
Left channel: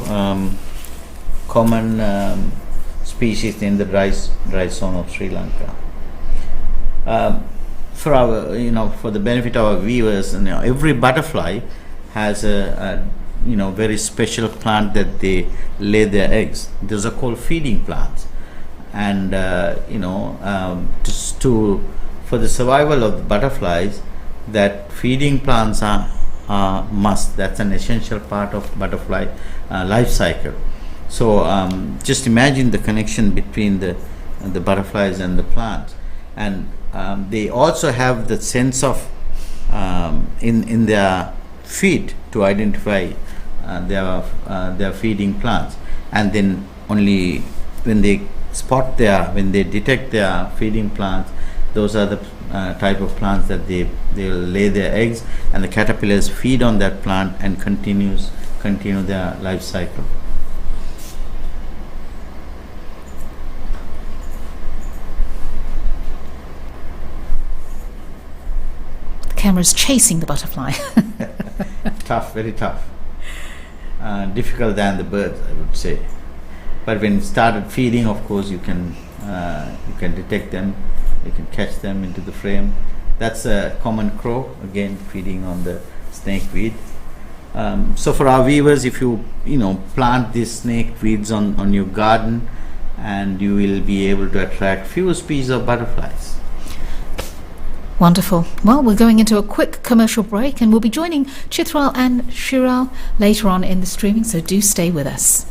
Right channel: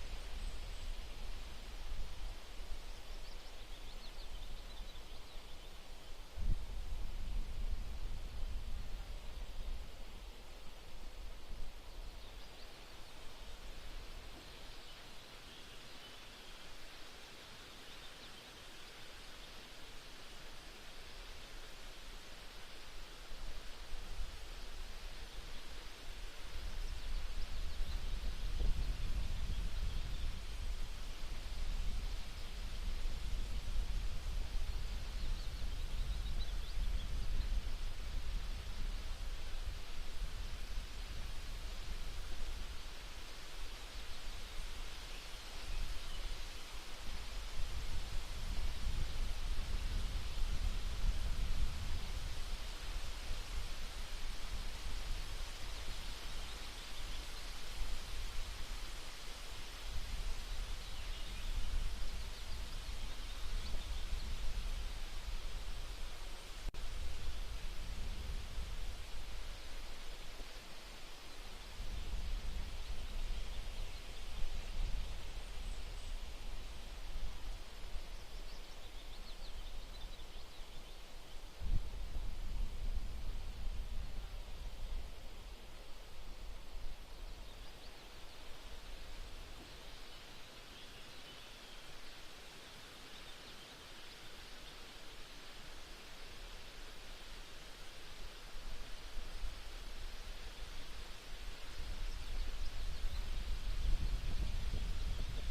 common species in the dry zone of Sri Lanka. for our, for the benefit of our viewers, every butterfly has a very special plant that they lay their eggs. Those are called feeding plants, and for the survival of the butterflies, that feeding plants are must. That's an essential part of butterfly life cycle. So just imagine the connection between the butterflies and the plants, and they also have the sense of in their feet to identify their feeding plants, and then only when they detect their feeding plants, those are the type of plants that they'll lay their eggs, and the caterpillars feed on that plant and continue their life cycle. The camera's chasing the butterfly. Tough, very tough. Difficult than the birds, I would say. But when it started feeding, of course, you can detect them, you can catch them into the frame. That's a common crow, again feeding on the snakeweed. So for our viewers, if you plant these snakeweeds on your garden, and you will be able to attract few species of butterflies. Wonderful. Well, we're going into a quick commercial break, and we'll be joining Chithral and Shiral later on in the streaming, so do stay with us.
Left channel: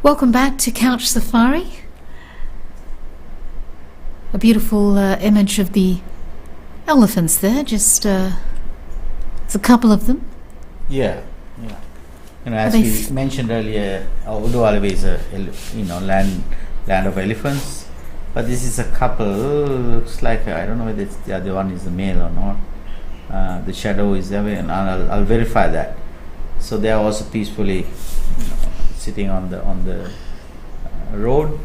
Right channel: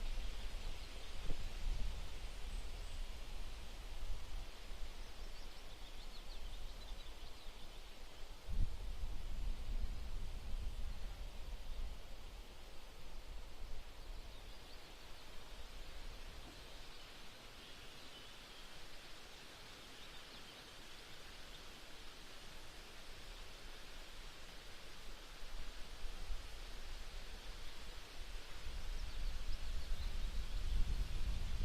Welcome back to Couch Safari. A beautiful image of the elephants there, just there's a couple of them. Yeah. As we mentioned earlier, Udawalawe is a land of elephants, but this is a couple. Looks like I don't know whether the other one is the male or not. The shadow is there, and I'll verify that. So they are also peacefully sitting on the road.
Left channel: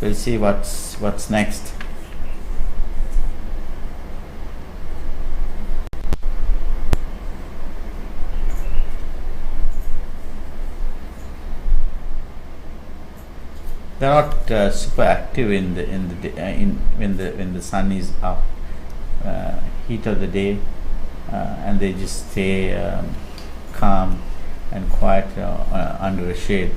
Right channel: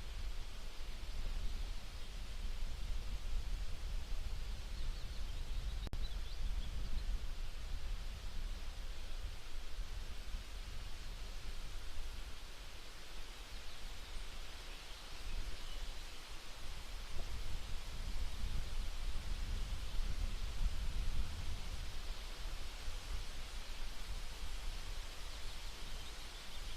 We'll see what's next. They're not super active when the sun is up, heat of the day, and they just stay calm and quiet under a shade.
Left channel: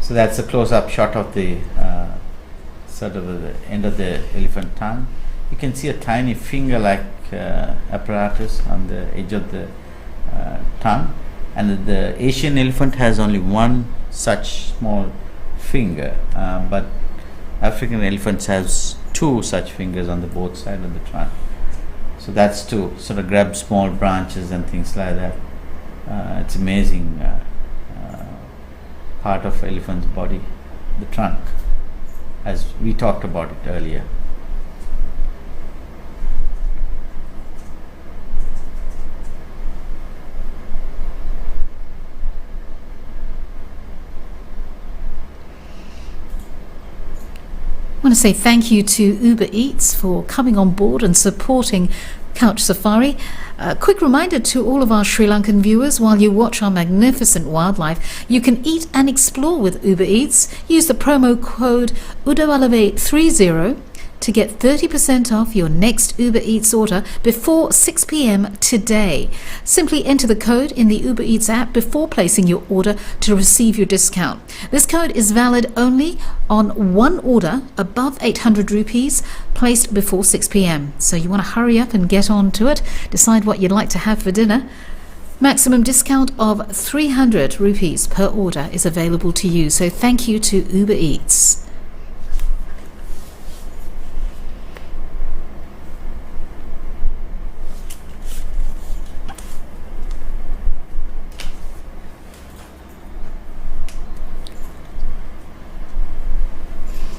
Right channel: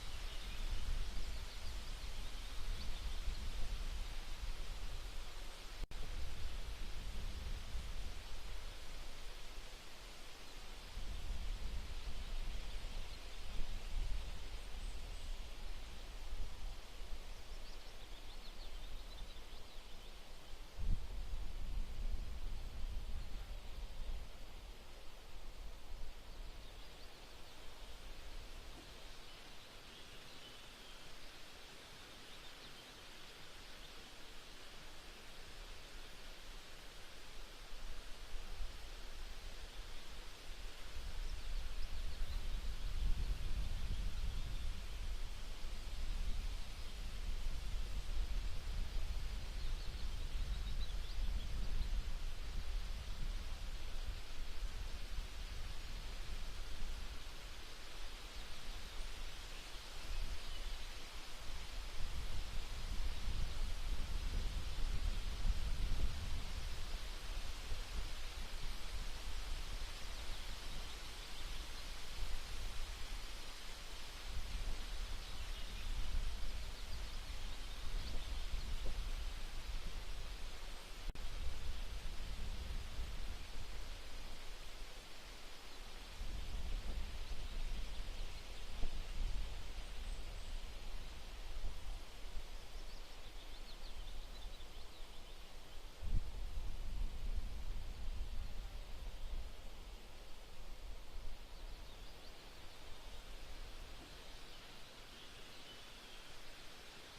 So that's a close-up shot of the sort of the end of the elephant tongue. You can see a tiny finger-like apparatus on the edge of the tongue, and the Asian elephant has only one such small finger, but African elephants two such fingers on the both sides of the trunk. So that's to sort of grab small branches and things like that. It's amazing part of elephant's body, the trunk, as we talked about it earlier. I want to say thank you to Uber Eats for coming on board and supporting Couch Safari. A quick reminder to all of our Sri Lankan viewers, while you watch our magnificent wildlife, you can eat and explore with Uber Eats. Use the promo code Udawalawe30 to get 30% off your next Uber Eats order before 6 p.m. today. Simply enter the code in the Uber Eats app before placing your order to receive your discount. This code is valid only on one order above 800 rupees placed before 6 p.m. So you want to hurry up and get on to it. Decide what you'd like to have for dinner. Maximum discount of 300 rupees per order is available to you. So thank you to Uber Eats.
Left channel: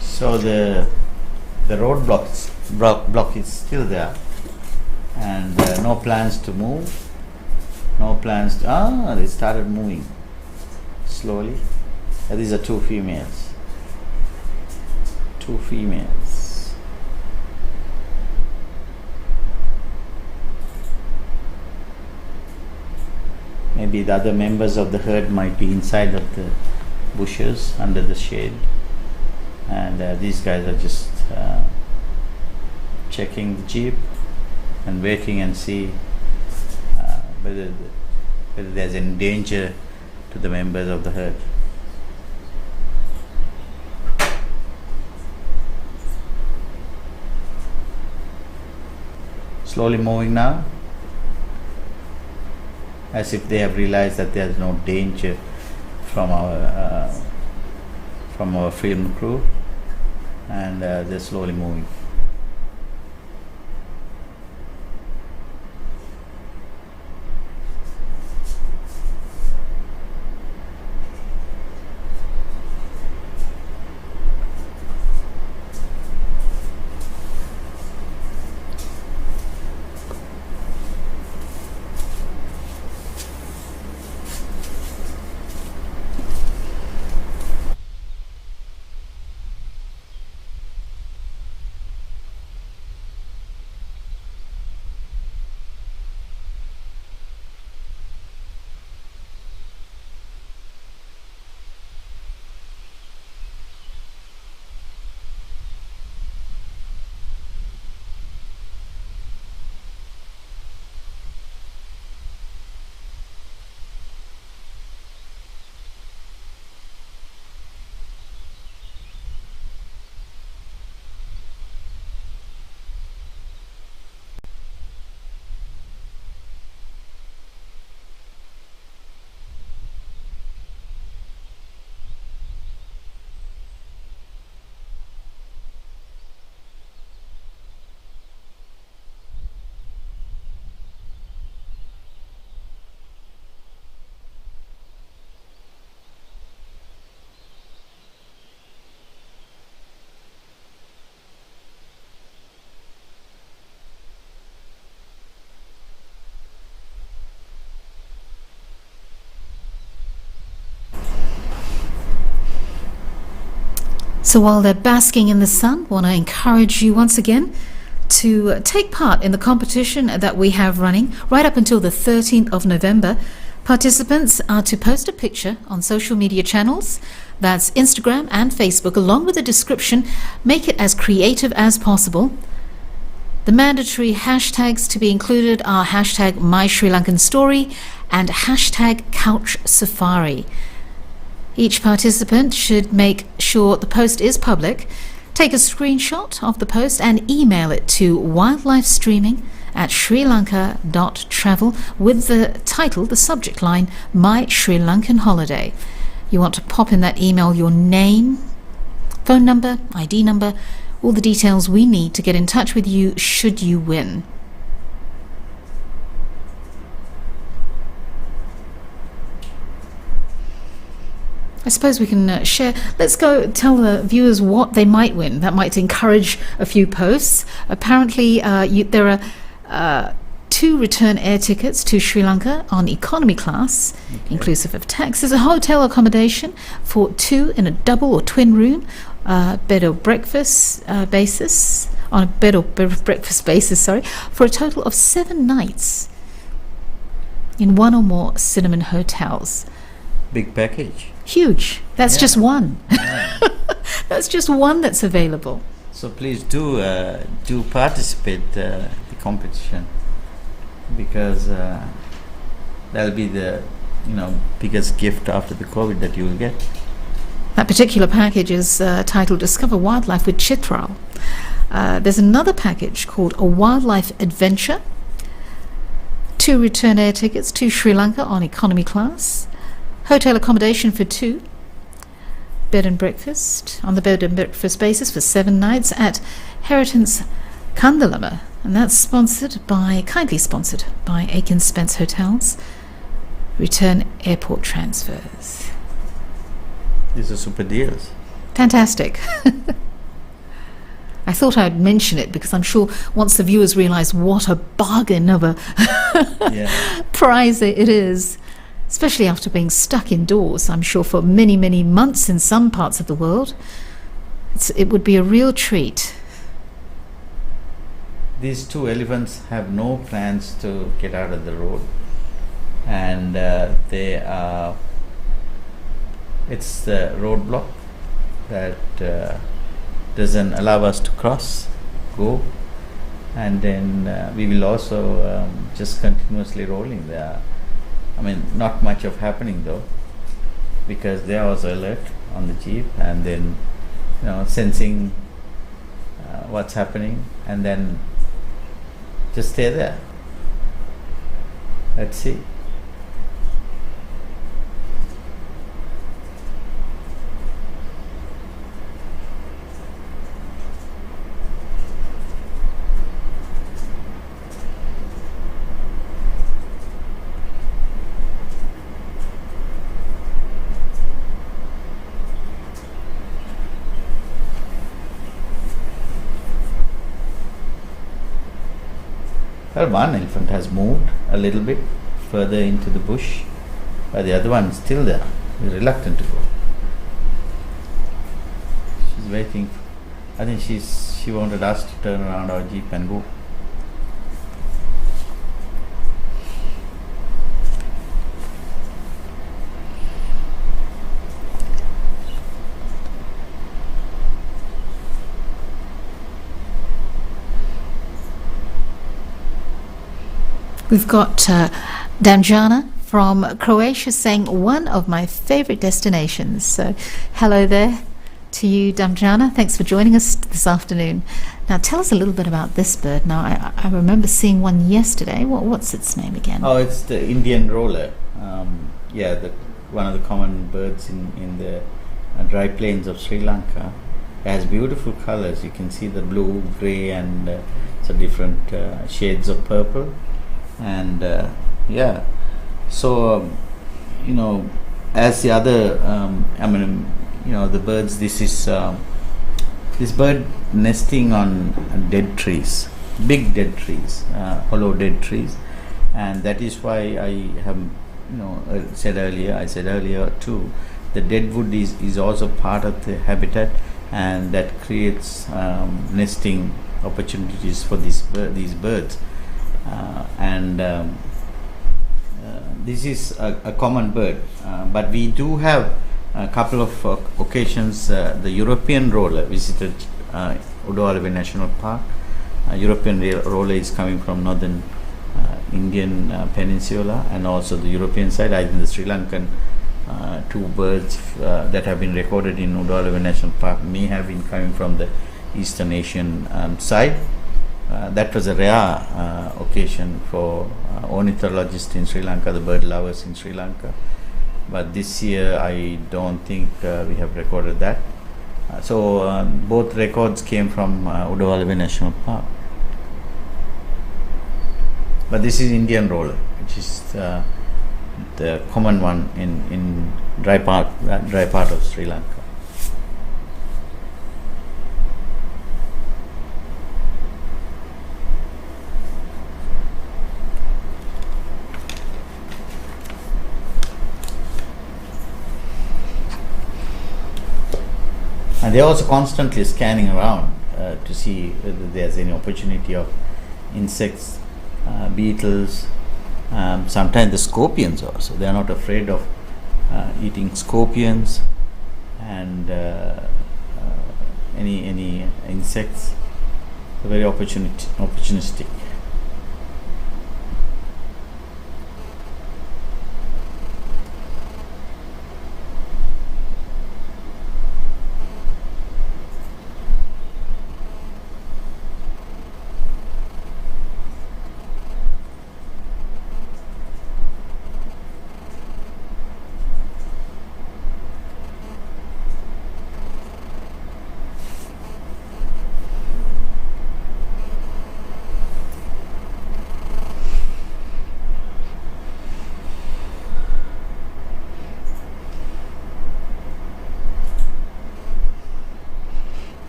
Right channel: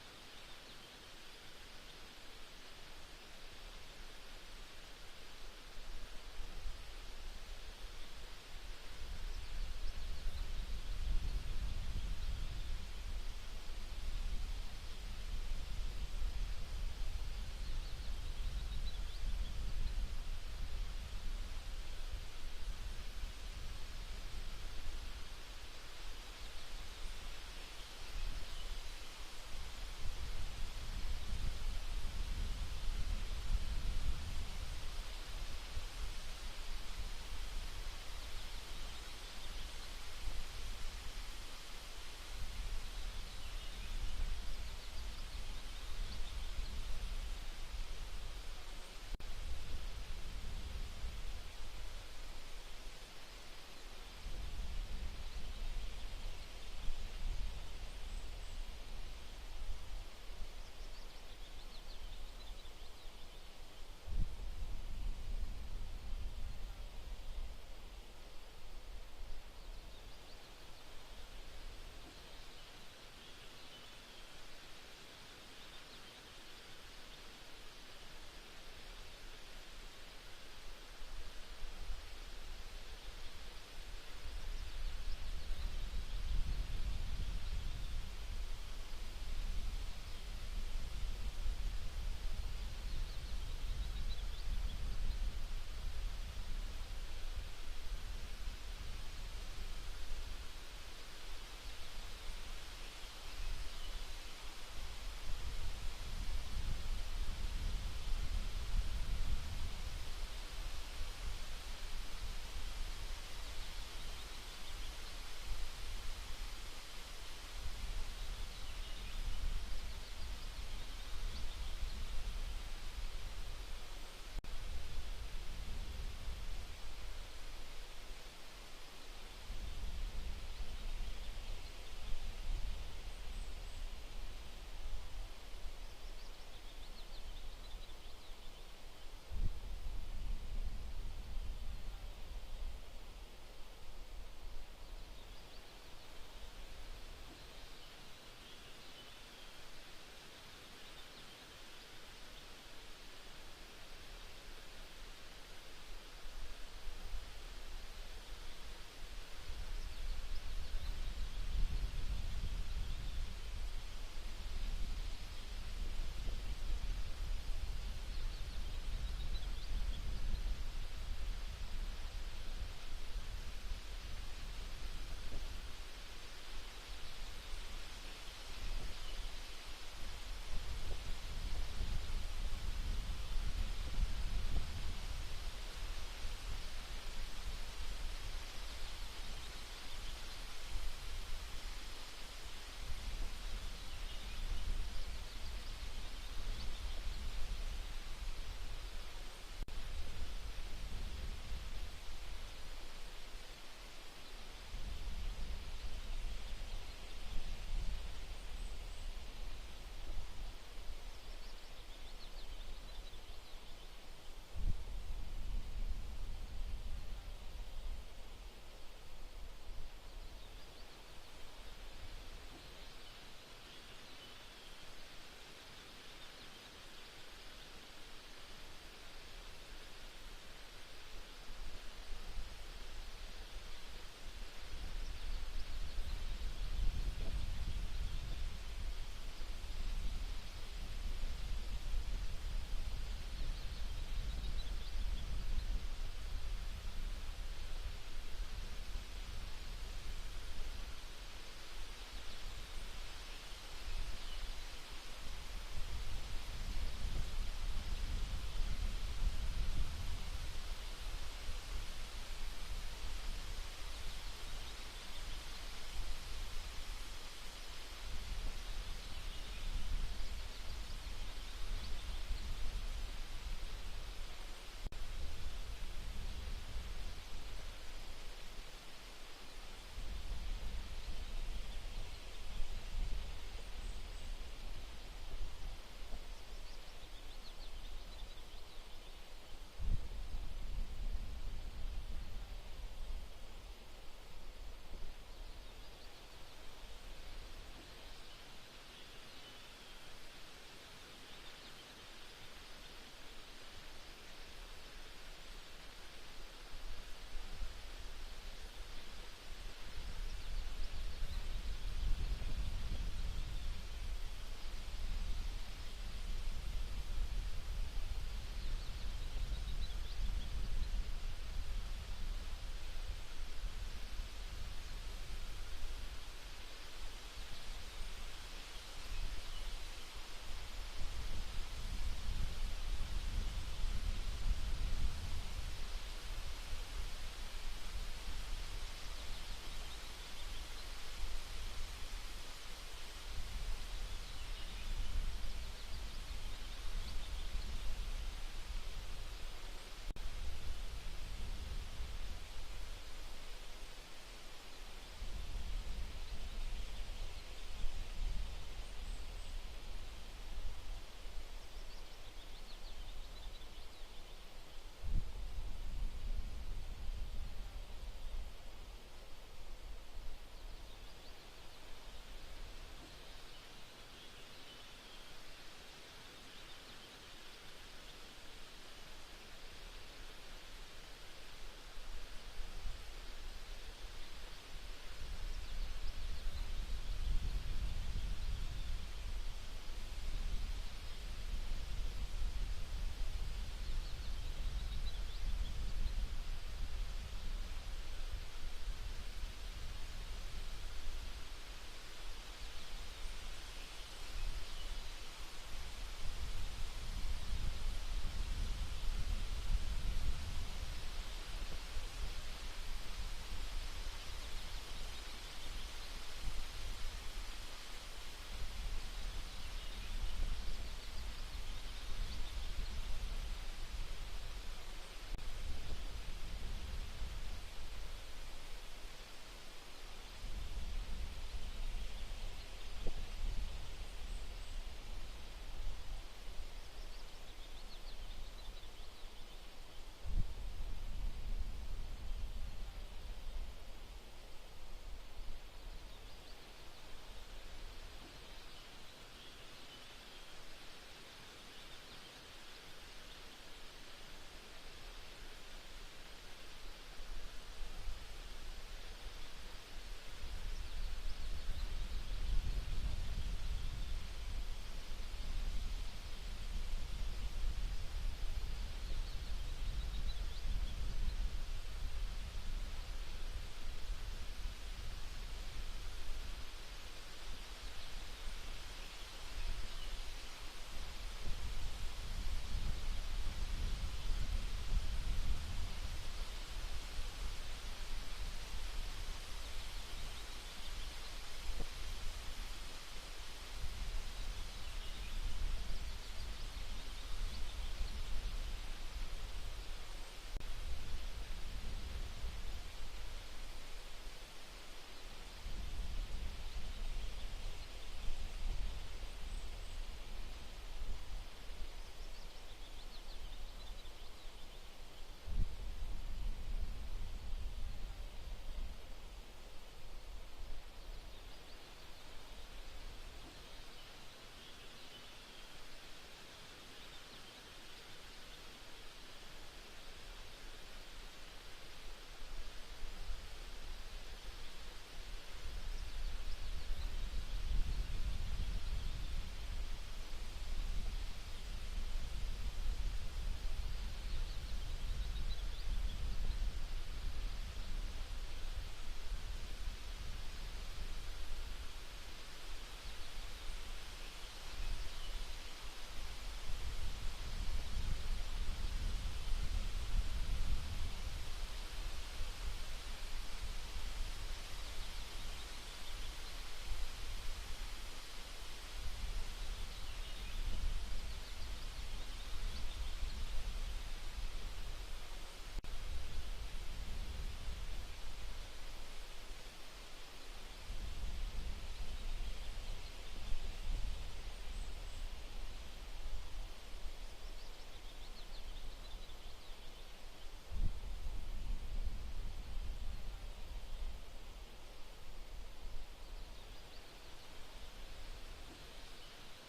So the roadblock is still there, and no plans to move. No plans to, they started moving slowly. These are two females. Two females. Maybe the other members of the herd might be inside of the bushes under the shade. And these guys are just checking the jeep and waiting and see whether there's any danger to the members of the herd. Slowly moving now, as if they have realized that there's no danger from our film crew, and they're slowly moving. So while they're basking in the sun, I want to encourage you once again to take part in the competition that we have running right up until the 13th of November. Participants are to post a picture on social media channels, that's Instagram and Facebook, along with a description. Make it as creative as possible. The mandatory hashtags to be included are hashtag My Sri Lankan Story and hashtag Couch Safari. Each participant should make sure the post is public. Take a screenshot of the post and email it to wildlifestreaming@srilanka.travel with the title, the subject line, My Sri Lankan Holiday. You want to pop in that email your name, phone number, ID number, all the details we need to get in touch with you should you win. I suppose we can share. Let's go tell the viewers what they might win. That might encourage a few posts. Apparently, there are 2 return air tickets to Sri Lanka on economy class, inclusive of taxes, a hotel accommodation for 2 in a double or twin room, bed or breakfast basis, on a bed or breakfast basis, for a total of 7 nights in 1 or more Cinnamon hotels. Big package. Huge. That's Yeah. just one. Yeah. That's just one that's available. So please do participate the competition, because that'll be the biggest gift after the COVID that you will get. That particular package is titled Discover Wildlife with Chitral. There's another package called A Wildlife Adventure. 2 return air tickets to Sri Lanka on economy class. Hotel accommodation for 2. Bed and breakfast on the bed and breakfast basis for 7 nights at Heritance Kandalama. And that's kindly sponsored by Aiken Spence Hotels. Return airport transfers. These are super deals. Fantastic. I thought I'd mention it because I'm sure once the viewers realise what a bargain of a Yeah. prize it is, especially after being stuck indoors, I'm sure, for many, many months in some parts of the world, it would be a real treat. These 2 elephants have no plans to get out of the road, and it's the roadblock that doesn't allow us to go, and then we will also just continuously rolling there. I mean, not much of happening though, because they are also alert on the jeep, and then sensing what's happening, and then just stay there. Let's see. Well, one elephant has moved a little bit further into the bush, but the other one is still there. He's reluctant to go. She's waiting. I think she wanted us to turn around our jeep and go. We've got Damjana from Croatia saying one of my favorite destinations. So hello there to you, Damjana. Thanks for joining us this afternoon. Now tell us a little bit about this bird. Now I remember seeing one yesterday. What's its name again? Oh, it's the Indian roller. One of the common birds in the dry plains of Sri Lanka. It has beautiful colors. You can see the blue, grey, and some different shades of purple. And so as the other the birds, this is this bird nesting on dead trees, big dead trees, hollow dead trees, and that is why I have said earlier too, the dead wood is also part of the habitat, and that creates nesting opportunities for these birds. This is a common bird, but we do have a couple of occasions. The European roller visited Udawalawe National Park. European roller is coming from northern Indian peninsula, and also the European side. I think the Sri Lankan 2 birds that have been recorded in Udawalawe National Park may have been coming from the Eastern Asian side. That was a rare occasion for ornithologists in Sri Lanka, the bird lovers in Sri Lanka. But this year I don't think we have recorded that. So both records came from Udawalawe National Park. But this is Indian roller, which is the common one in dry part of Sri Lanka. And they're also constantly scanning around to see whether there's any opportunity of insects, beetles, sometimes the scorpions also. They are not afraid of eating scorpions and any insects. They're very opportunistic.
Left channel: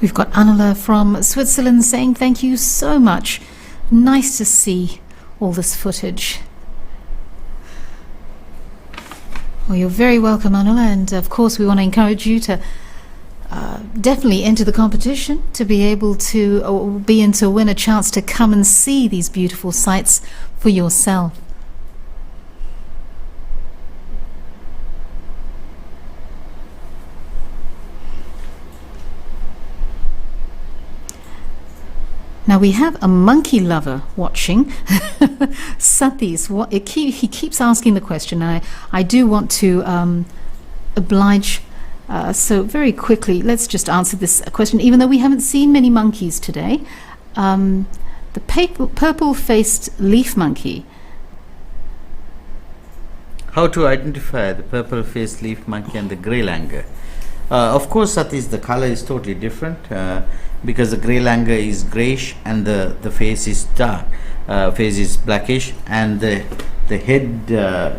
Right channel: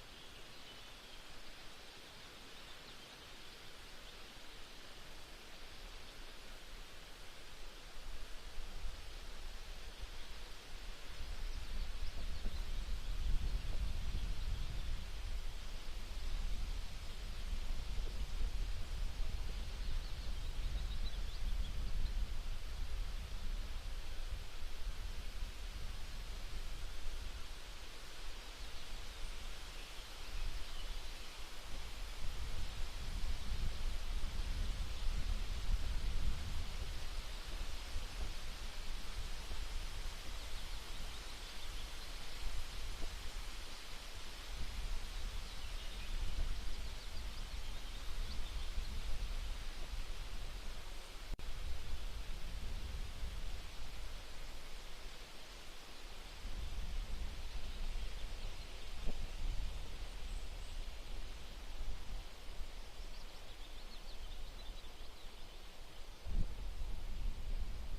We've got Anula from Switzerland saying thank you so much. Nice to see all this footage. Well, you're very welcome, Anula, and of course we want to encourage you to definitely enter the competition to be able to win a chance to come and see these beautiful sights for yourself. Now we have a monkey lover watching. Satis, he keeps asking the question. I do want to oblige. So very quickly, let's just answer this question. Even though we haven't seen many monkeys today, the purple-faced leaf monkey. How to identify the purple-faced leaf monkey and the grey langur? Of course, Satis, the color is totally different. Because the grey langur is greyish and the face is dark, face is blackish, and the head, the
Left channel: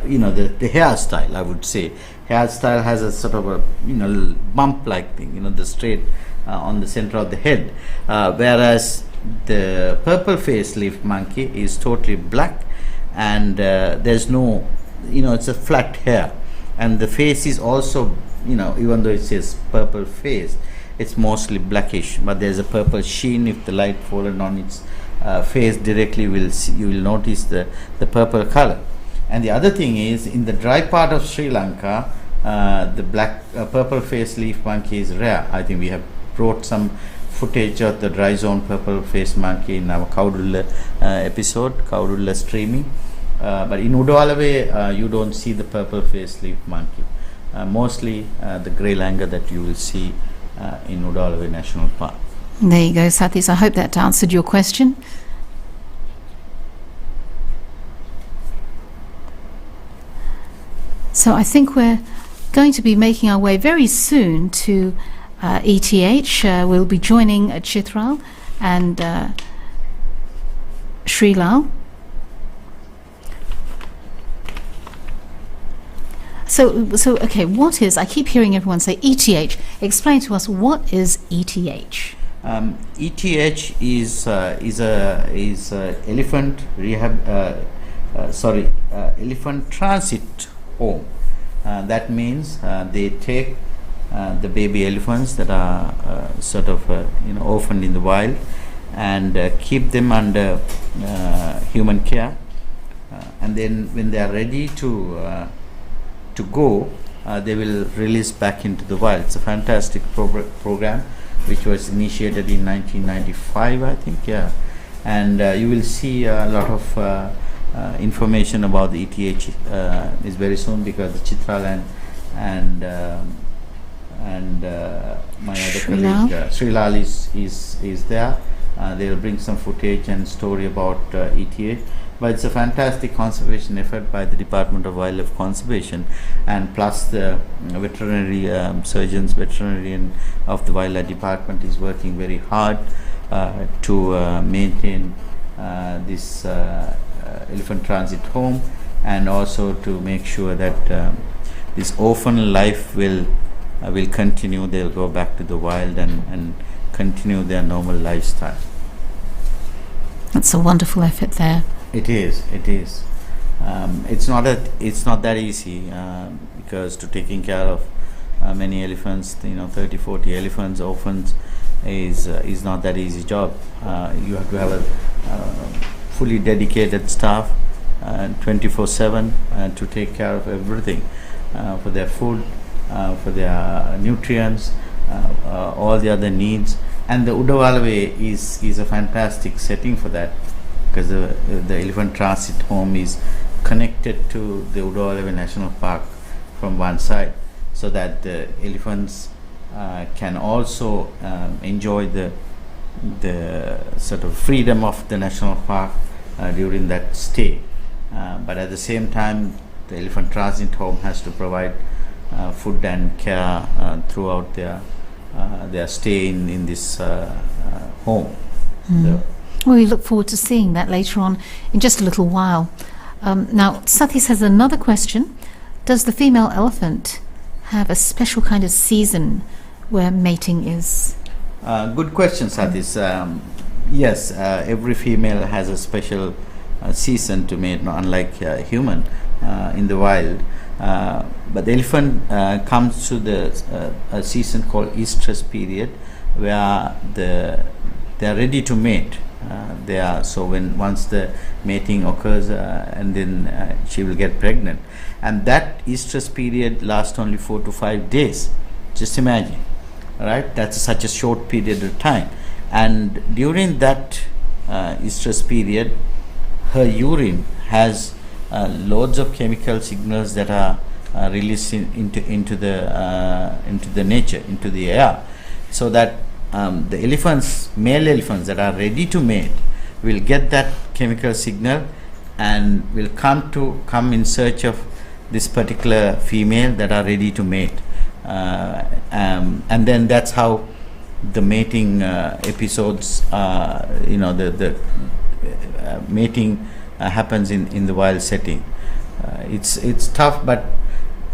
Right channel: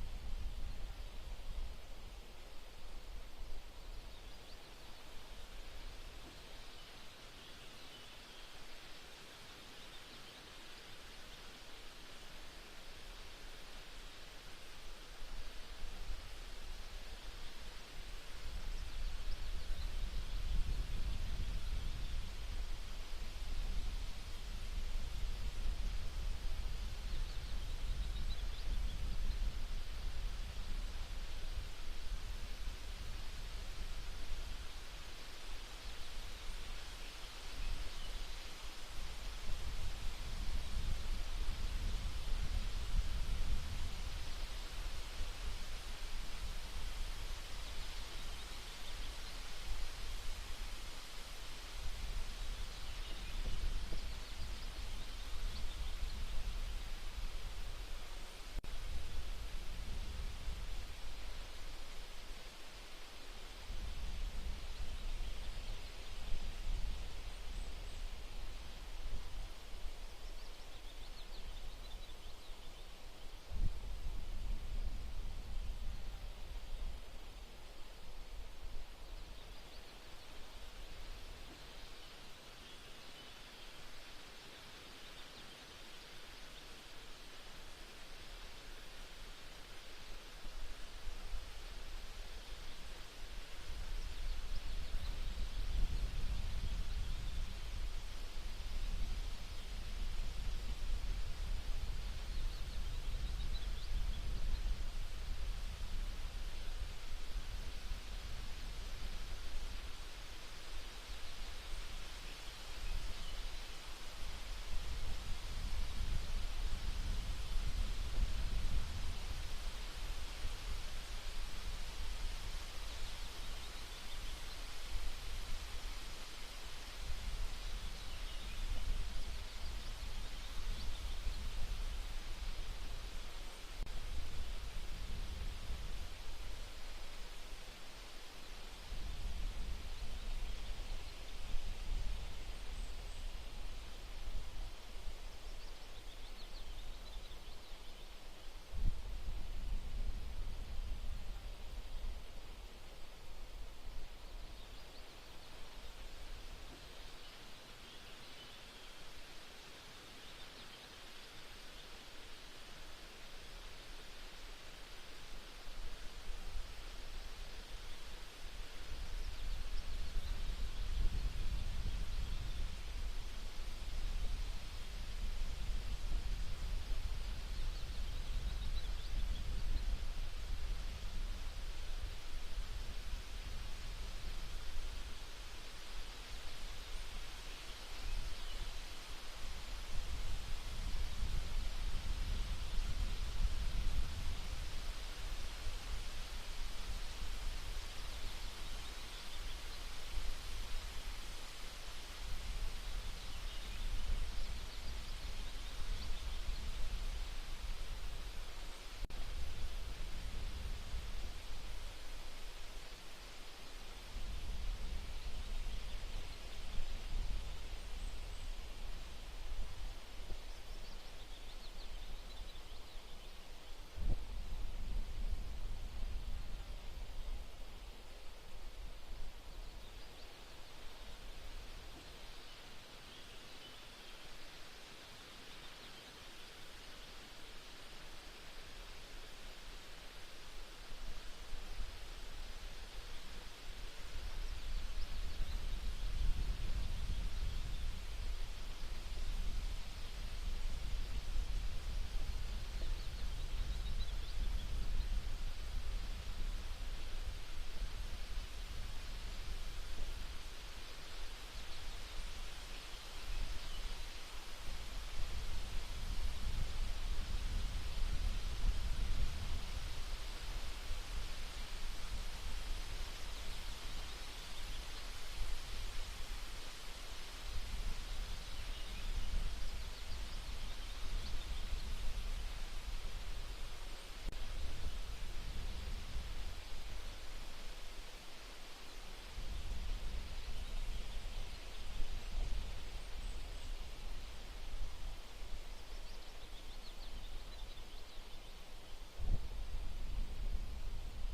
hairstyle, I would say, hairstyle has a sort of a bump-like thing, the straight on the center of the head, whereas the purple-faced leaf monkey is totally black, and there's no, it's a flat hair, and the face is also, even though it says purple face, it's mostly blackish, but there's a purple sheen. If the light fallen on its face directly, you will notice the purple color. And the other thing is, in the dry part of Sri Lanka, the purple faced leaf monkey is rare. I think we have brought some footage of the dry zone purple faced monkey in our Kaudulla episode, Kaudulla streaming. But in Udawalawe, you don't see the purple faced leaf monkey. Mostly the grey langur that you will see in Udawalawe National Park. There you go, Satis. I hope that answered your question. So I think we're going to be making our way very soon to ETH. We'll be joining Chitral and Sri Lal. So okay, what is, I keep hearing everyone say ETH. Explain to us, what is ETH? ETH is elephant rehab, elephant transit home. That means they take the baby elephants that are sort of orphaned in the wild and keep them under human care, and then when they are ready to go, they will release back into the wild. It's a fantastic program which was initiated in 1995, I think, yeah. And you will see a lot of information about the ETH is very soon, because the Chitral and my other colleague Sri Lal is there. They will bring some footage and story about ETH. But it's a fantastic conservation effort by the Department of Wildlife Conservation, and plus the veterinary surgeons, veterinarian of the Wildlife Department is working very hard to maintain this elephant transit home, and also to make sure that this orphan life will continue. They'll go back to the wild and continue their normal lifestyle. That's a wonderful effort there. It is. It's not that easy, because to taking care of many elephants, 30, 40 elephants, orphans, is not that easy job. You have to have a fully dedicated staff 24/7 to take care of everything, for their food, for their nutrients, all the other needs. And the Udawalawe is a fantastic setting for that, because the elephant transit home is connected to the Udawalawe National Park from one side, so that the elephants can also enjoy the sort of freedom of the national park during that stay. But at the same time, the elephant transit home has to provide food and care throughout their stay in this home. Well, we look forward to seeing that later on in just a little while. Now, Sathis has another question. Does the female elephant have a special kind of season where mating is? Good question, Sathis. Yes, every female has a special season to mate, unlike human in the wild. But the elephant comes to a season called estrus period, where they are ready to mate. Once the mating occurs, and then she will get pregnant, and that estrus period lasts only 4 to 5 days. Just imagine, right? That's such a short period of time, and during that estrus period, her urine has loads of chemical signals that are released into the nature, into the air, so that the male elephants that are ready to mate will get that chemical signal and will come in search of this particular female that are ready to mate, and then that's how the mating episodes, the mating happens in the wild setting. It's tough, but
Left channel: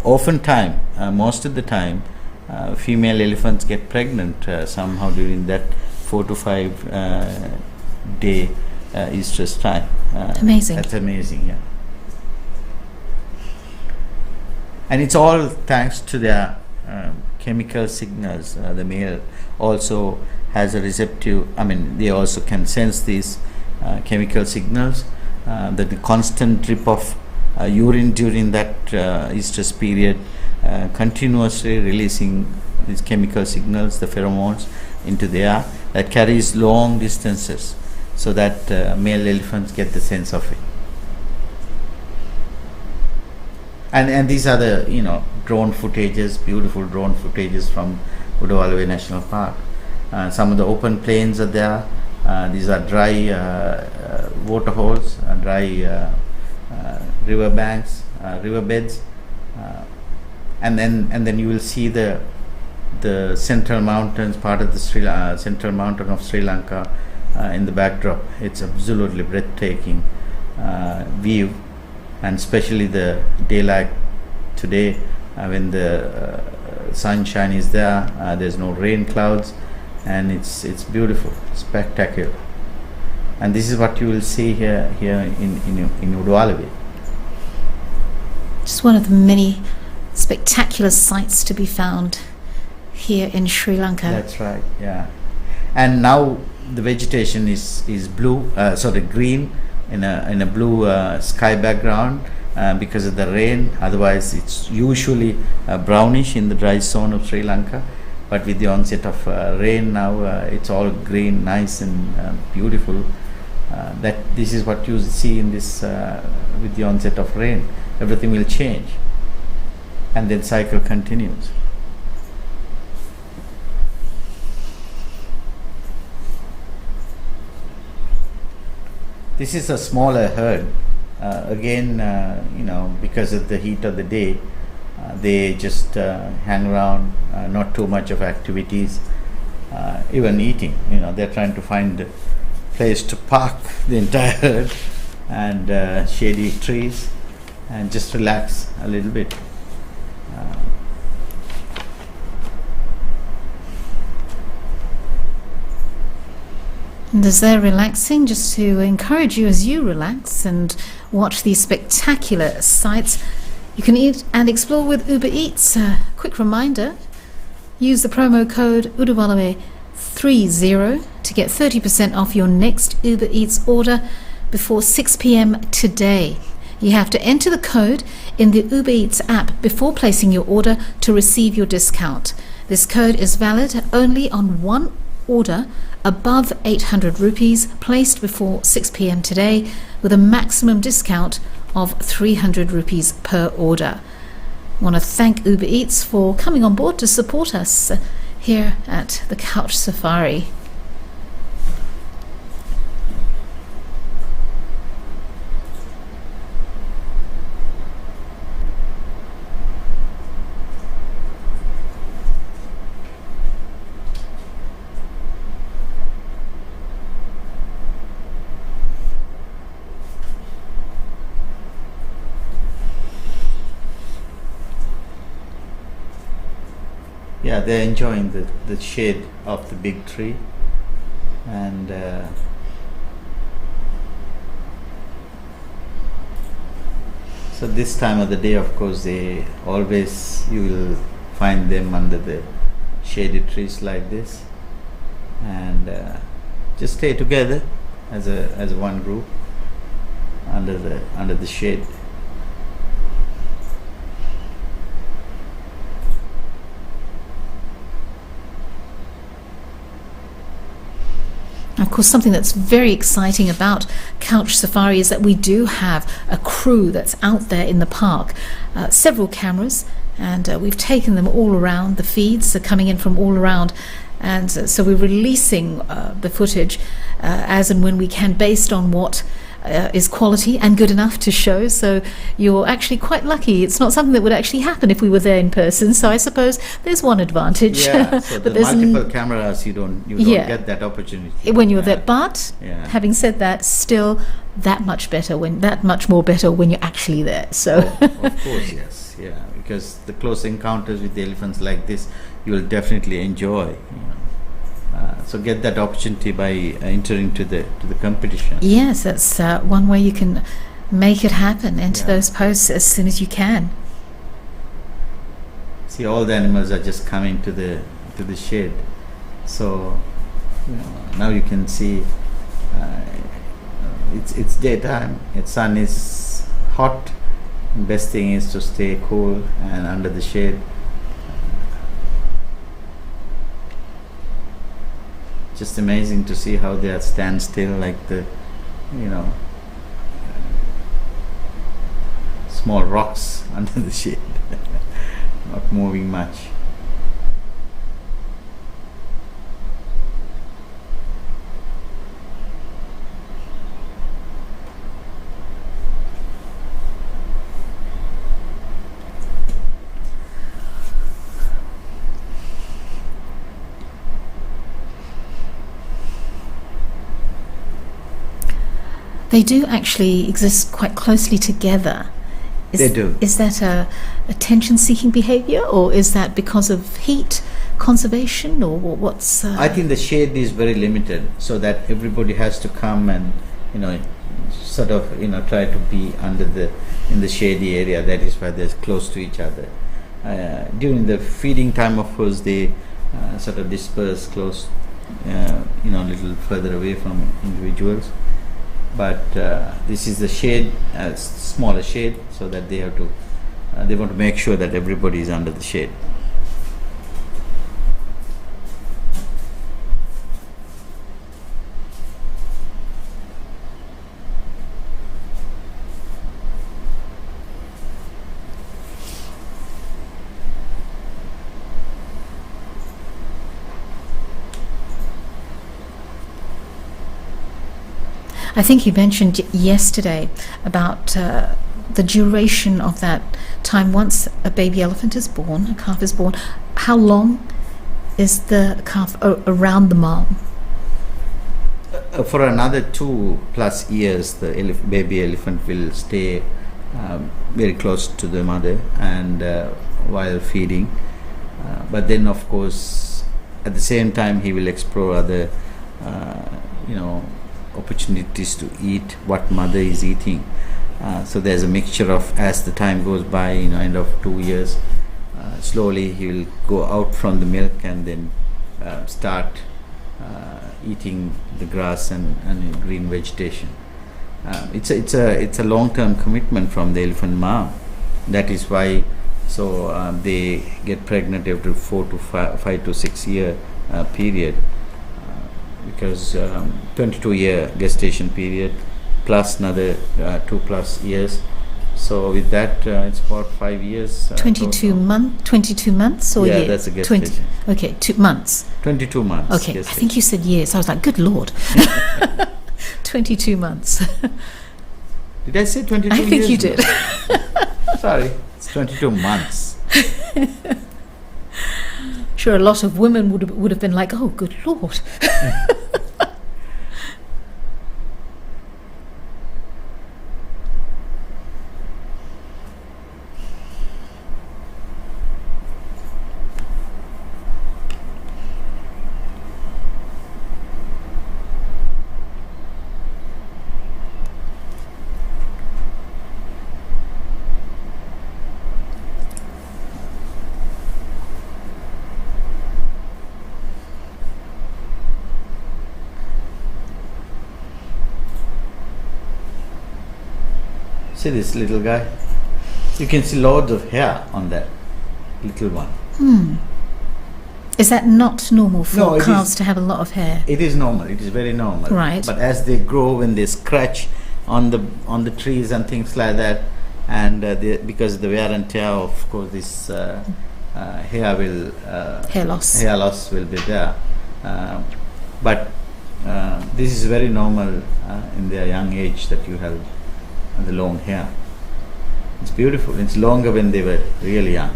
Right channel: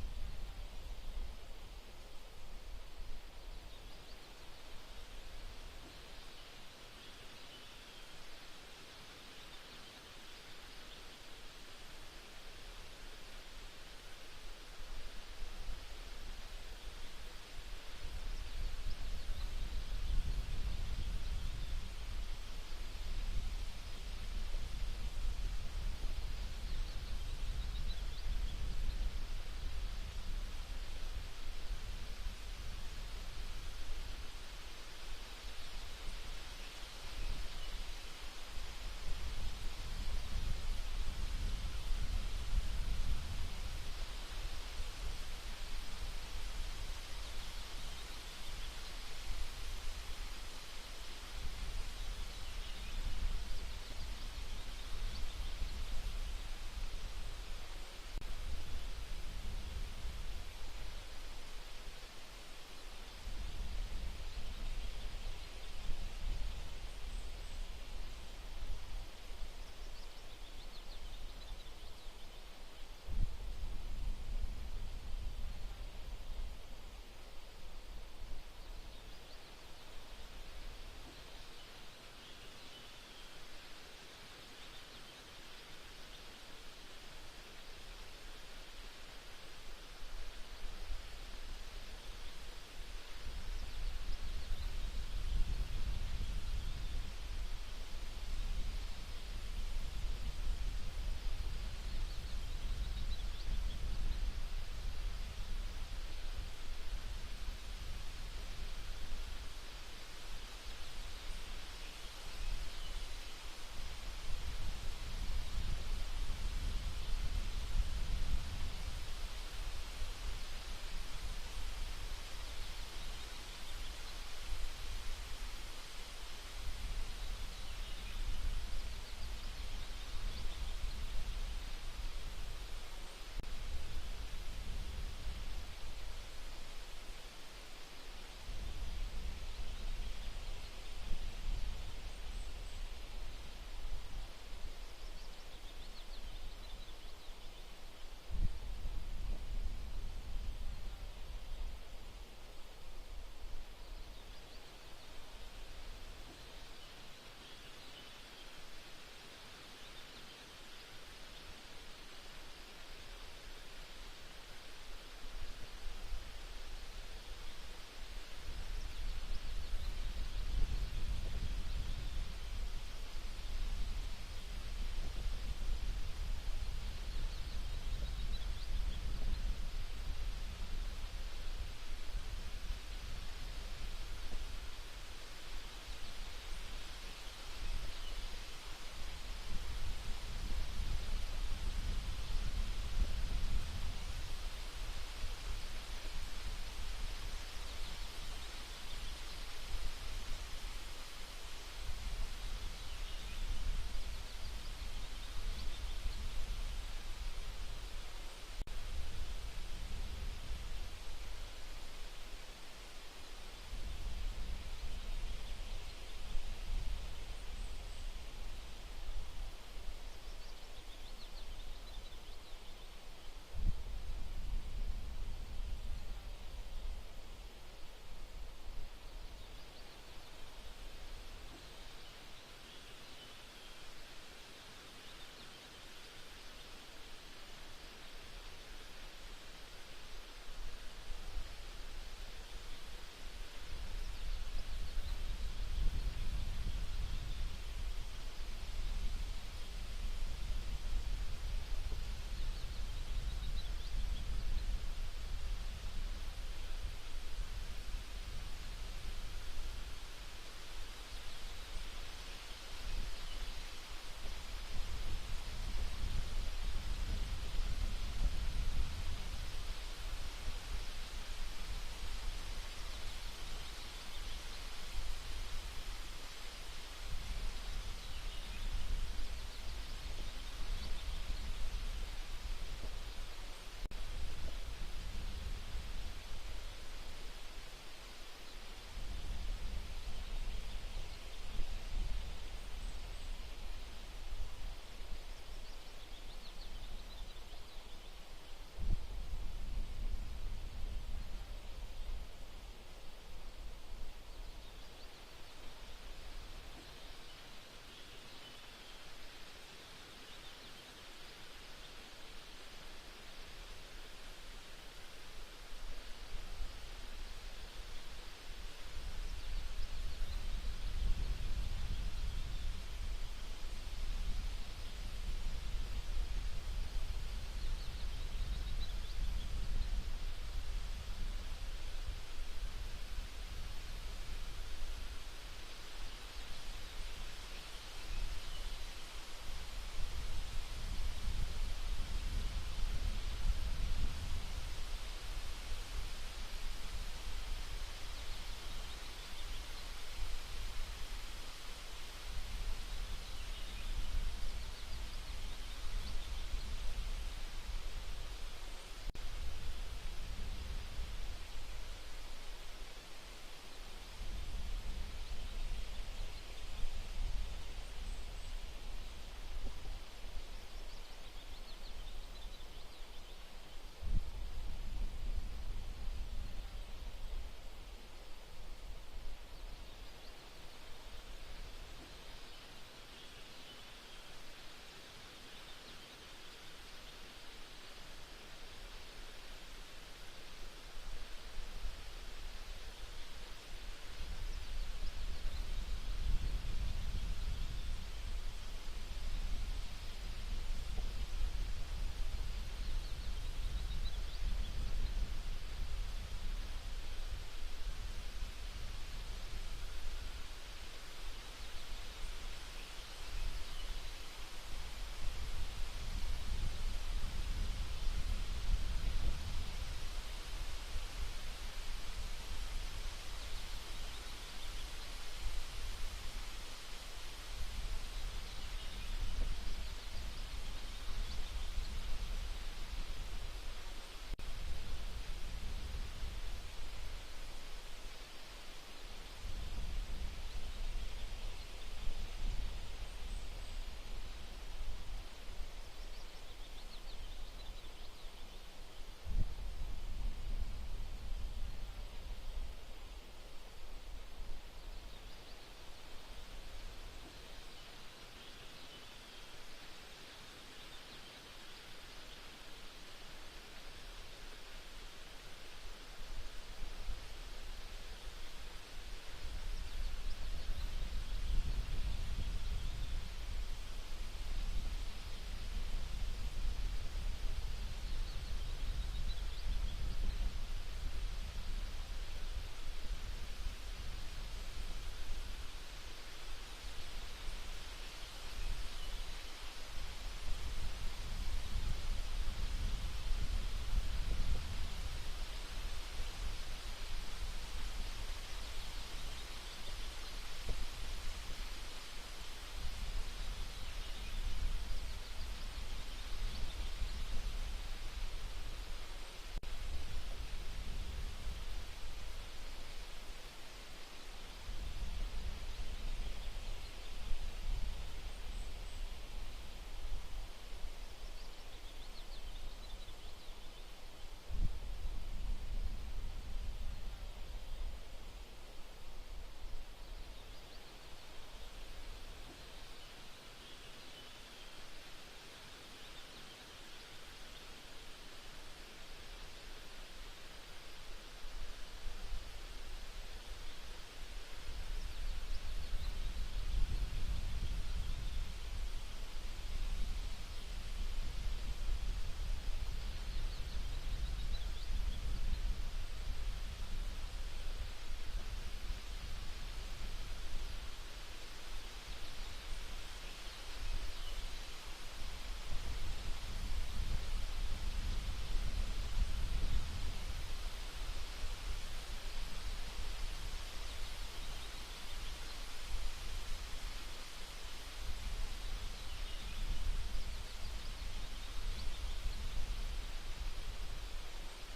oftentimes, most of the time, female elephants get pregnant somehow during that 4 to 5 day estrus time. Amazing. That's amazing, yeah. And it's all thanks to their chemical signals. The male also has a receptive, they also can sense these chemical signals. The constant drip of urine during that estrus period, continuously releasing these chemical signals, the pheromones, into the air, that carries long distances, so that male elephants get the sense of it. And these are the drone footages, beautiful drone footages from Udawalawe National Park. Some of the open plains are there. These are dry waterholes, dry river banks, riverbeds, and then you will see the central mountains, part of the central mountain of Sri Lanka in the backdrop. It's absolutely breathtaking view, and especially the daylight today, when the sunshine is there, there's no rain clouds, and it's beautiful, spectacular. And this is what you will see here in Udawalawe. Just one of the many spectacular sights to be found here in Sri Lanka. That's right, yeah. And now the vegetation is blue, green, in a blue sky background because of the rain. Otherwise, it's usually brownish in the dry zone of Sri Lanka. But with the onset of rain now, it's all green, nice and beautiful. This is what you see in this with the onset of rain. Everything will change, and then cycle continues. This is a smaller herd. Again, because of the heat of the day, they just hang around, not too much of activities, even eating. They're trying to find a place to park the entire herd and shady trees and just relax a little bit. And as they're relaxing, just to encourage you as you relax and watch these spectacular sights, you can eat and explore with Uber Eats. Quick reminder, use the promo code Udawalawe30 to get 30% off your next Uber Eats order before 6 p.m. today. You have to enter the code in the Uber Eats app before placing your order to receive your discount. This code is valid only on one order above 800 rupees placed before 6 p.m. today, with a maximum discount of 300 rupees per order. I want to thank Uber Eats for coming on board to support us here at the Couch Safari. Yeah, they're enjoying the shade of the big tree, and so this time of the day, of course, you will find them under the shaded trees like this, and just stay together as one group under the shade. Of course, something that's very exciting about Couch Safari is that we do have a crew that's out there in the park, several cameras, and we've taken them all around. The feeds are coming in from all around, and so we're releasing the footage as and when we can, based on what is quality and good enough to show. So you're actually quite lucky. It's not something that would actually happen if we were there in person. So I suppose there's one advantage. Yeah, so but the multiple cameras, you don't get that opportunity when you're there. But having said that, still that much more better when you're actually there. So of course, yes, yeah, because the close encounters with the elephants like this, you will definitely enjoy. So get that opportunity by entering to the competition. Yes, that's one way you can make it happen. Enter those posts as soon as you can. See, all the animals are just coming to the shade. So now you can see it's daytime. The sun is hot. The best thing is to stay cool and under the shade. Just amazing to see how they are stand still, like the small rocks under the shade, not moving much. They do actually exist quite closely together. They do. Is that a attention-seeking behavior, or is that because of heat conservation, or what's? I think the shade is very limited, so that everybody has to come and try to be in the shady area. That is why they're close to each other. During the feeding time, of course, they sort of disperse close, a little further away from individuals. But this is the shade, smaller shade, so that they want to make sure that everybody is under the shade. I think you mentioned yesterday about the duration of that time once a baby elephant is born, a calf is born. How long is the calf around the mom? For another 2+ years, the baby elephant will stay very close to the mother and while feeding. But then, of course, at the same time, he will explore other, opportunities to eat what mother is eating. So there's a mixture of, as the time goes by, end of 2 years, slowly he will go out from the milk and then start eating the grass and green vegetation. It's a long-term commitment from the elephant mom. That is why they get pregnant every 4 to 5 to 6 year period, because 22-year gestation period plus another 2+ years. So with that, it's about 5 years. 22 months or yeah, years? That's a gestation. Okay, 2 months. 22 months. Okay, I think you said years. I was like, good Lord. 22 months. Did I say 22 I years? think you did. Sorry, it's 22 months. Sure, a lot of women would have been like, oh, good Lord. See this little guy? You can see loads of hair on that little one. Is that not normal for No, it calves is- to have a lot of hair? It is normal. It is very normal. Right. But as they grow, when they scratch on the trees and things like that, and because the wear and tear, of course, this hair will Hair loss. hair loss will be there. But this is very normal in their young age that you have the long hair. It's beautiful. It's longer when they were really young.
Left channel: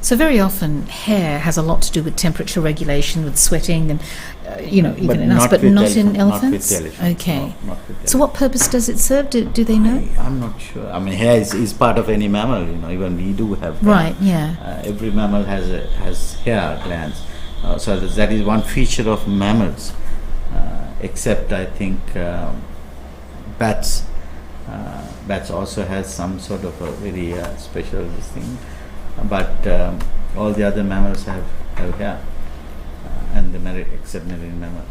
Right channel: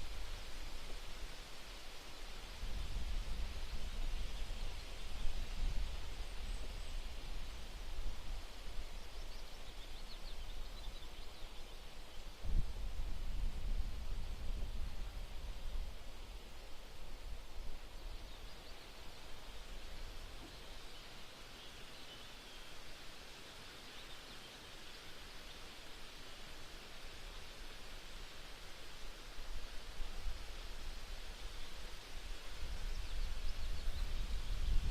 So very often hair has a lot to do with temperature regulation, with sweating, and even But in us, not but with not in elephant- elephants. Not with elephants. Okay. No, not with So what purpose does it serve? Do they know? I'm not sure. I mean, hair is part of any mammal. Even we do have hair. Right. Yeah. Every mammal has hair glands. So that is one feature of mammals. Except I think bats. Bats also has some sort of a very special thing. But all the other mammals have hair, and except marine mammals.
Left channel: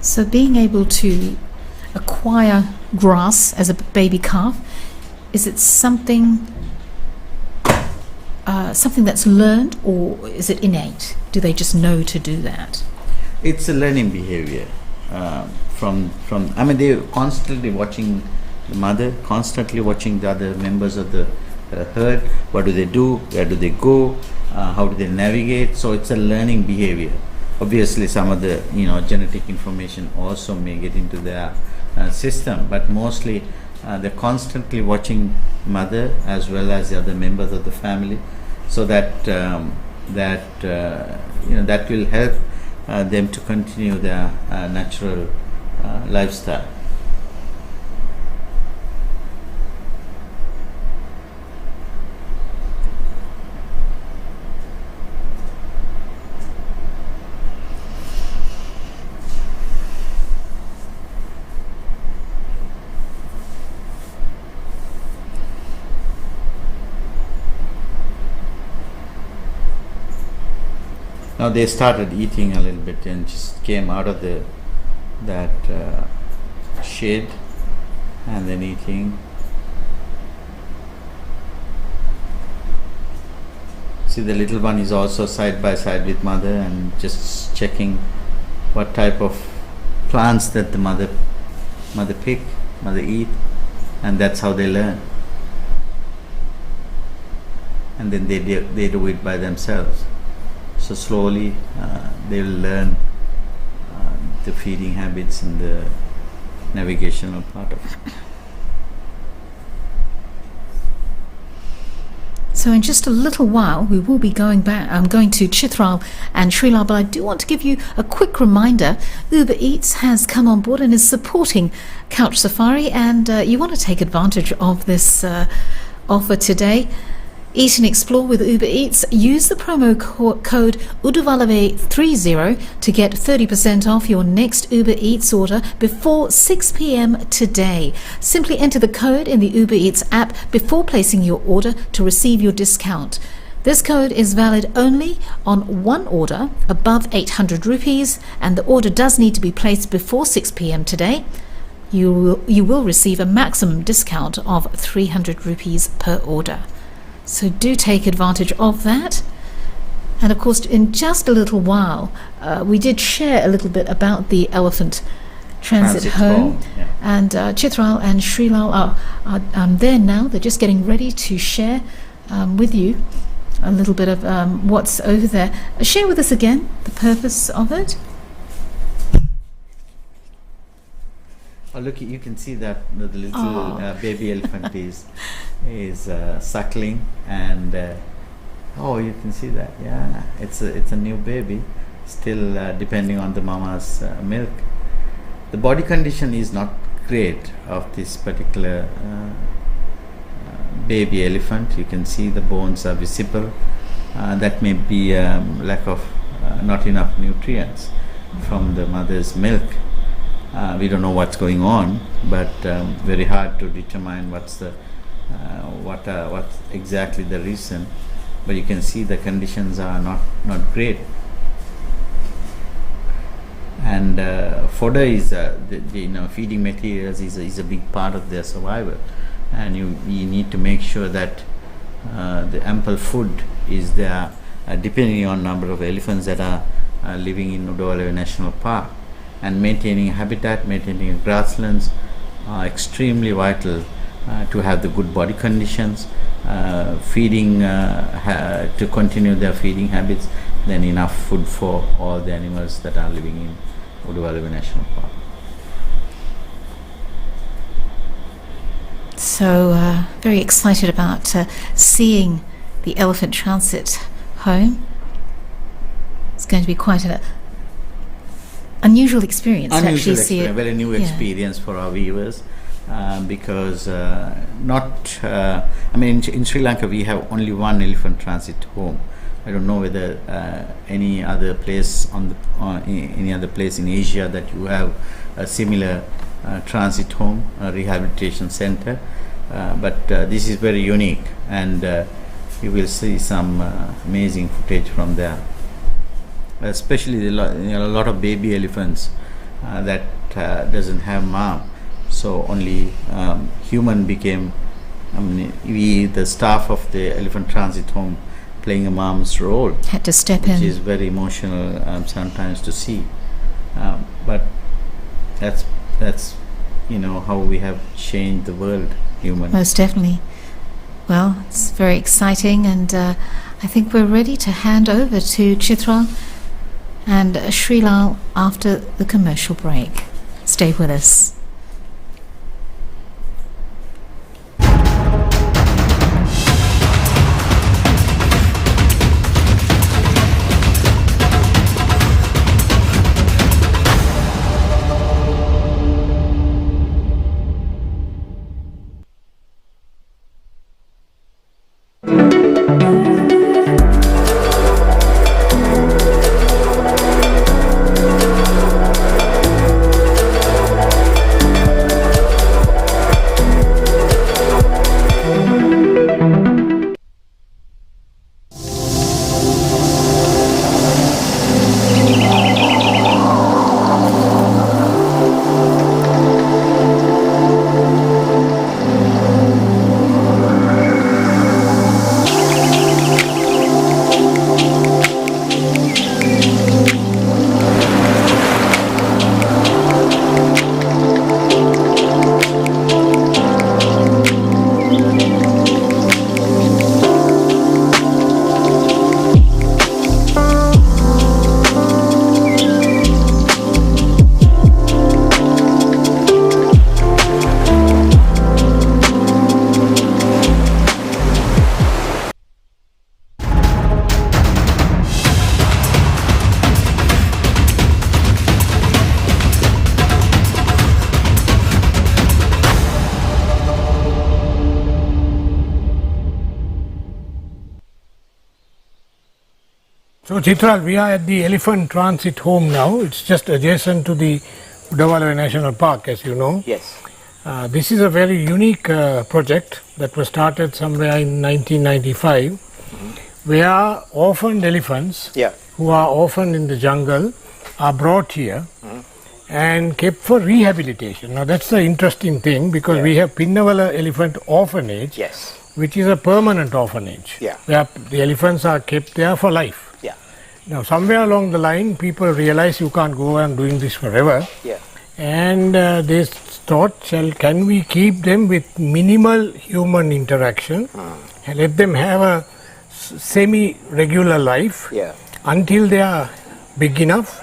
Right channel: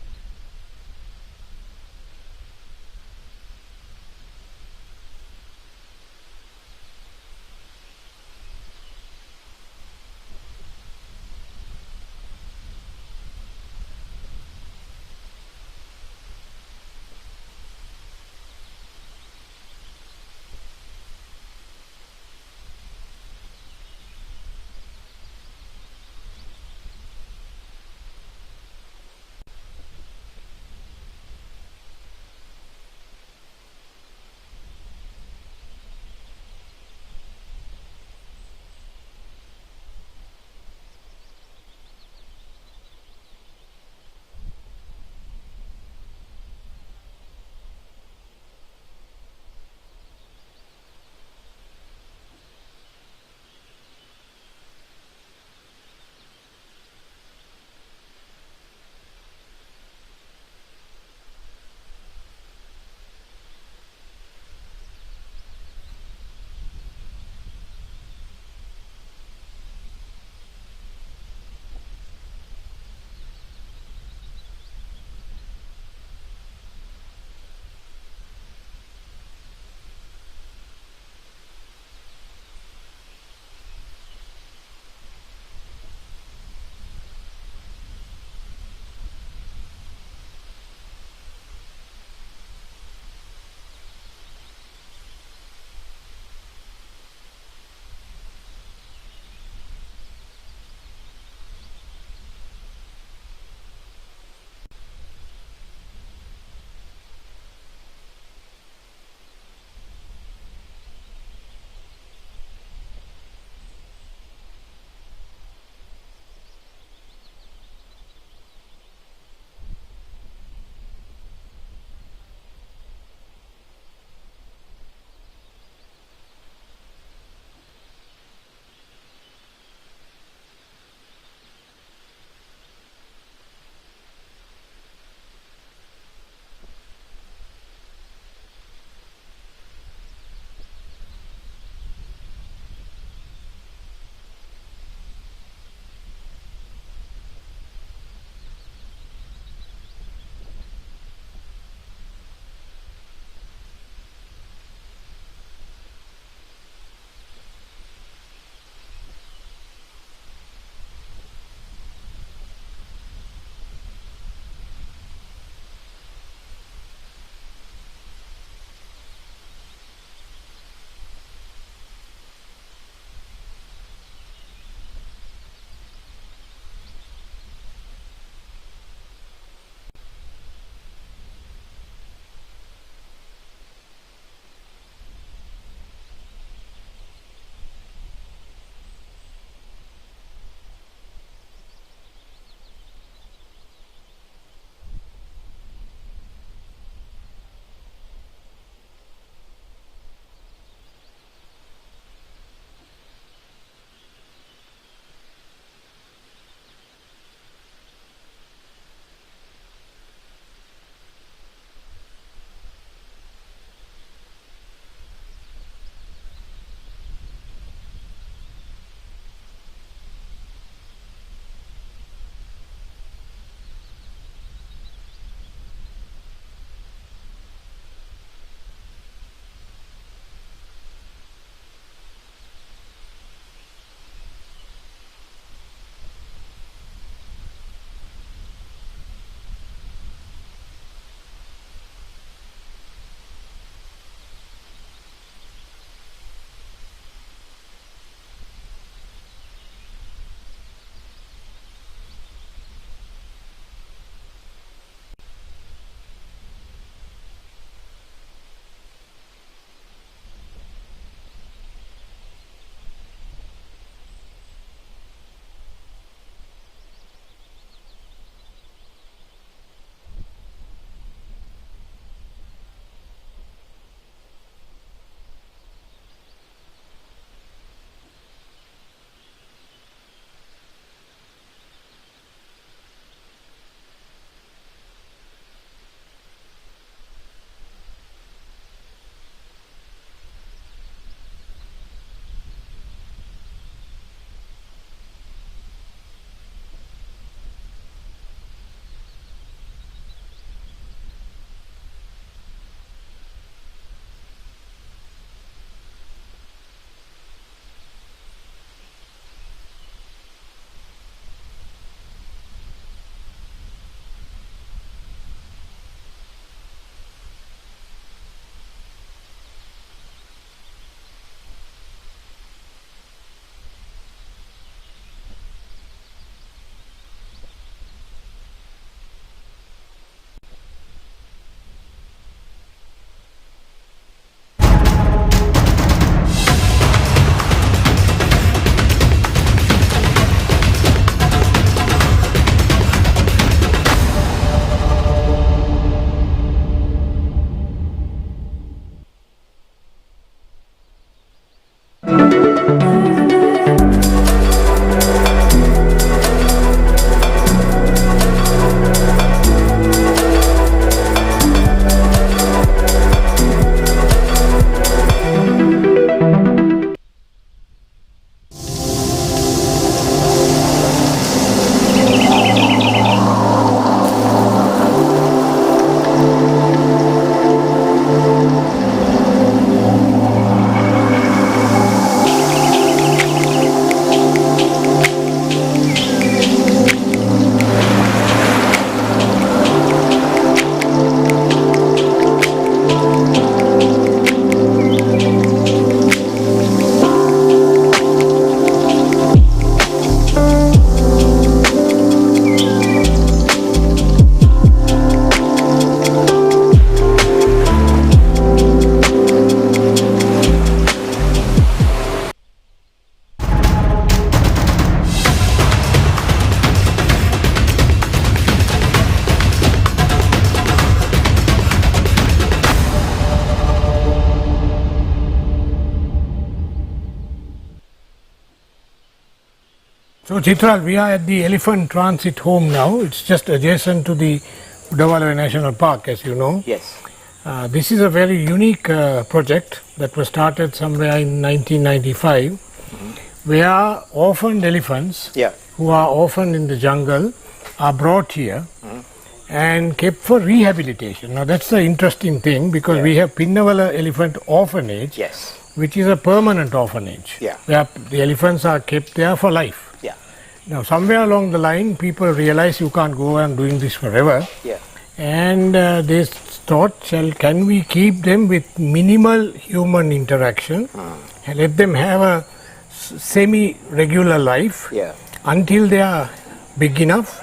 So being able to acquire grass as a baby calf, is it something that's learned, or is it innate? Do they just know to do that? It's a learning behavior. From I mean, they're constantly watching the mother, constantly watching the other members of the herd. What do they do? Where do they go? How do they navigate? So it's a learning behavior. Obviously, some of the genetic information also may get into their system, but mostly they're constantly watching mother as well as the other members of the family, so that that will help them to continue their natural lifestyle. Now they started eating a little bit and just came out of that shade and then eating. See, the little one is also side by side with mother and just checking what type of plants that the mother pick, mother eat, and that's how they learn. and then they do it by themselves. So slowly they will learn the feeding habits and the navigational part of it. So in just a little while, we will be going back. I'm going to Chithral and Sri Lanka, but I do want to give you a quick reminder. Uber Eats has come on board and is supporting Couch Safari, and you want to take advantage of this offer today. Eat and explore with Uber Eats. Use the promo code Udawalawe30 to get 30% off your next Uber Eats order before 6 p.m. today. Simply enter the code in the Uber Eats app before placing your order to receive your discount. This code is valid only on one order above 800 rupees, and the order does need to be placed before 6 p.m. today. You will receive a maximum discount of 300 rupees per order. So do take advantage of that. And of course, in just a little while, we did share a little bit about the elephant transit home. Yeah. And Chithral and Sri Lanka are there now. They're just getting ready to share with you a little bit of what's over there. Share with us again the purpose of it. Oh, look, you can see that the little baby elephant is suckling, and you can see that. Yeah, it's a new baby, still depending on the mama's milk. The body condition is not great of this particular baby elephant. You can see the bones are visible. That may be lack of not enough nutrients from the mother's milk. We don't know what's going on, but very hard to determine what's exactly the reason. But you can see the conditions are not great. And fodder is feeding materials is a big part of their survival, and you need to make sure that the ample food is there, depending on number of elephants that are living in Udawalawe National Park. And maintaining habitat, maintaining grasslands are extremely vital to have the good body conditions, feeding to continue their feeding habits, then enough food for all the animals that are living in Udawalawe National Park. So very excited about seeing the elephant transit home. It's going to be quite an unusual experience to actually see it. A very new experience for our viewers, because in Sri Lanka we have only one elephant transit home. I don't know whether any other place any other place in Asia that you have a similar transit home, rehabilitation center, but this is very unique, and you will see some amazing footage from there. Especially a lot of baby elephants that doesn't have mom, so only human became. The staff of the elephant transit home playing a mom's role had to step which in, is very emotional sometimes to see. But that's how we have changed the world, human. most definitely. Well, it's very exciting, and I think we're ready to hand over to Chithral and Sri Lanka after the commercial break. Stay with us. So Chitral, we are at the elephant transit home now. It's just adjacent to the Udawalawe National Park, as you know. Yes. This is a very unique project that was started somewhere in 1995, where orphaned elephants Yeah. who are orphaned in the jungle are brought here and kept for rehabilitation. Now that's the interesting thing, because we have Pinnawala Elephant Orphanage, Yes. which is a permanent orphanage, Yeah. where the elephants are kept there for life. Yeah. Now somewhere along the line, people realize you can't go on doing this forever, Yeah. and they thought, can we keep them with minimal human interaction and let them have a semi-regular life Yeah. until they are big enough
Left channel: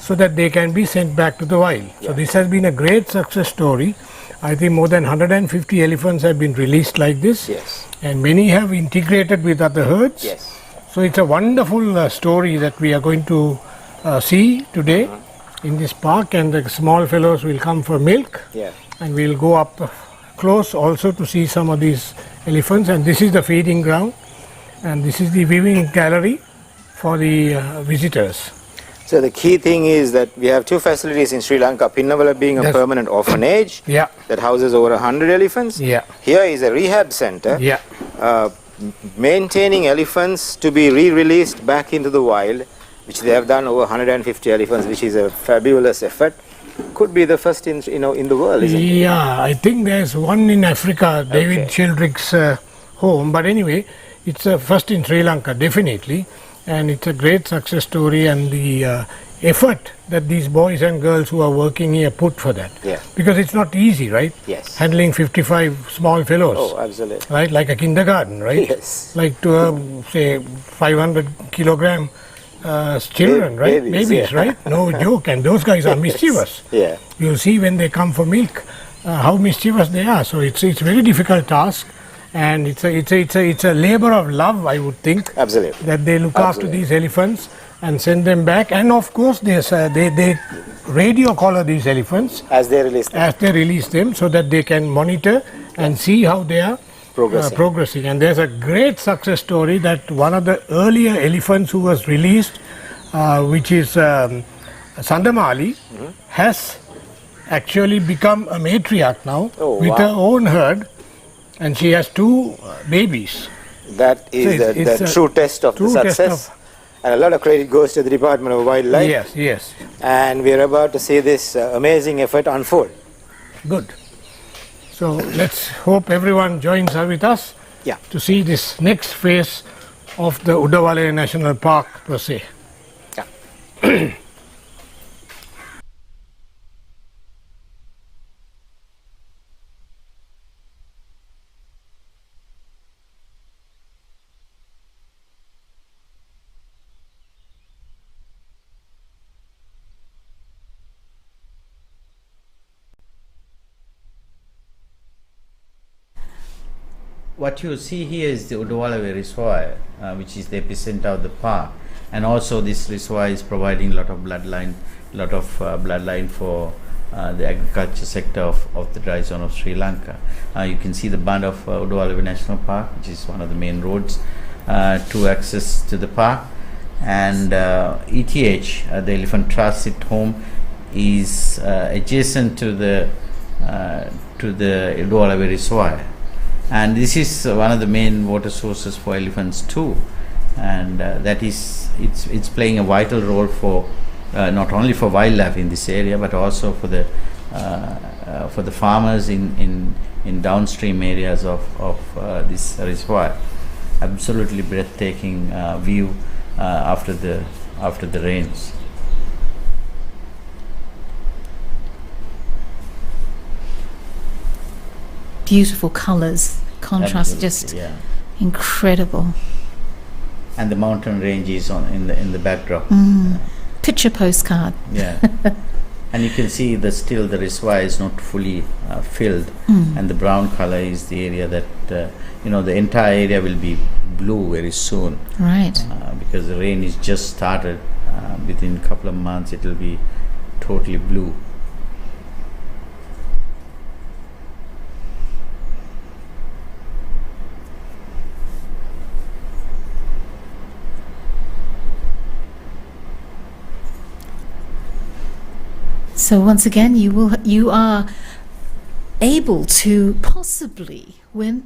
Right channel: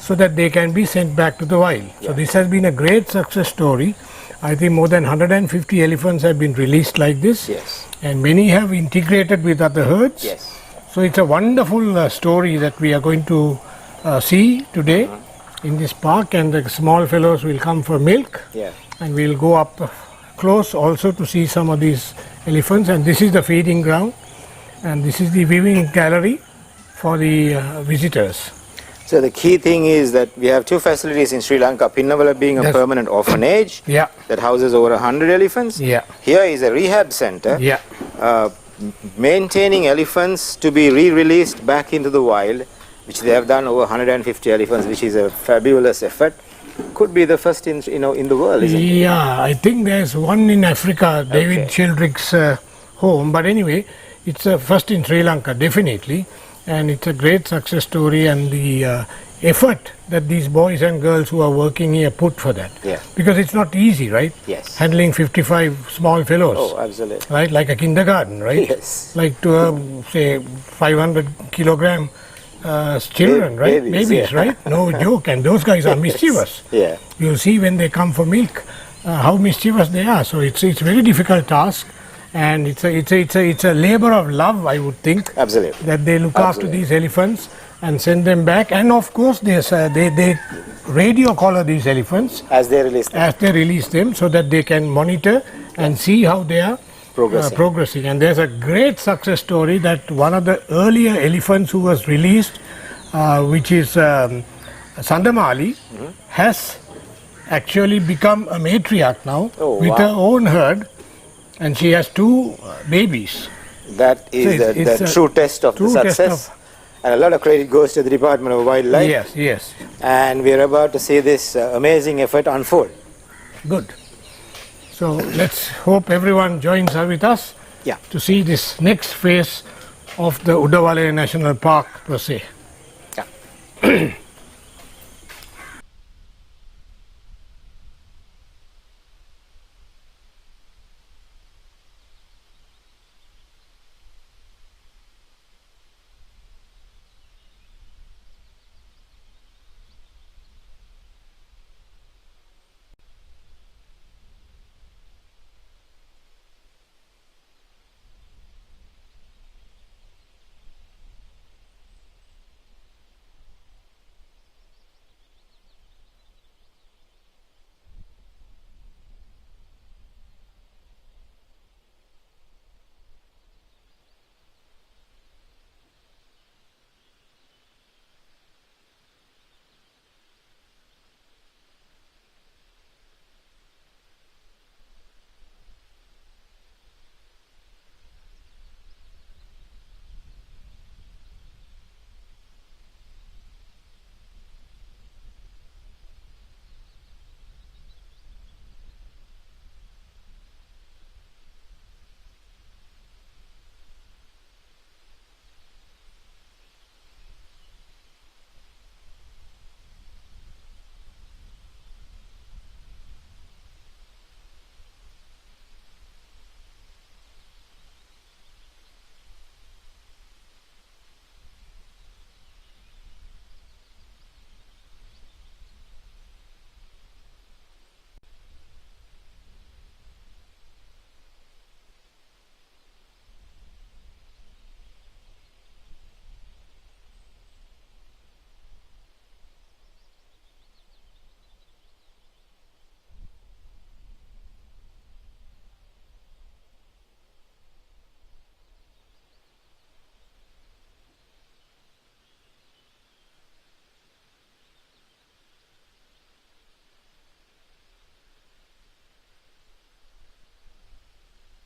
so that they can be sent back to the wild. So this has been a great success story. I think more than 150 elephants have been released like this, Yes. and many have integrated with other herds. Yes. So it's a wonderful story that we are going to see today in this park, and the small fellows will come for milk, Yeah. and we'll go up close also to see some of these elephants. And this is the feeding ground, and this is the viewing gallery for the visitors. So the key thing is that we have two facilities in Sri Lanka. Pinnawala being a Yes. permanent orphanage Yeah, that houses over 100 elephants. yeah, Here is a rehab center. yeah. Maintaining elephants to be re-released back into the wild, which they have done over 150 elephants, which is a fabulous effort. Could be the first in the world, isn't it? Yeah, I think there's one in Africa, David Okay. Childrick's home. But anyway, it's a first in Sri Lanka, definitely. And it's a great success story, and the effort that these boys and girls who are working here put for that. Yeah. Because it's not easy, right? Yes. Handling 55 small fellows. Oh, absolutely. Right, like a kindergarten, right? Yes. Like to say 500 kilogram children, right? Babies, yeah. right? No joke. And those guys are mischievous. Yeah. You'll see when they come for milk how mischievous they are. So it's a very difficult task, and it's a labor of love, I would think. Absolutely. That they look after Absolutely. these elephants and send them back. And of course, they radio collar these elephants As they release them. as they release them, so that they can monitor and see how they are progressing. And there's a great success story that one of the earlier elephants who was released, which is Sandamali, has actually become a matriarch now with her own herd, and she has two babies. That is So it's the a true test of the true test success. And a lot of credit goes to the Department of Wildlife. Yes, yes. And we are about to see this amazing effort unfold. Good. So let's hope everyone joins with us Yeah. to see this next phase of the Udawalawe National Park per se. Yeah. What you see here is the Udawalawe reservoir, which is the epicenter of the park, and also this reservoir is providing a lot of bloodline for the agriculture sector of the dry zone of Sri Lanka. You can see the band of Udawalawe National Park, which is one of the main roads to access to the park, and ETH, the Elephant Transit Home, is adjacent to the Udawalawe reservoir. And this is one of the main water sources for elephants too, and that is it's playing a vital role for not only for wildlife in this area, but also for the farmers in downstream areas of this reservoir. Absolutely breathtaking view after the rains. Beautiful colours, contrast, Absolutely, just yeah. incredible. And the mountain range is in the backdrop. Picture postcard. Yeah. And you can see the reservoir is not fully filled, and the brown color is the area that the entire area will be blue very soon, Right. because the rain is just started. Within a couple of months it will be totally blue. So once again, you are able to possibly win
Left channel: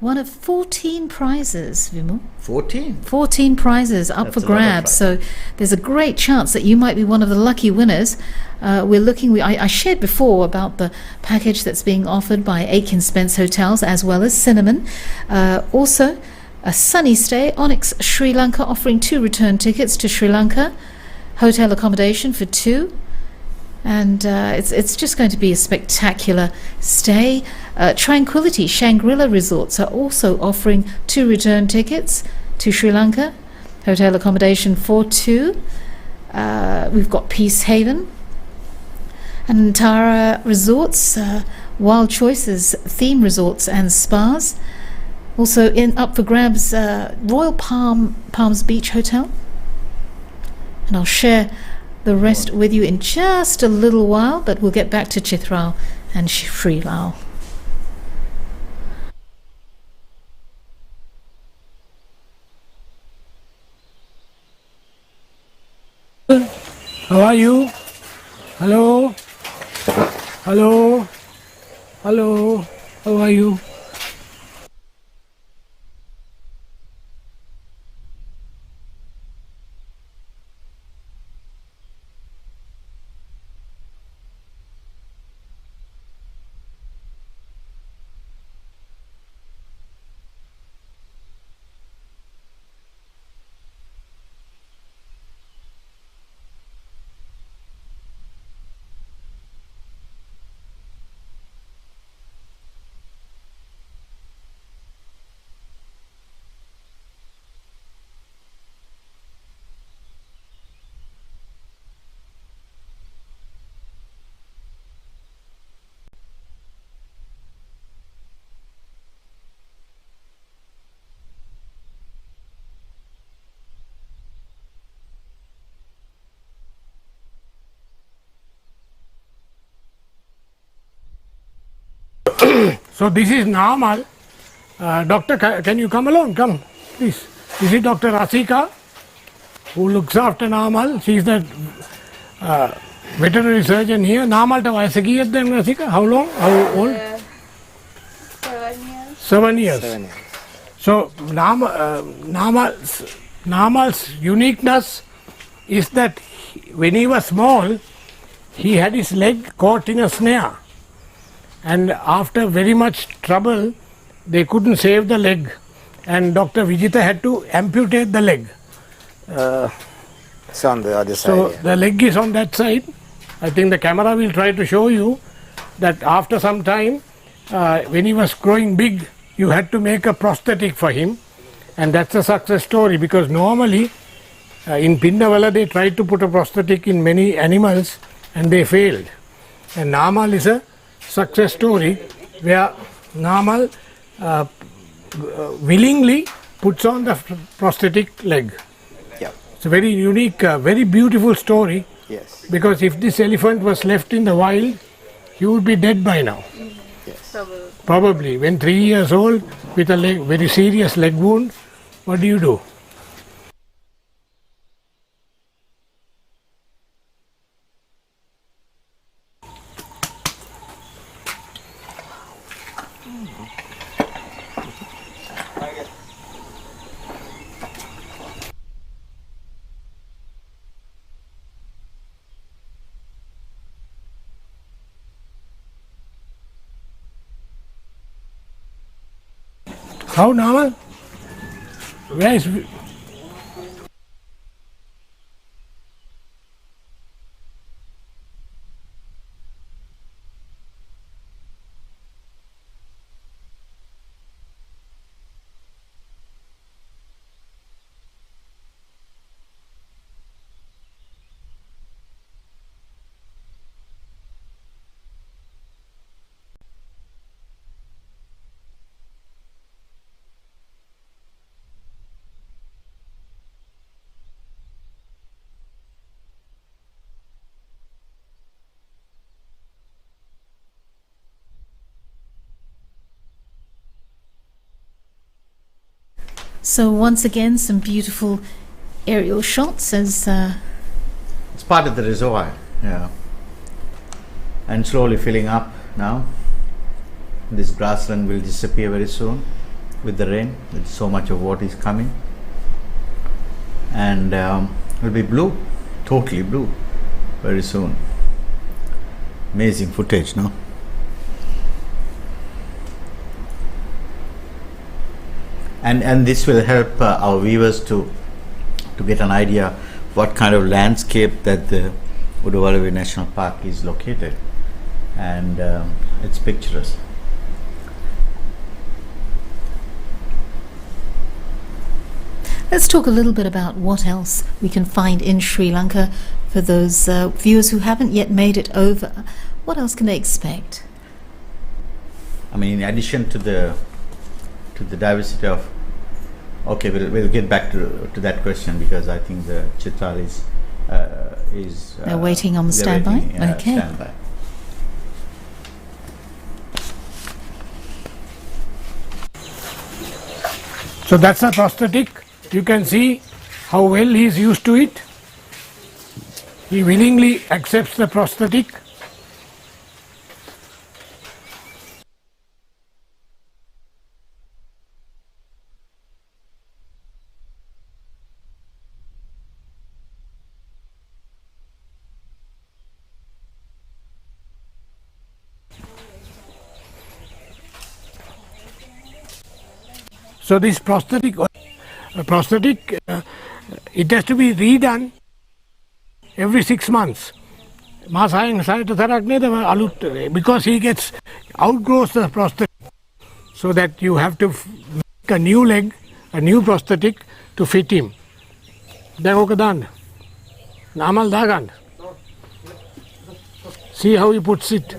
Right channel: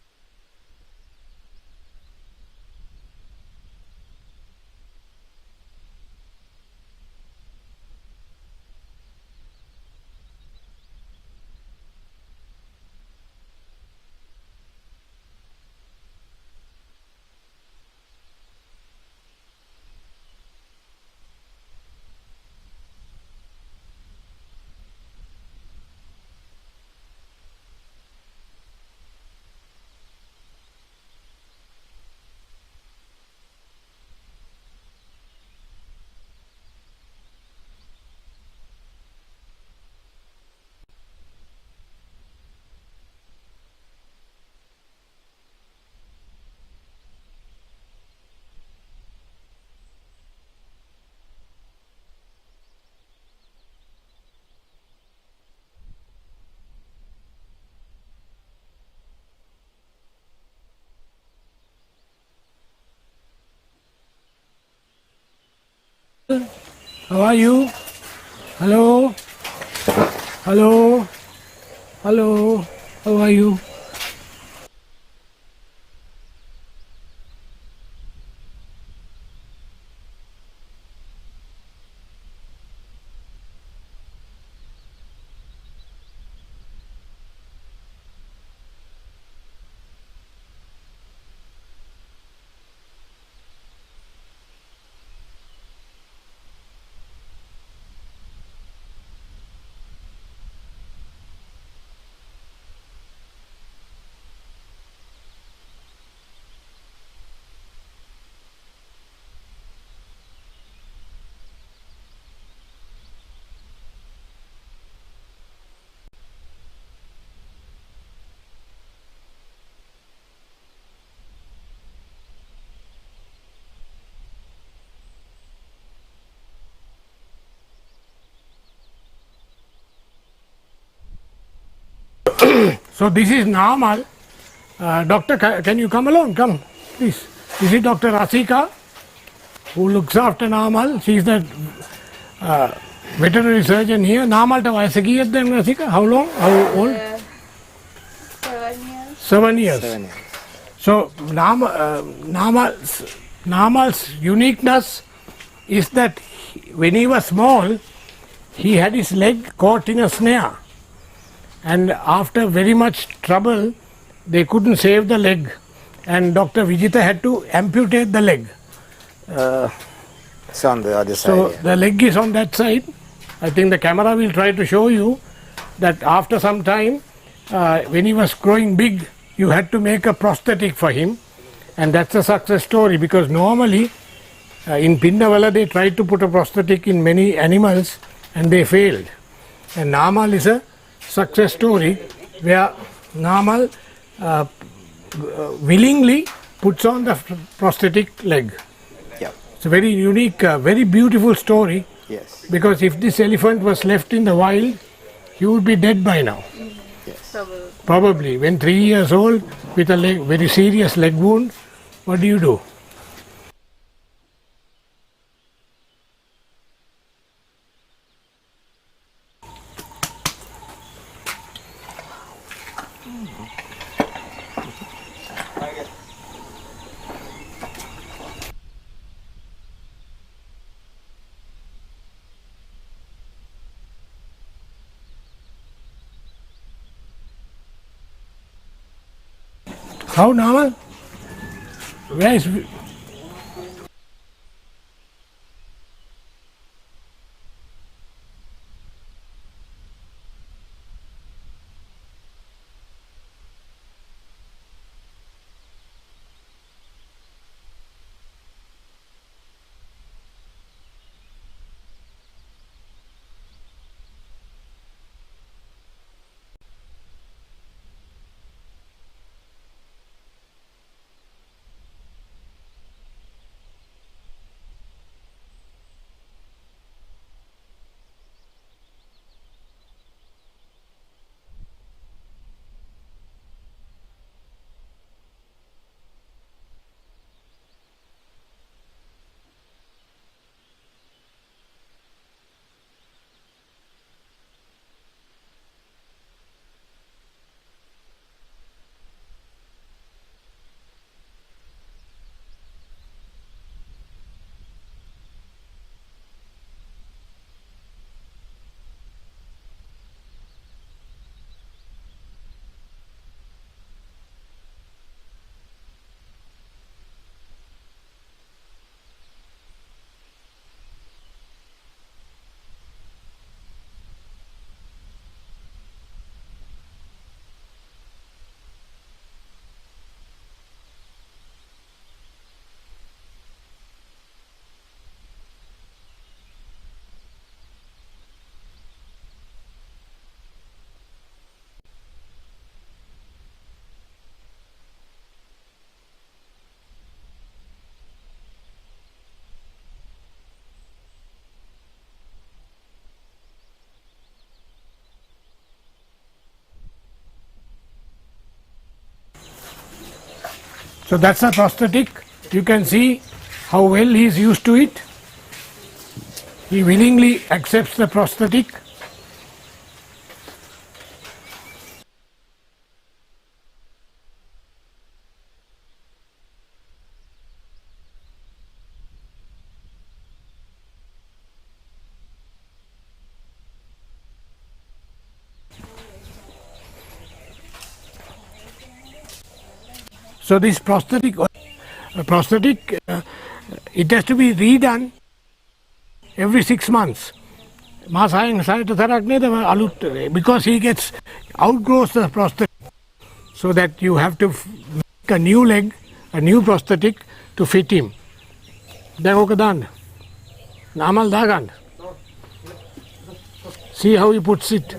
one of 14 prizes, Vimal. 14. 14 prizes up That's for a lot of grabs. So there's a great chance that you might be one of the lucky winners. I shared before about the package that's being offered by Aiken Spence Hotels as well as Cinnamon. Also, a sunny stay, Onyx Sri Lanka offering 2 return tickets to Sri Lanka, hotel accommodation for 2. And it's just going to be a spectacular stay. Tranquility Shangri-La Resorts are also offering 2 return tickets to Sri Lanka, hotel accommodation for 2. We've got Peace Haven and Tara Resorts, Wild Choices theme resorts and spas. Also up for grabs, Royal Palms Beach Hotel. And I'll share the rest with you in just a little while, but we'll get back to Chitral and Sri Lao. How are you? Hello? Hello? Hello? How are you? So this is normal. Doctor, can you come along? Come, please. This is Dr. Rasika, who looks after Namal. She is the veterinary surgeon here. Namal ta vayasa kiyadda Rasika? How long? How old? 7 years. 7 years. 7 years. So Namal's uniqueness is that when he was small, he had his leg caught in a snare. And after very much trouble, they couldn't save the leg. And Dr. Vijita had to amputate the leg. It's on the other So side. the leg is on that side. I think the camera will try to show you that after some time, when he was growing big, you had to make a prosthetic for him. And that's a success story, because normally in Pindawala they tried to put a prosthetic in many animals and they failed. And Namal is a success story where Namal willingly puts on the prosthetic leg. Yeah. It's a very unique, very beautiful story, Yes. because if this elephant was left in the wild, he would be dead by now. Yes. Probably. When 3 years old with a very serious leg wound, what do you do? How normal? Where is... So once again, some beautiful aerial shots as It's part of the reservoir. Yeah. and slowly filling up now. This grassland will disappear very soon with the rain, with so much of water is coming, and will be blue, totally blue very soon. Amazing footage, no? And this will help our viewers to get an idea what kind of landscape that the Udawalawe National Park is located, and it's picturesque. Let's talk a little bit about what else we can find in Sri Lanka for those viewers who haven't yet made it over. What else can they expect? I mean, in addition to the diversity of, okay, we'll get back to that question, because I think the Chitral is They're waiting on the they're standby? waiting, Okay. standby. So that's a prosthetic. You can see how well he is used to it. He willingly accepts the prosthetic. So this prosthetic, it has to be redone every 6 months. Because he gets outgrows the prosthetic, so that you have to make a new leg, a new prosthetic to fit him. See how he puts it.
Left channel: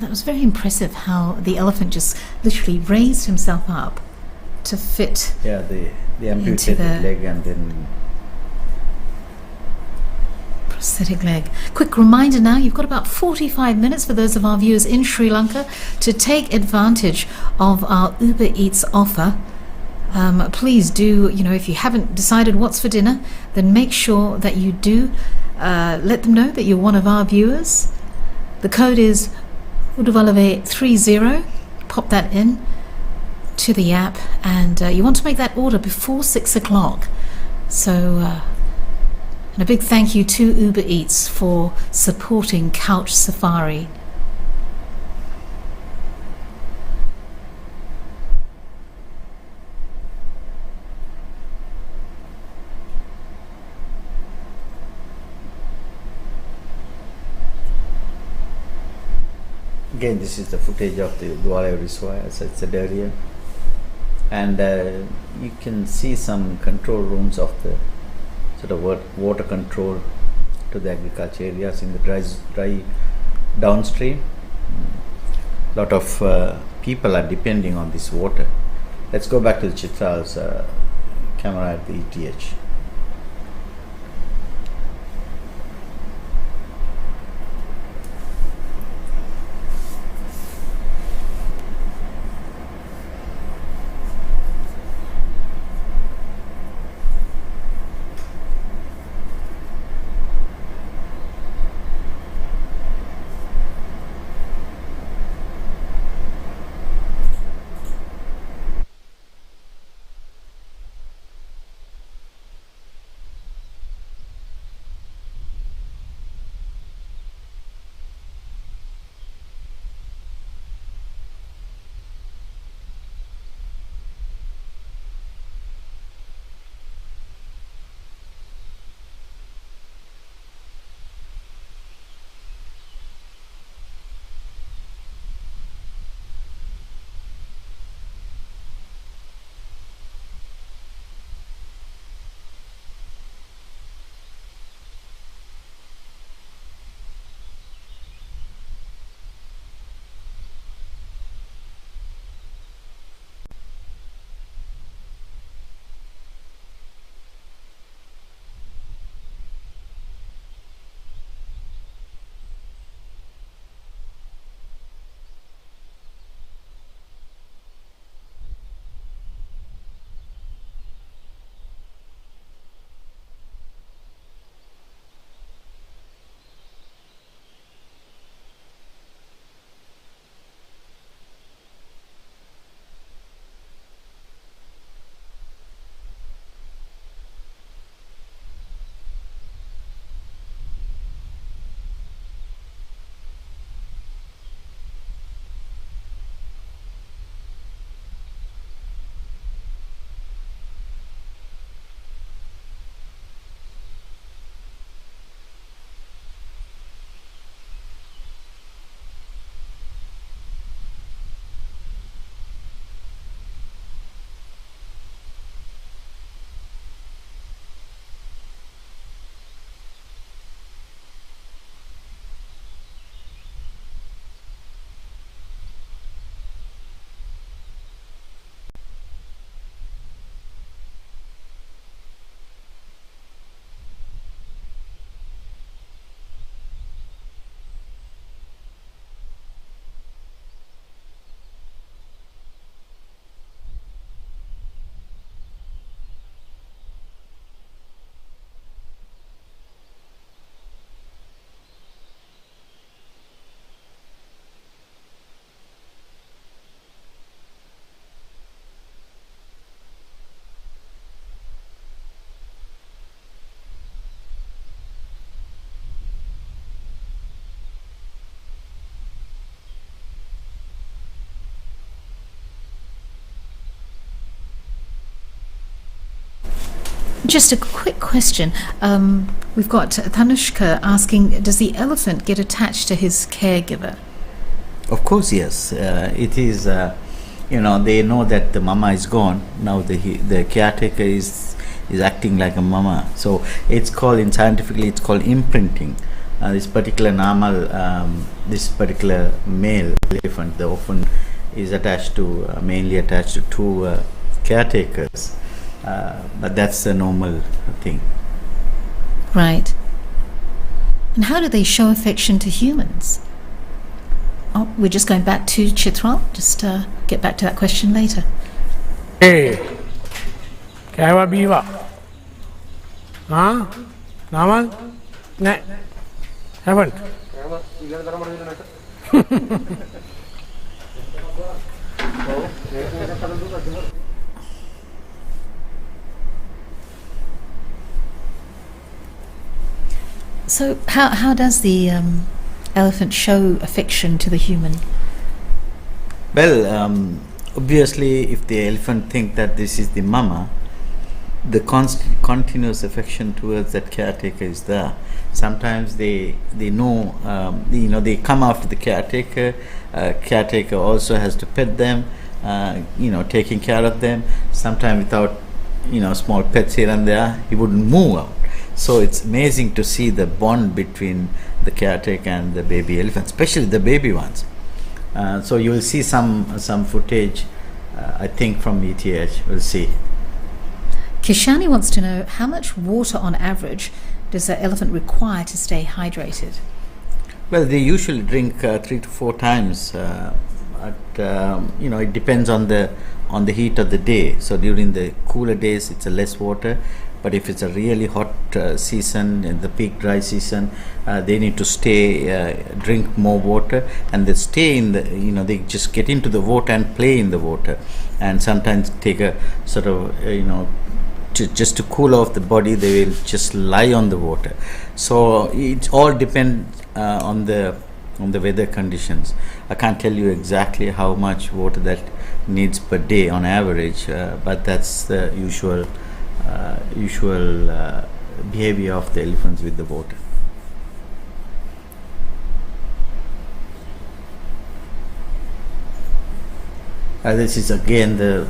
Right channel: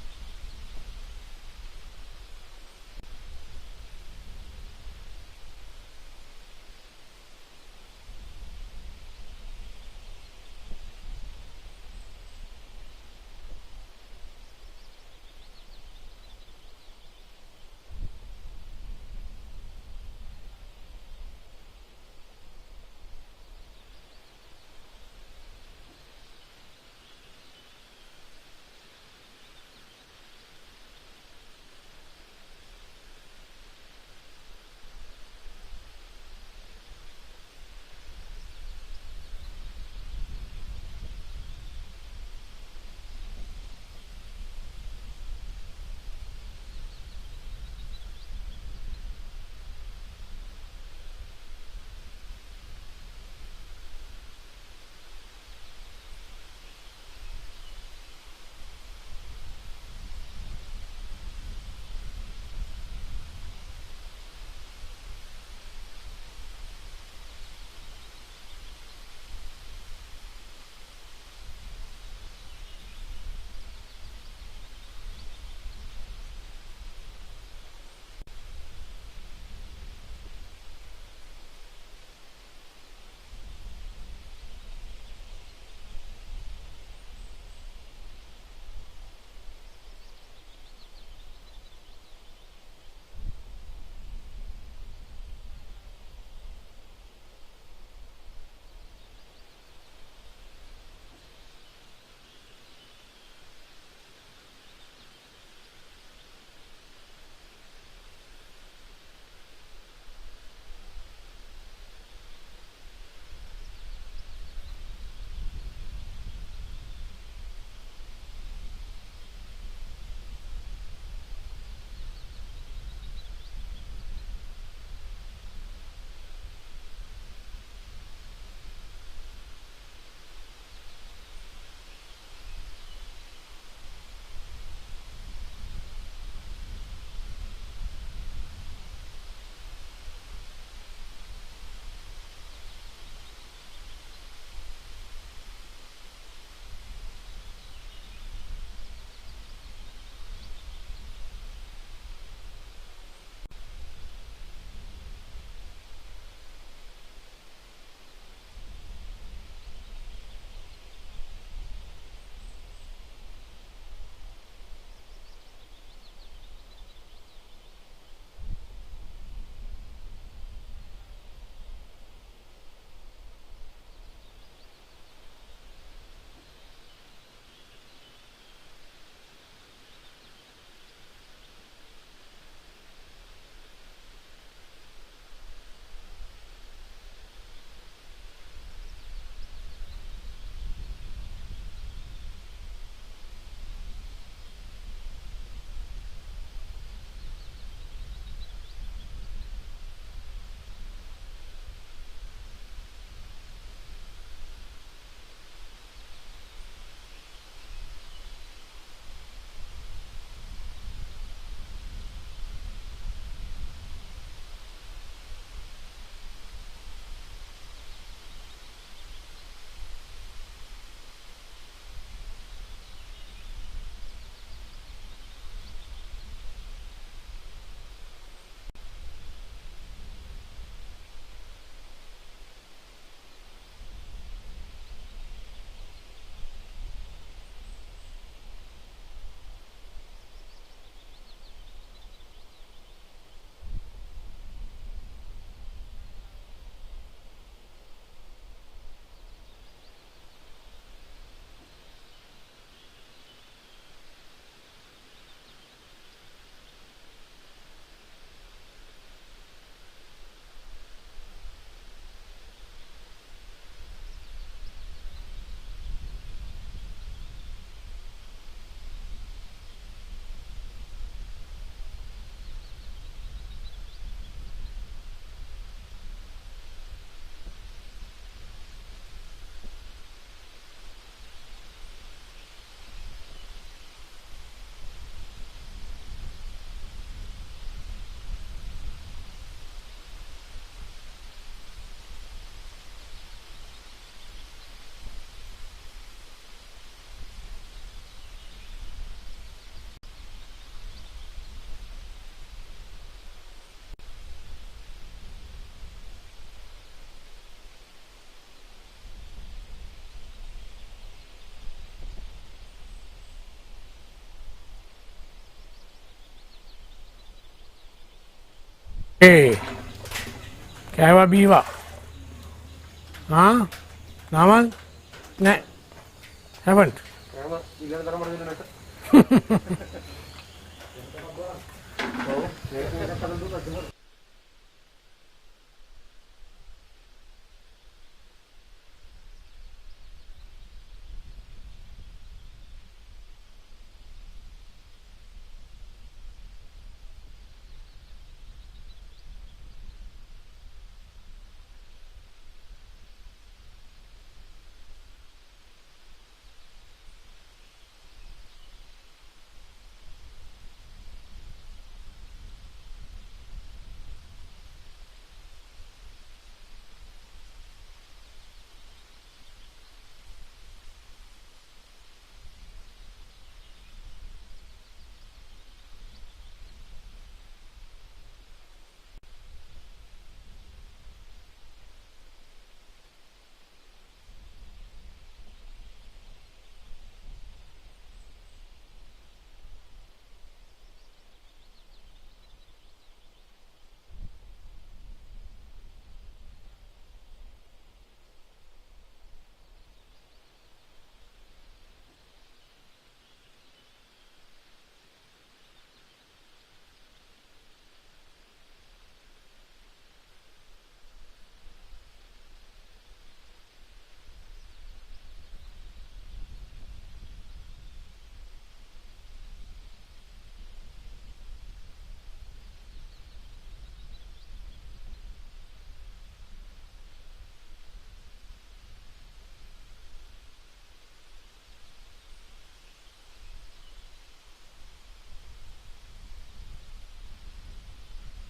That was very impressive how the elephant just literally raised himself up to fit. Yeah, the amputated the- leg and then Prosthetic leg. Quick reminder now, you've got about 45 minutes for those of our viewers in Sri Lanka to take advantage of our Uber Eats offer. Please do, if you haven't decided what's for dinner, then make sure that you do let them know that you're one of our viewers. The code is Udawalawe 30. Pop that in to the app, and you want to make that order before 6 o'clock. So, and a big thank you to Uber Eats for supporting Couch Safari. again, this is the footage of the Udawalawe reservoir. So it's a area, and you can see some control rooms of the sort of water control to the agriculture areas in the dry downstream. Lot of people are depending on this water. Let's go back to the Chitral's camera at the ETH. Just a quick question. We've got Tanushka asking, does the elephant get attached to his caregiver? Of course, yes. It is, they know that the mama is gone. Now the caretaker is acting like a mama. So it's called, scientifically, it's called imprinting. This particular this particular male elephant, the orphan, is mainly attached to two caretakers. But that's the normal thing. Right. And how do they show affection to humans? Oh, we're just going back to Chitral. Just get back to that question later. Hey, kaya biwa? Huh? Naman? Ne? Haven't. So how does the elephant show affection to the human? Well, obviously, if the elephant think that this is the mama, the continuous affection towards that caretaker is there. Sometimes they know, they come after the caretaker. Caretaker also has to pet them, taking care of them. Sometimes without, small pets here and there, he wouldn't move out. So it's amazing to see the bond between the caretaker and the baby elephant, especially the baby ones. So you will see some footage, I think, from ETH. We'll see. Kishani wants to know, how much water on average does an elephant require to stay hydrated? Well, they usually drink 3 to 4 times. It depends on the heat of the day. So during the cooler days, it's a less water. But if it's a really hot season, in the peak dry season, they need to drink more water, and they stay in the, they just get into the water and play in the water, and sometimes take a sort of, just to cool off the body, they will just lie on the water. So it all depends on the weather conditions. I can't tell you exactly how much water that needs per day on average, but that's the usual behavior of the elephants with the water. This is again the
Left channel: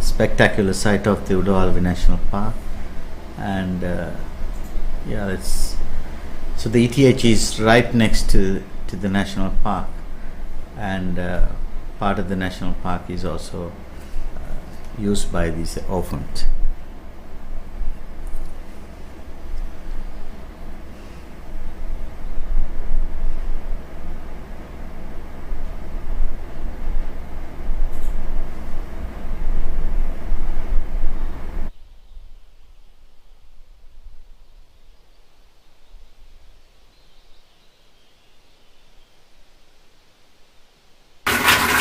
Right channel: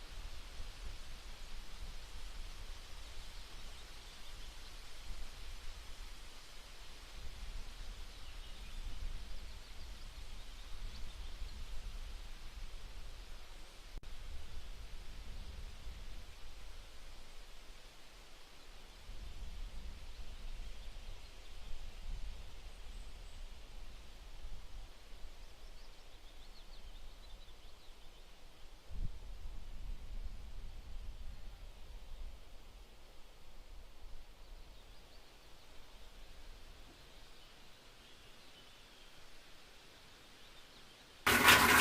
spectacular sight of the Udawalawe National Park, and so the ETH is right next to the national park, and part of the national park is also used by these orphans.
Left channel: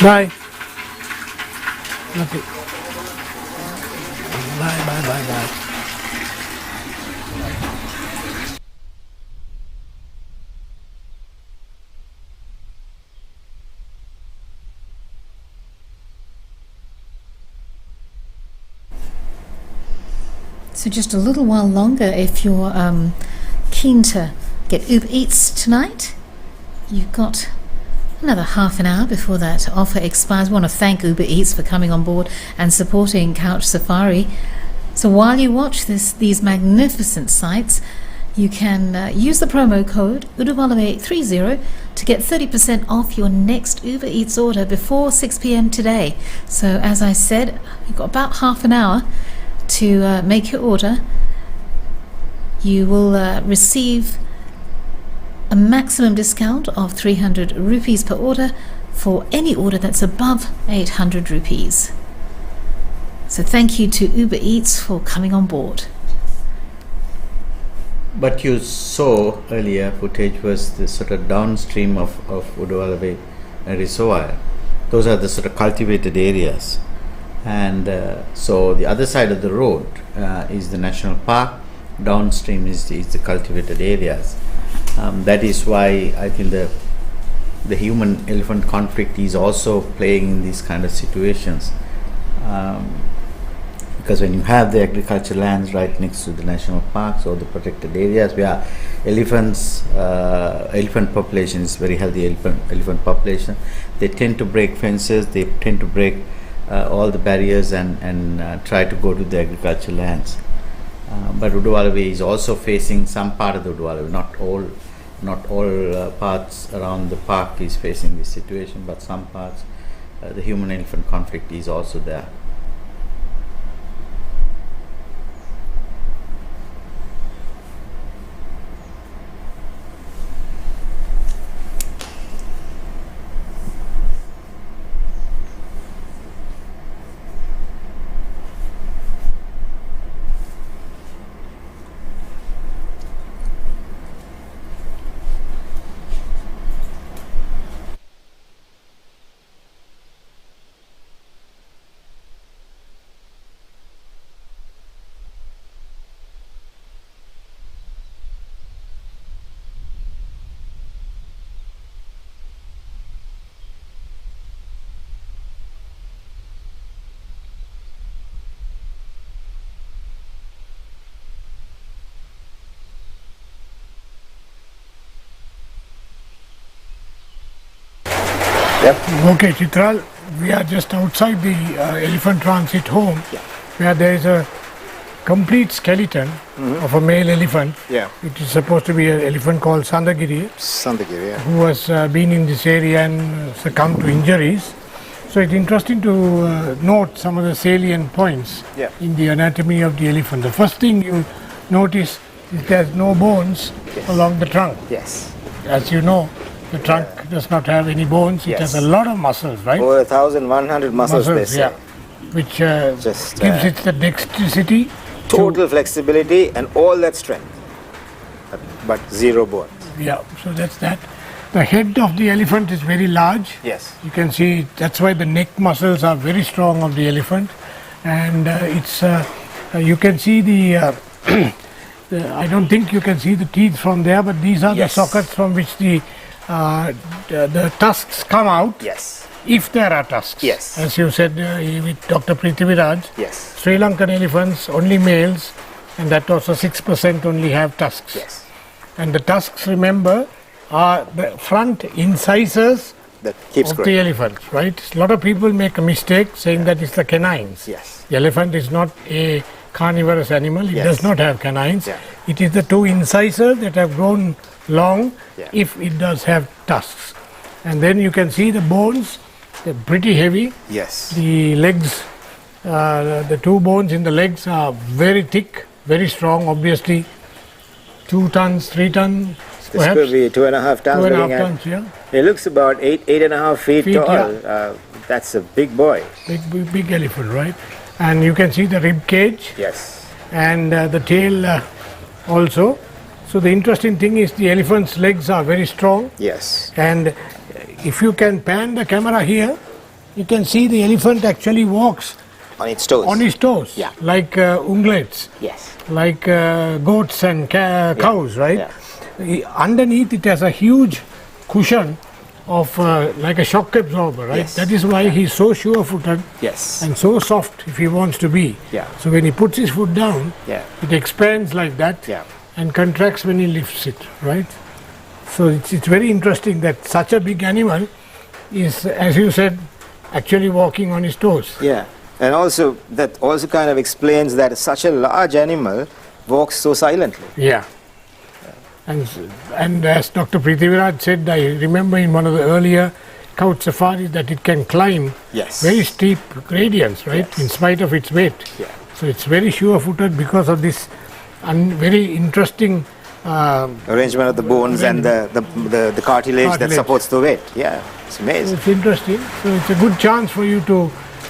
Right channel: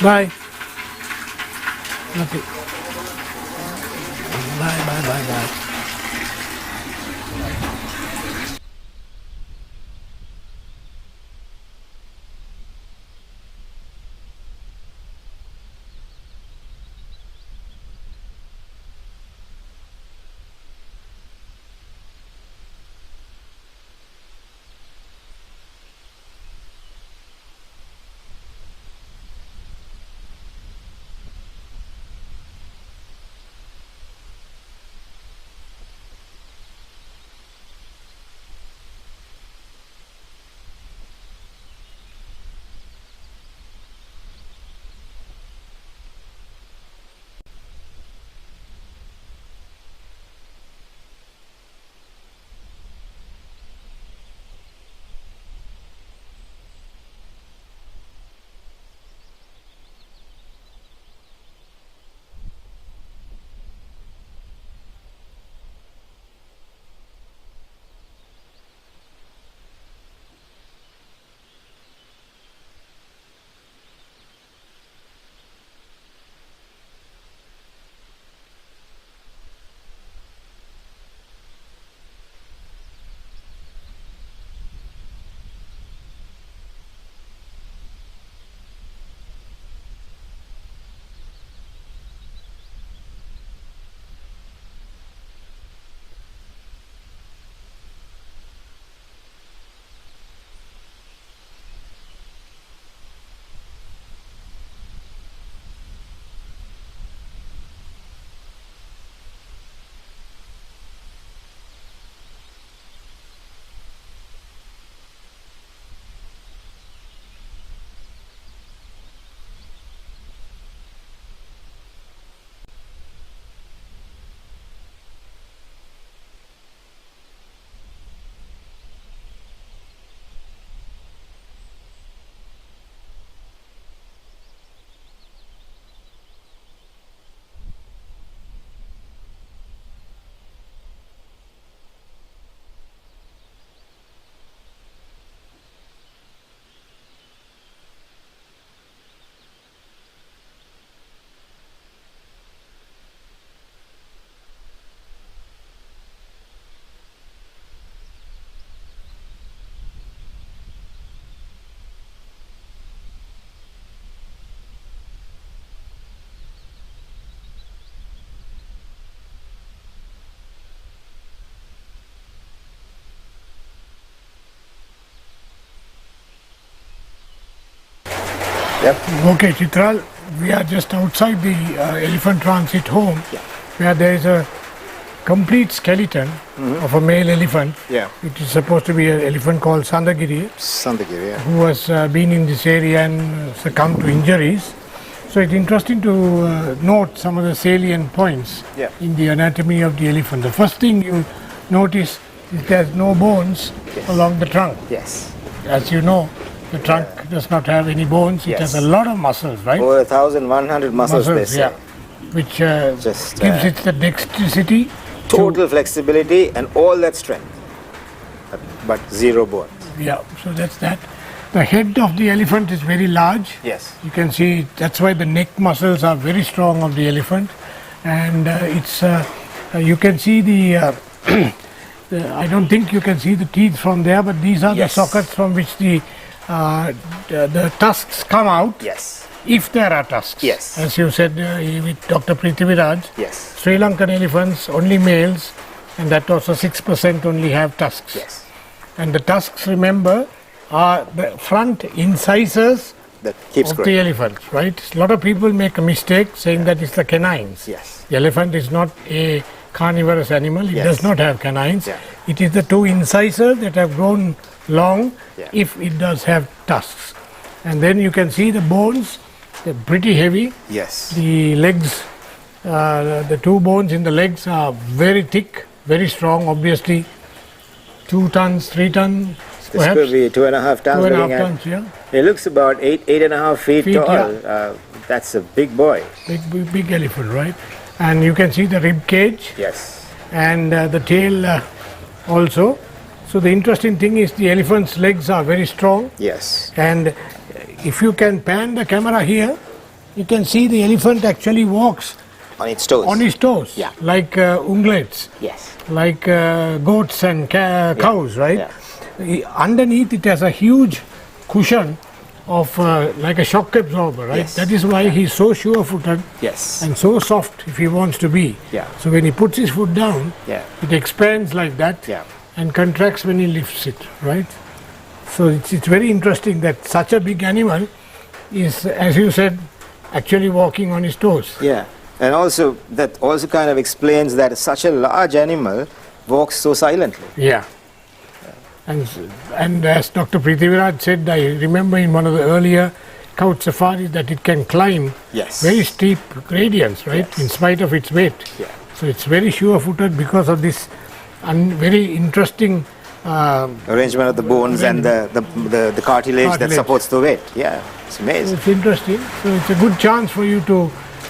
Bye. Nothing. Bye. So just a little while longer, if you're keen to get Uber Eats tonight, you've got another half an hour before that offer expires. We want to thank Uber Eats for coming on board and supporting Couch Safari. So while you watch these magnificent sights, you can use the promo code Udawalawe30 to get 30% off your next Uber Eats order before 6 p.m. today. So as I said, you've got about half an hour to make your order. You will receive a maximum discount of 300 rupees per order for any order that's above 800 rupees. So thank you to Uber Eats for coming on board. But you saw earlier footage was the sort of downstream of Udawalawe Reservoir. Those are the sort of cultivated areas. And so the other side of the road is the national park. Downstream is the cultivated areas. That is why I think the human-elephant conflict is also playing in these kind of situations, because when you have the agricultural lands right next to the national parks or the protected areas where elephant population is very healthy, elephant population, they tend to break fences, they tend to break all the barriers and try to go to the agricultural lands. But Udawalawe is also facing some part of the Udawalawe, not all parts around the park is facing this situation, but some parts the human-elephant conflict is also there. Yep. Okay, Chitral, we are just outside the elephant transit home, where there is a complete skeleton of a male elephant. Yeah. It is supposed to be an elephant called Sandagiri, who has been in this area and succumbed to injuries. So it's interesting to note some of the salient points in the anatomy of the elephant. The first thing you notice is there's no bones along the trunk. Yes. As you know, the trunk does not have any bones. It has a lot of muscles, right? Over 1,100 muscles, they say. yeah. Which gives it the dexterity. Total flexibility and all that strength. But zero bones. Yeah, so that's that. The head of the elephant is very large. Yes. You can see that's why the neck muscles are very strong of the elephant. And you can see the, I don't think you can see the teeth from there, but these are the sockets from which the tusks come out. Yes. If there are tusks. Yes. As you said with Dr. Prithviraj. Yes. Sri Lankan elephants, only males, and that also 6% only have tusks. Yes. And the tusks, remember, are the front incisors That keeps of growing. the elephant, right? A lot of people make a mistake saying that it's the canines. Yes. The elephant is not a carnivorous animal. It does not have canines. Yeah. It is the two incisors that have grown long if it does have tusks. And then you can see the bones, they're pretty heavy. Yes. The legs, the two bones in the legs are very thick, very strong, obviously 2 tons, 3 tons. This could be 2.5 tons. 2.5 tons, yeah. It looks about 8.5 feet tall. Yeah. That's a big boy. Big elephant, right? And you can see the rib cage. Yes. And the tail also. So the interesting thing is the elephant's legs are very strong. Yes. And if you can pan the camera here, you can see the elephant actually walks On its toes. on his toes, Yeah. like ungulates, Yes. like goats and cows, right? Yeah. Underneath it has a huge cushion of like a shock absorber, right? Yes. That is why he's so sure-footed Yes. and so soft if he wants to be. Yeah. So when he puts his foot down, Yeah. it expands like that Yeah. and contracts when he lifts it, right? So it's very interesting that such a big animal is, as you said, actually walking on his toes. Yeah. And also, that also kind of explains that such a large animal walks so silently. Yeah. And as Dr. Prithviraj said, I remember in one of the earlier couch safaris that it can climb Yes. very steep gradients, right, Yes. in spite of its weight. Yeah. So it's very sure-footed because of this very interesting Arrangement of the bones and the cartilage that supports the weight. Yeah. It's amazing. It's interesting. So it's a good chance for you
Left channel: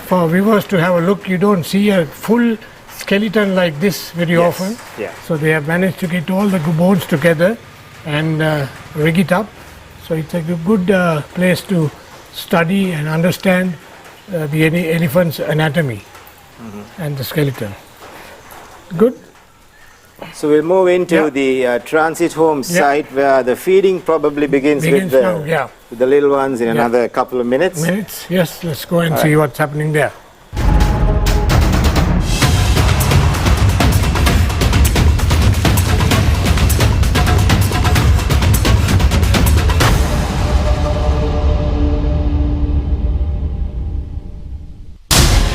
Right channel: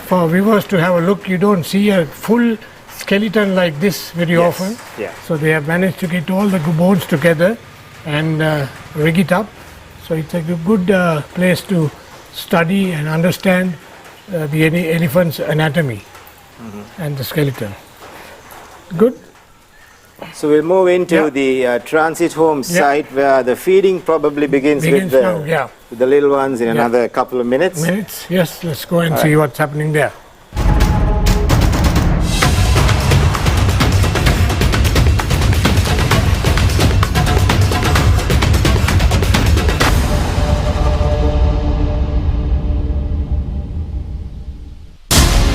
for viewers to have a look. You don't see a full skeleton like this very often. Yeah. So they have managed to get all the bones together and rig it up. So it's a good place to study and understand the elephant's anatomy and the skeleton. Good. So we'll move into the transit home site where the feeding probably begins with the little ones in another couple of minutes. Yes, let's go and see what's happening there.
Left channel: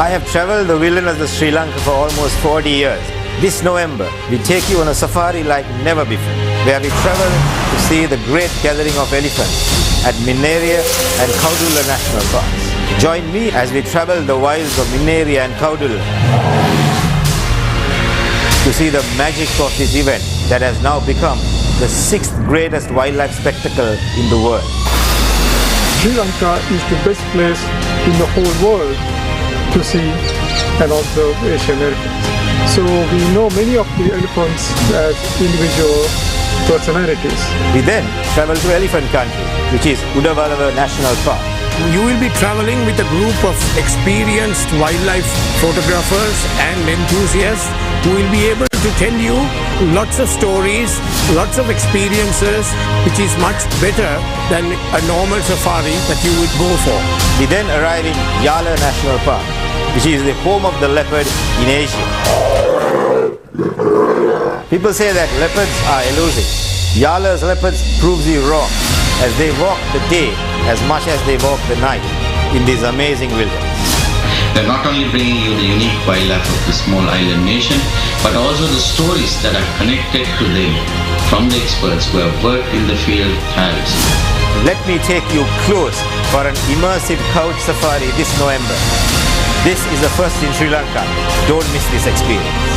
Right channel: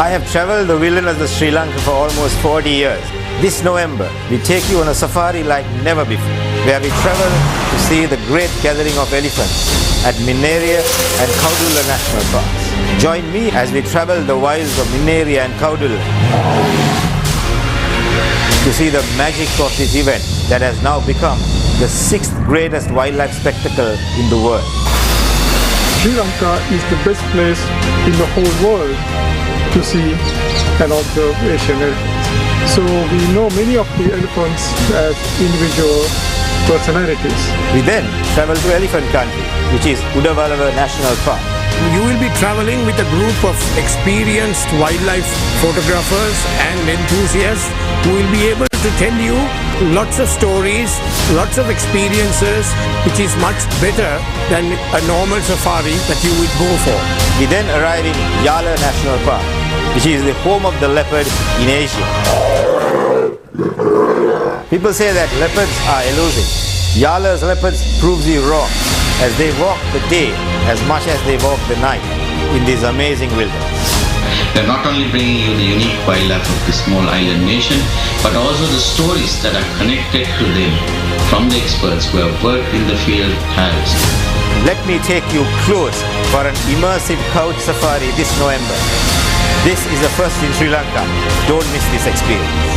I have traveled the wilderness of Sri Lanka for almost 40 years. This November, we take you on a safari like never before, where we travel to see the great gathering of elephants at Minneria and Kaudula National Parks. Join me as we travel the wilds of Minneria and Kaudula to see the magic of this event that has now become the 6th greatest wildlife spectacle in the world. Sri Lanka is the best place in the whole world to see and observe Asian elephants. So we know many of the elephants as individual personalities. We then travel to elephant country, which is Udawalawe National Park. You will be traveling with a group of experienced wildlife photographers and enthusiasts who will be able to tell you lots of stories, lots of experiences, which is much better than a normal safari that you would go for. We then arrive in Yala National Park, which is the home of the leopard in Asia. People say that leopards are elusive. Yala's leopards proves you wrong, as they walk the day as much as they walk the night in this amazing wilderness. They're not only bringing you the unique wildlife of this small island nation, but also the stories that are connected to them from the experts who have worked in the field tirelessly. Let me take you close for an immersive couch safari this November. This is the first in Sri Lanka. Don't miss this experience.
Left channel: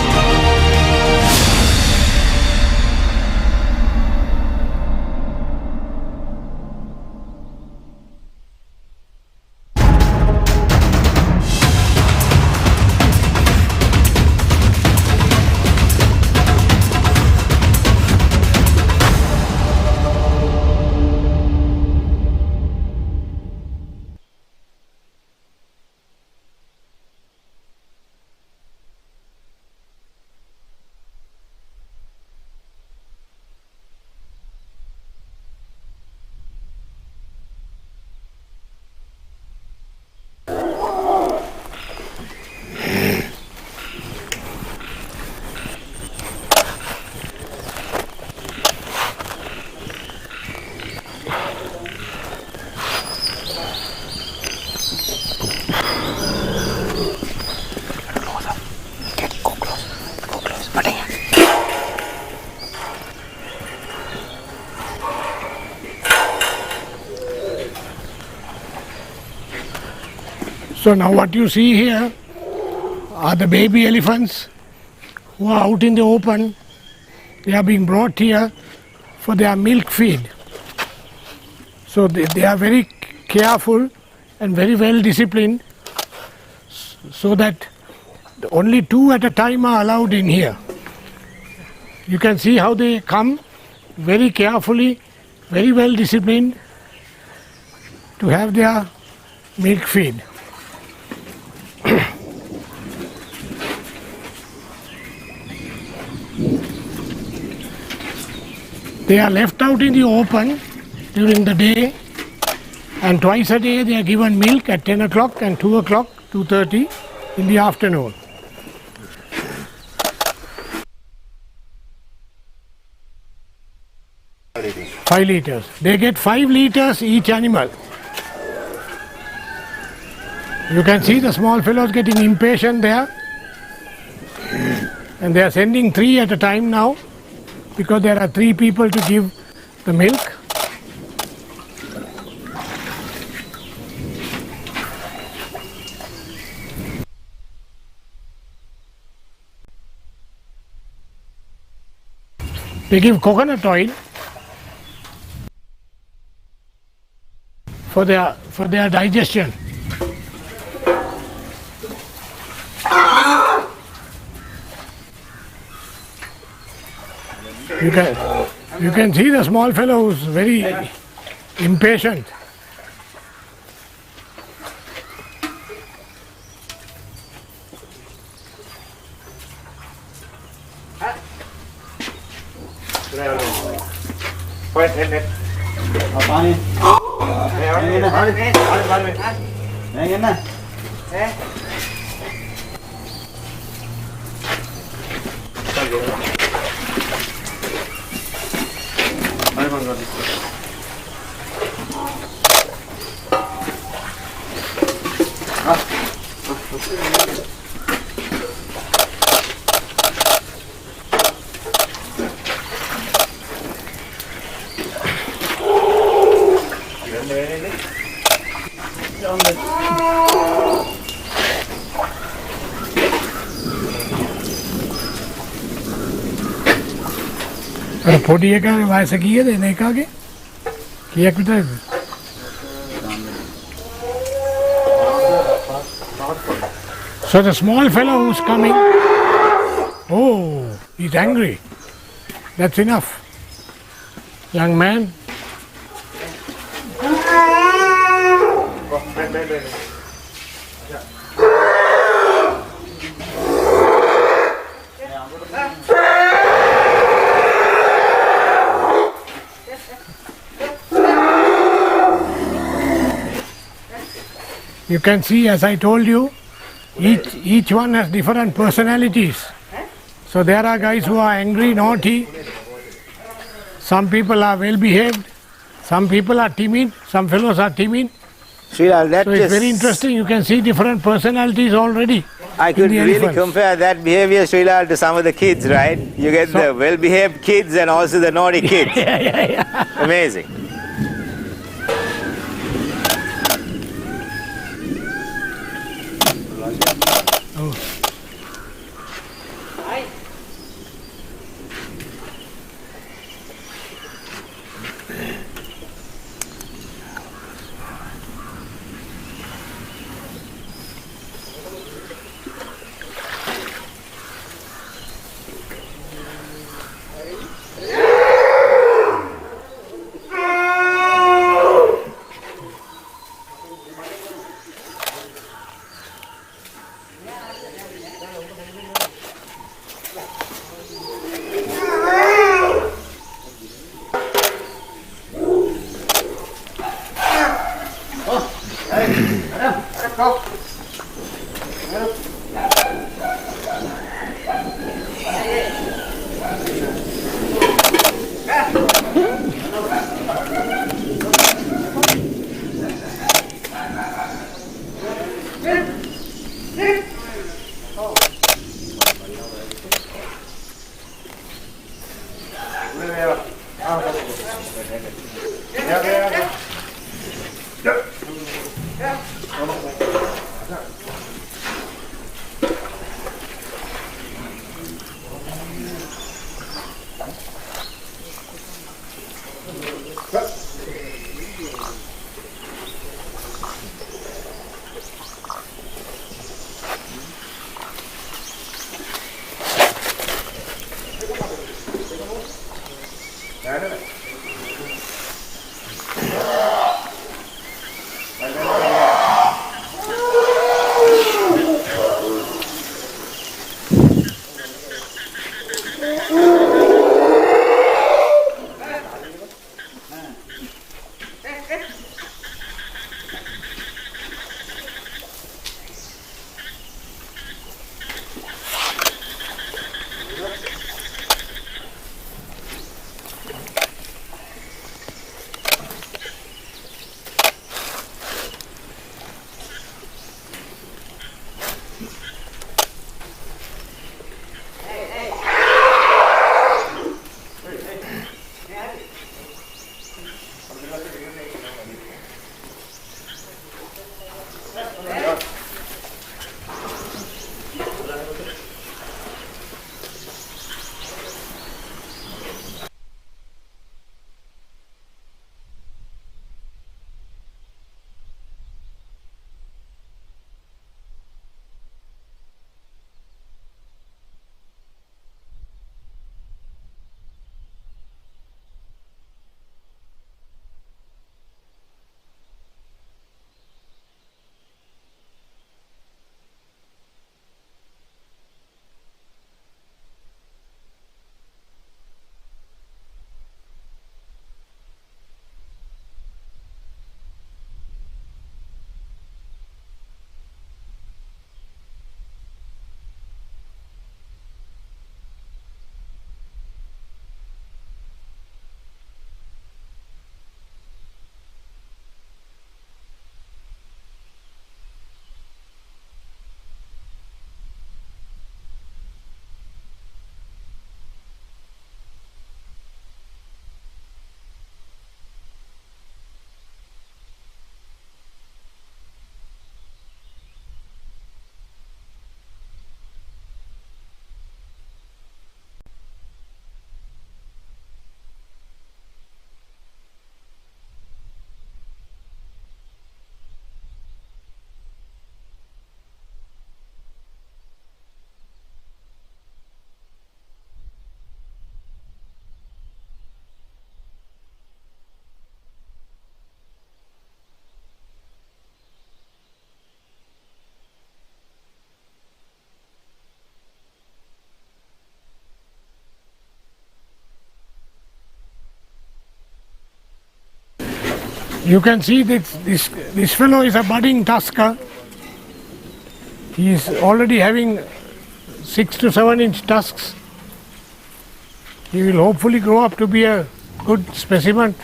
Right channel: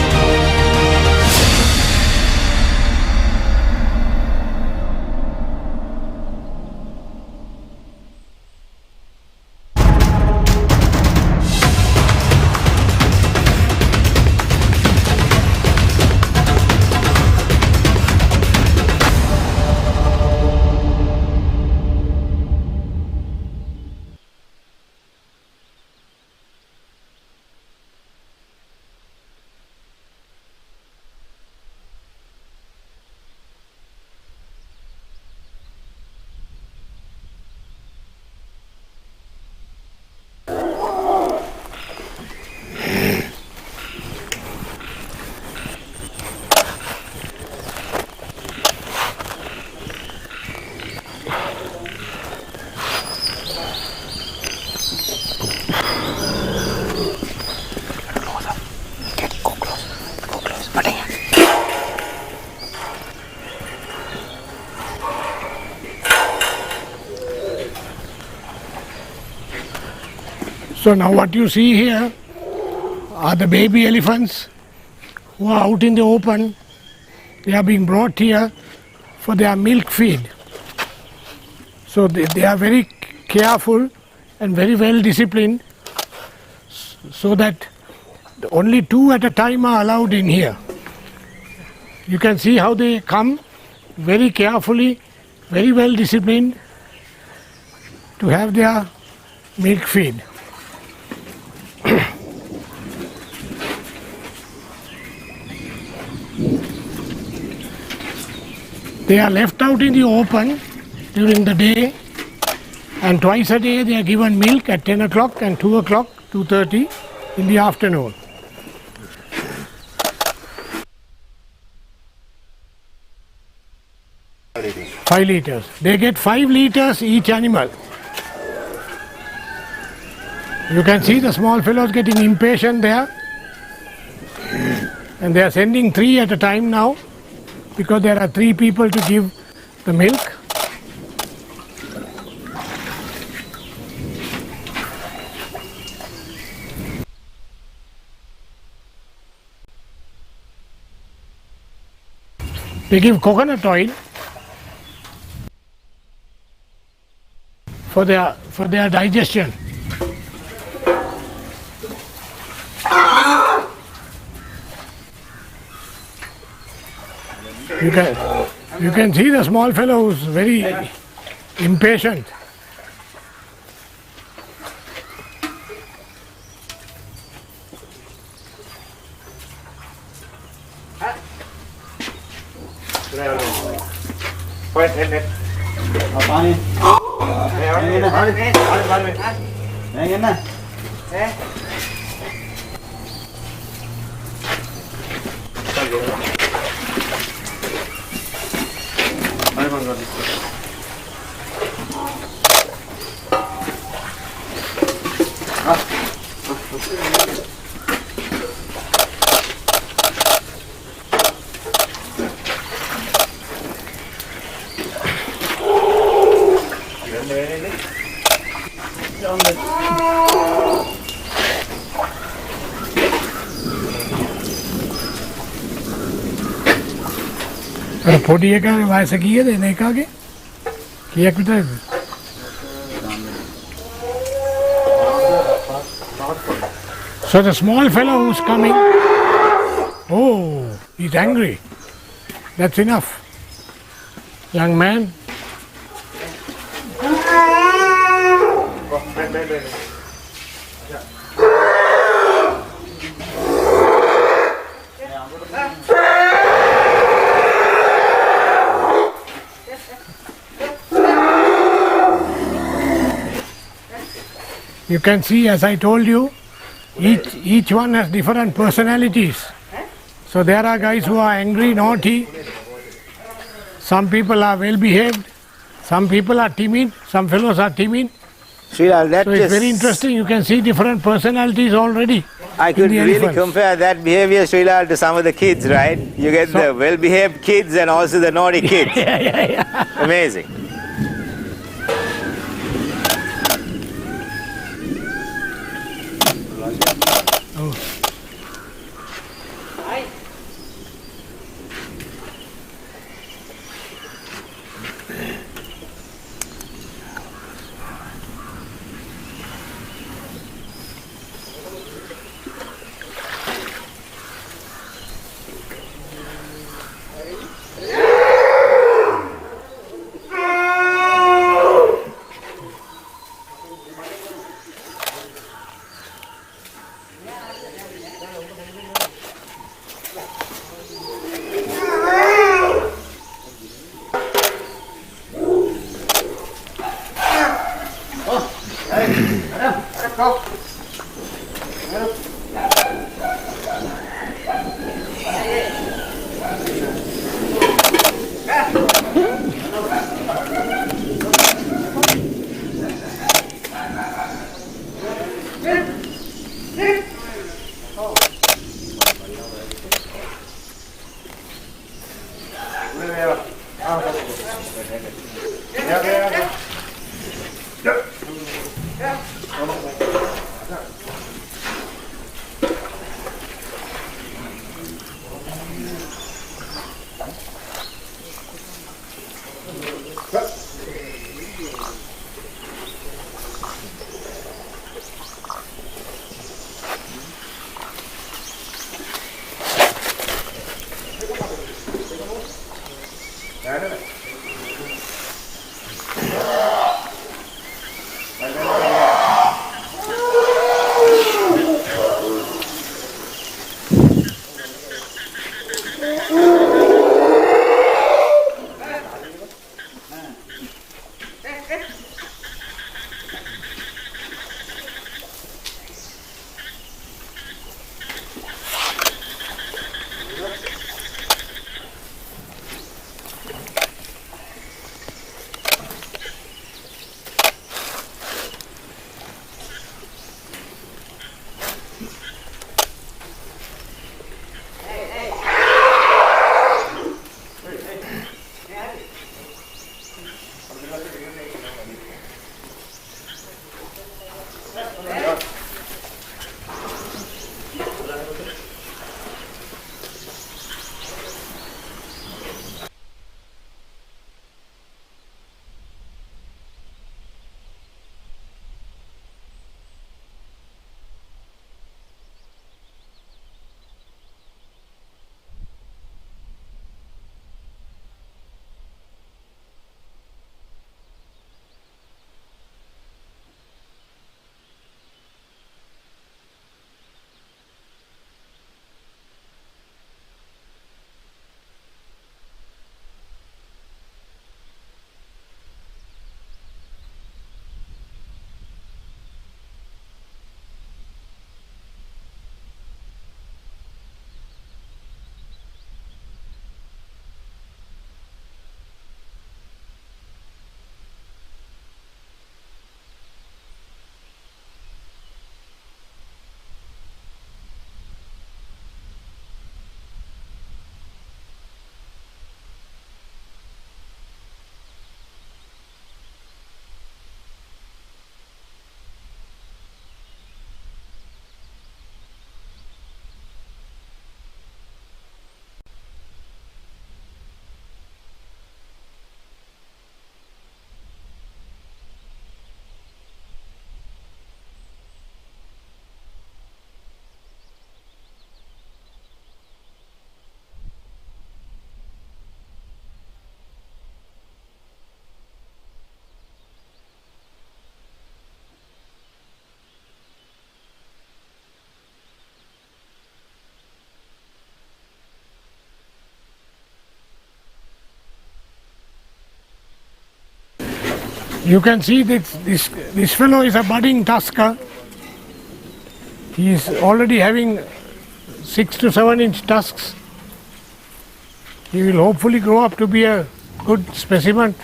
So now what you see here are the baby elephants who are out in the open. They are being brought here for their milk feed. So they are very careful and very well disciplined, so that only 2 at a time are allowed in here. You can see how they come very carefully, very well disciplined to have their milk feed. They are left out in the open during the day, and twice a day they are given milk at 10 o'clock and 2 o'clock, 2:30 in the afternoon. Five liters. They get 5 liters each animal. You can see the small fellows getting impatient there, and they are sending 3 at a time now, because there are 3 people to give the milk. They give coconut oil for their digestion. You can see the small fellow who's very impatient. පොඩි එකාගේ වයස කීයද එන එකාගේ? කීයක් විතරද? So the small fellow who's coming, oh, he's angry. That's enough. Young man. You can see, as I told you, each one has different personalities. So there are guys who are angry, naughty. Some people are well behaved. Some people are timid. Some fellows are timid. Srilal, that So it's very interesting. You can see different personalities already. I could in the really elephants. compare that behavior, Srilal, to some of the kids, right? You get the well-behaved kids and also the naughty kids. Yeah. Amazing. You can see this fellow is a budding tusker. He is already having 6 to 7 inch tusks. He will hopefully grow up to be a good specimen.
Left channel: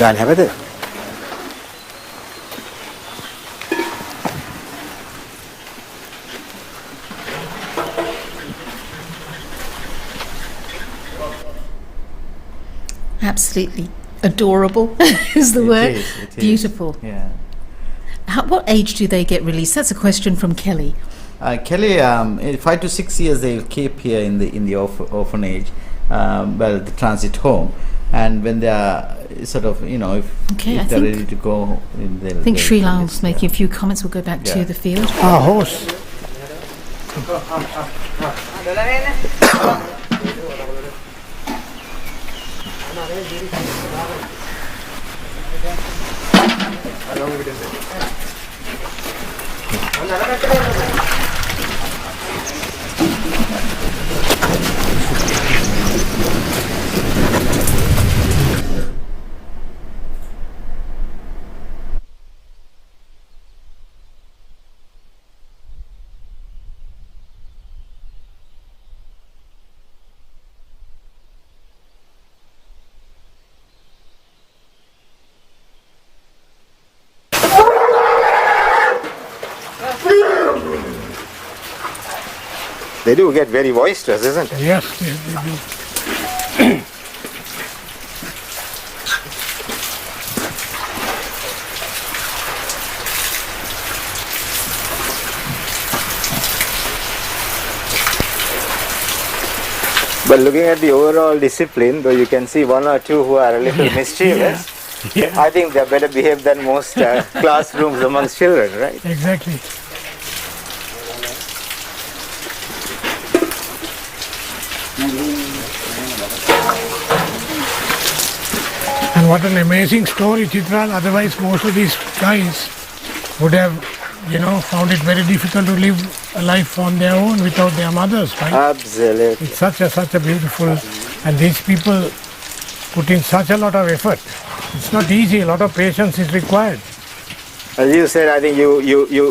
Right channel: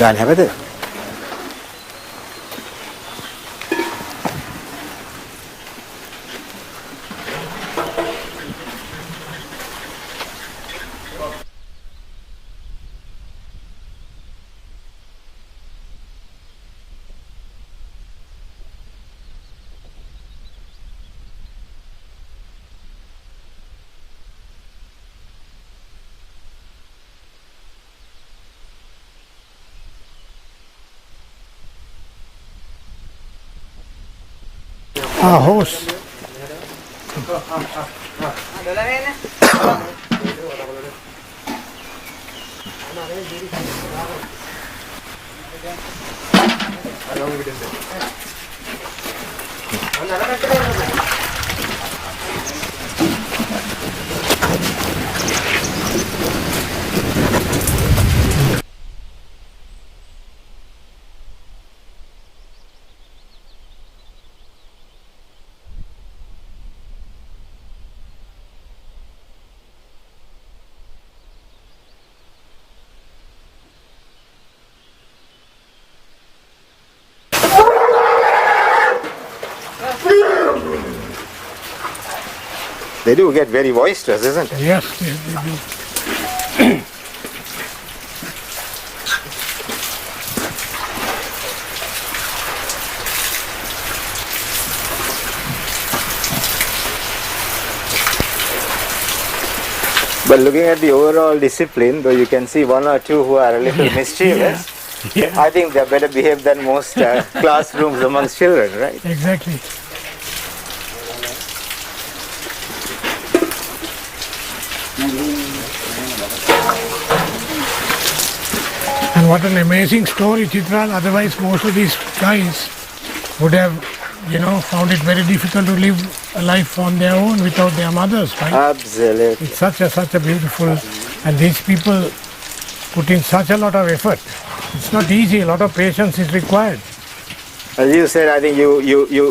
ගාන හැබද? Absolutely adorable is the word. It is. Beautiful. Yeah. What age do they get released? That's a question from Kelly. Kelly, 5 to 6 years they keep here in the orphanage, the transit home, and when they are sort of, if they're ready to go, I think Sri Lal's making a few comments. We'll go back to the field. Our horse. They do get very boisterous, isn't it? Yes, they do. But looking at the overall discipline, though you can see one or two who are a little mischievous, I think they're better behaved than most classrooms amongst children, right? Exactly. And what an amazing story, Chitral. Otherwise, most of these guys would have, found it very difficult to live a life on their own without their mothers, right? Absolutely. It's such a beautiful, and these people put in such a lot of effort. It's not easy. A lot of patience is required. As you said, I think you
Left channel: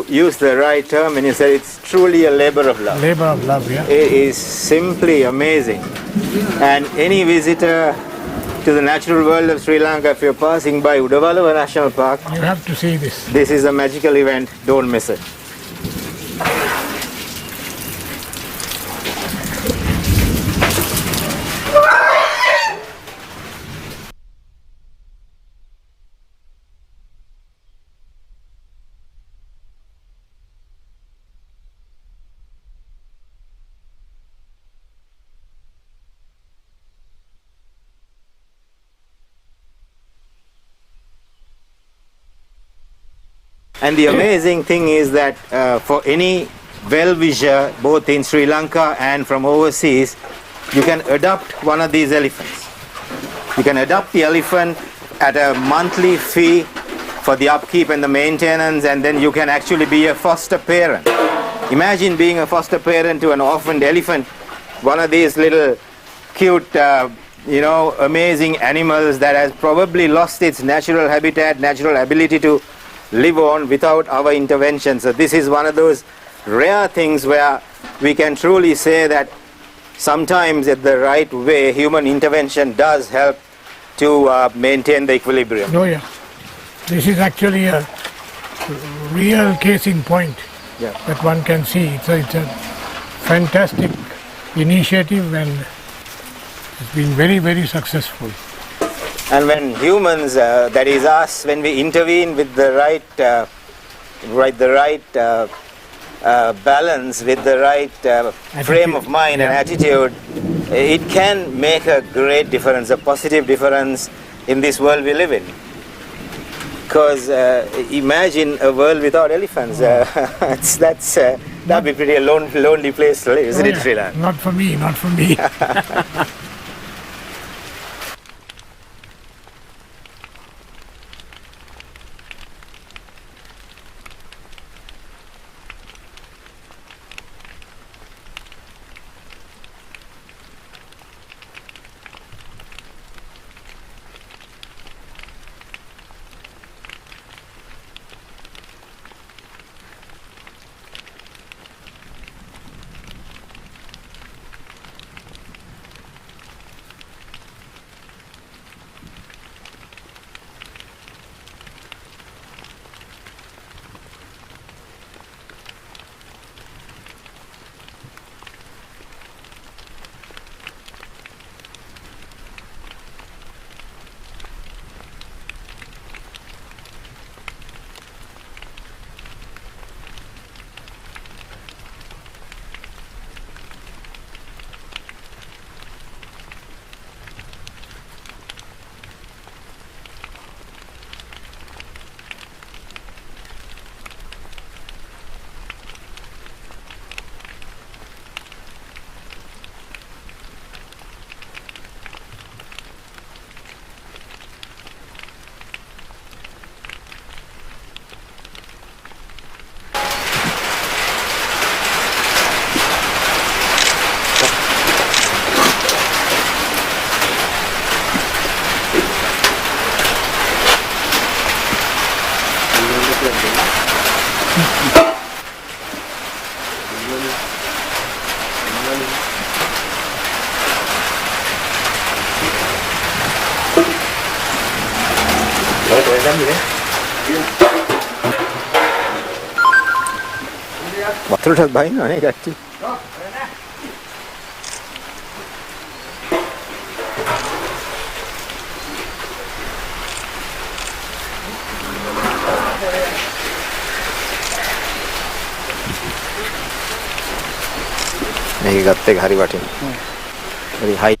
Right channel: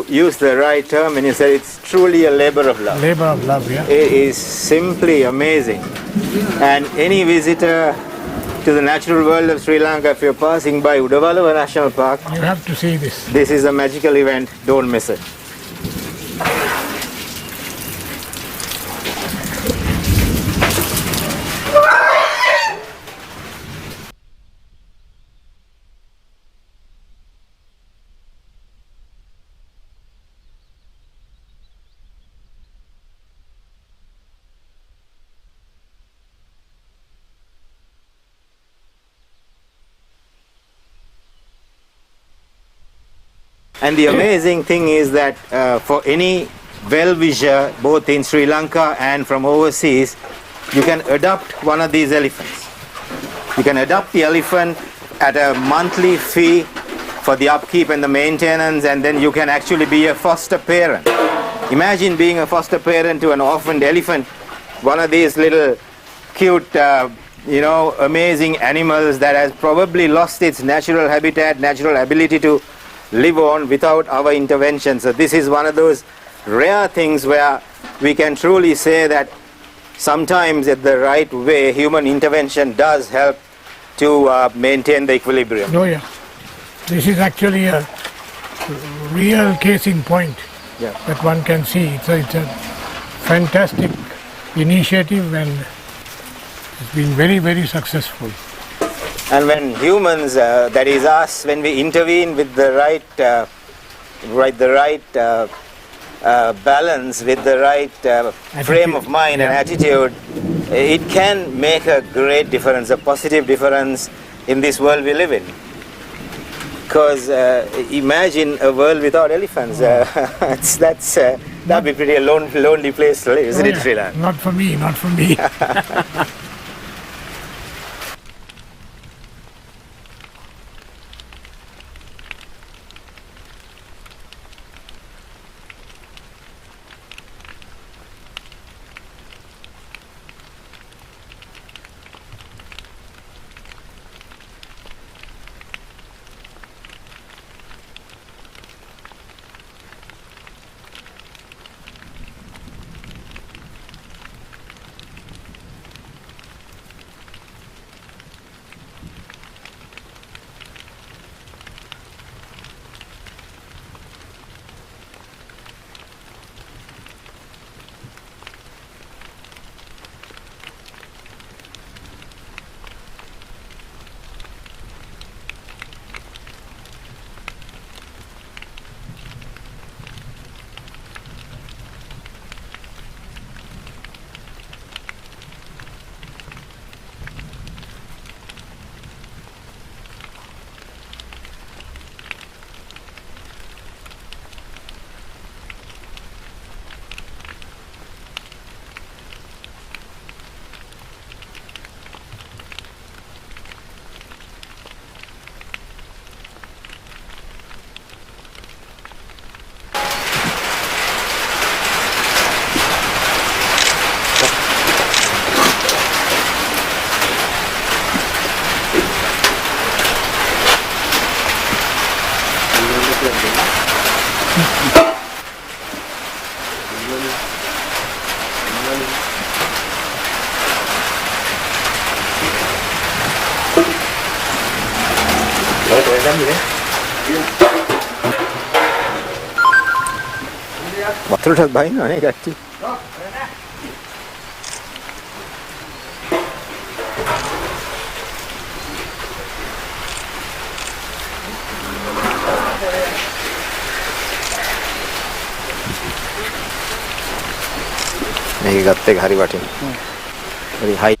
used the right term, and you said it's truly a labor of love. Labor of love, yeah. It is simply amazing. And any visitor to the natural world of Sri Lanka, if you're passing by Udawalawa National Park, You have to see this. this is a magical event. Don't miss it. And the amazing thing is that for any well-wisher, both in Sri Lanka and from overseas, you can adopt one of these elephants. You can adopt the elephant at a monthly fee for the upkeep and the maintenance, and then you can actually be a foster parent. Imagine being a foster parent to an orphaned elephant, one of these little cute, amazing animals that has probably lost its natural habitat, natural ability to live on without our intervention. So this is one of those rare things where we can truly say that sometimes at the right way, human intervention does help to maintain the equilibrium. Oh yeah, this is actually a real case in point that one can see. It's a fantastic initiative and it's been very, very successful. And when humans, that is us, when we intervene with the right balance, with the right frame of mind and attitude, it can make a great difference, a positive difference in this world we live in. Because imagine a world without elephants. That'd be pretty a lonely place to live, isn't it, Sri Lanka? Not for me, not for me. වතුරටත් බහිනවනේ කට්ටිය. මේක ගත්ත එක හරි වටිනවා. හරි හයි.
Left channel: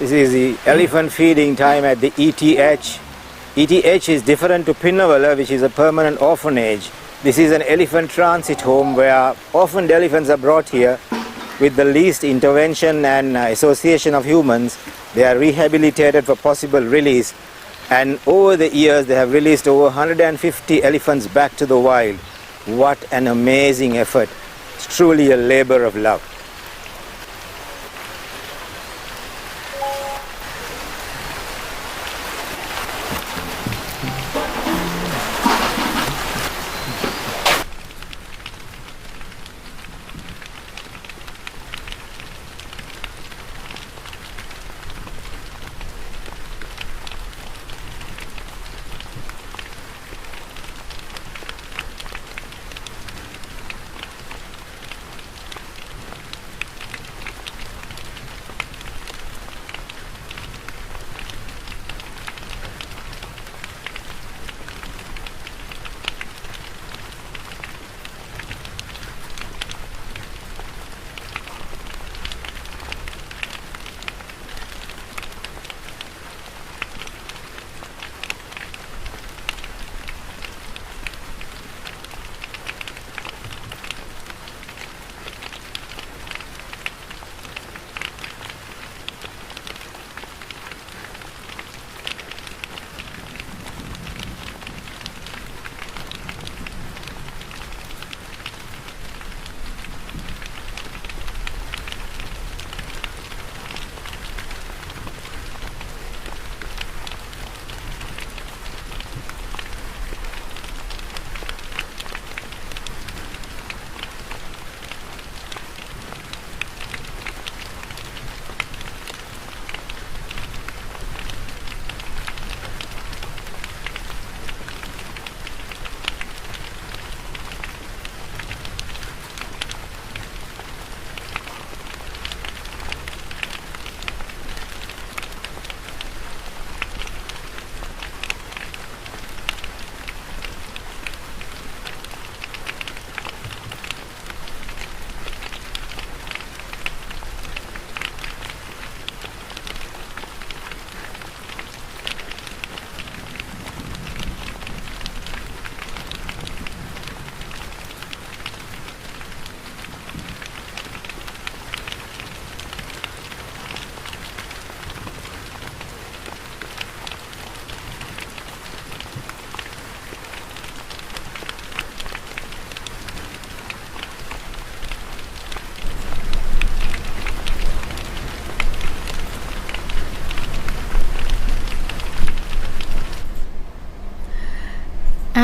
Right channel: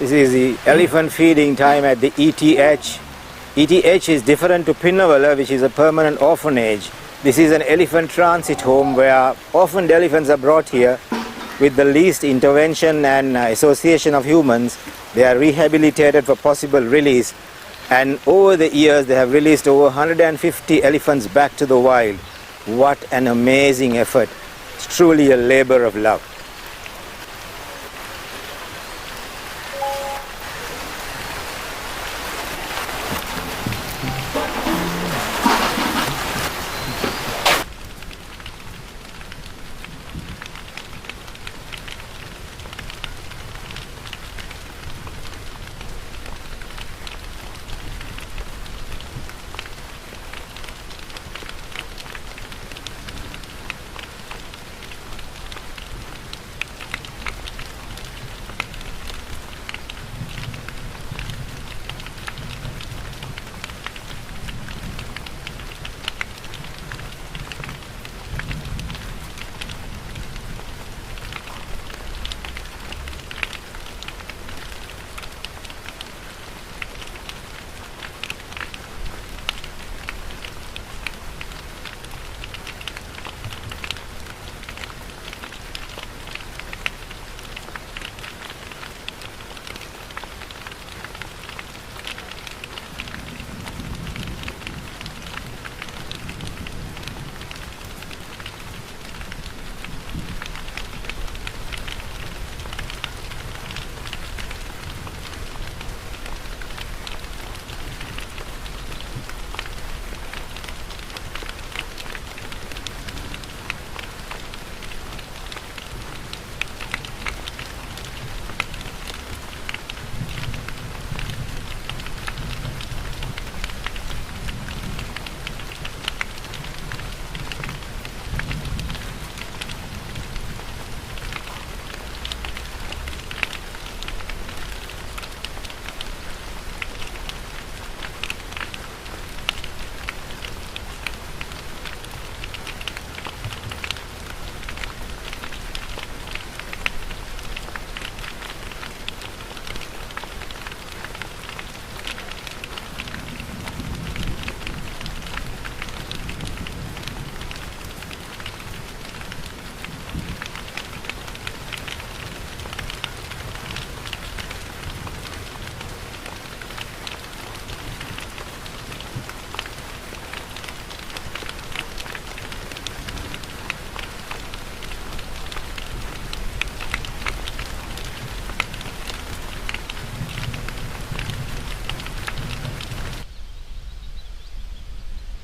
This is the elephant feeding time at the ETH. ETH is different to Udawalawa, which is a permanent orphanage. This is an elephant transit home where orphaned elephants are brought here with the least intervention and association of humans. They are rehabilitated for possible release, and over the years they have released over 150 elephants back to the wild. What an amazing effort. It's truly a labor of love.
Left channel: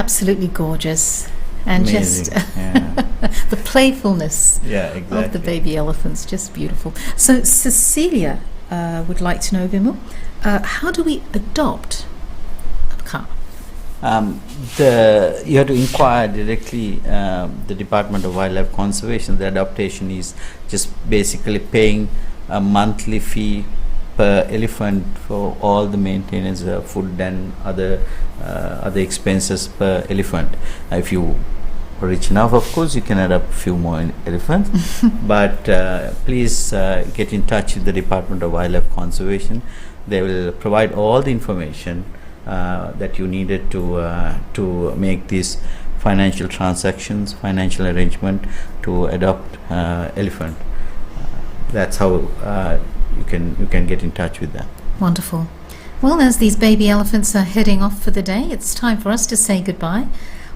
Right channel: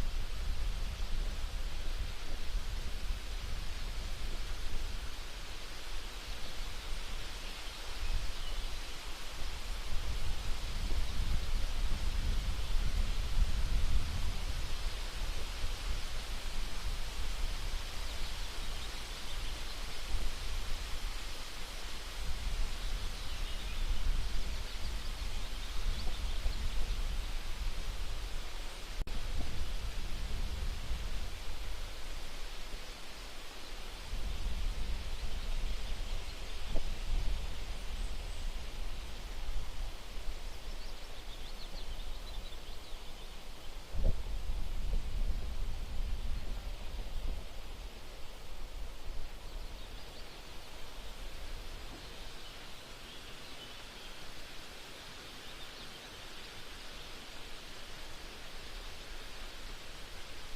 absolutely gorgeous. And Amazing. just Yeah. the playfulness Yeah, exactly. of the baby elephants, just beautiful. So Cecilia would like to know, Vimal, how do we adopt a car? You have to inquire directly the Department of Wildlife Conservation. The adaptation is just basically paying a monthly fee per elephant for all the maintenance, food and other expenses per elephant. If you are rich enough, of course, you can adopt a few more elephants. But please get in touch with the Department of Wildlife Conservation. They will provide all the information that you needed to make these financial transactions, financial arrangement to adopt elephant. That's how you can get in touch with them. Wonderful. Well, as these baby elephants are heading off for the day, it's time for us to say goodbye.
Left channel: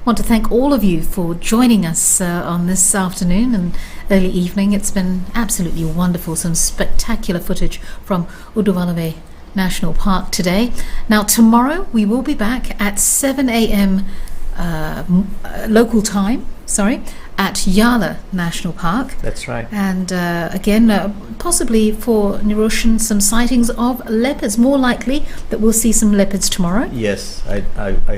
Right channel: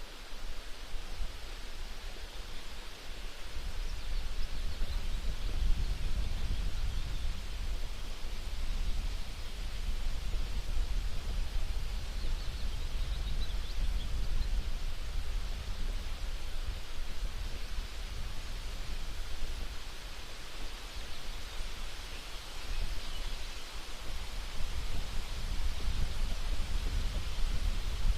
I want to thank all of you for joining us on this afternoon and early evening. It's been absolutely wonderful. Some spectacular footage from Udawalawe National Park today. Now, tomorrow we will be back at 7 a.m. Local time, at Yala National Park. That's right. And again, possibly for Niroshan, some sightings of leopards. More likely that we'll see some leopards tomorrow. Yes, I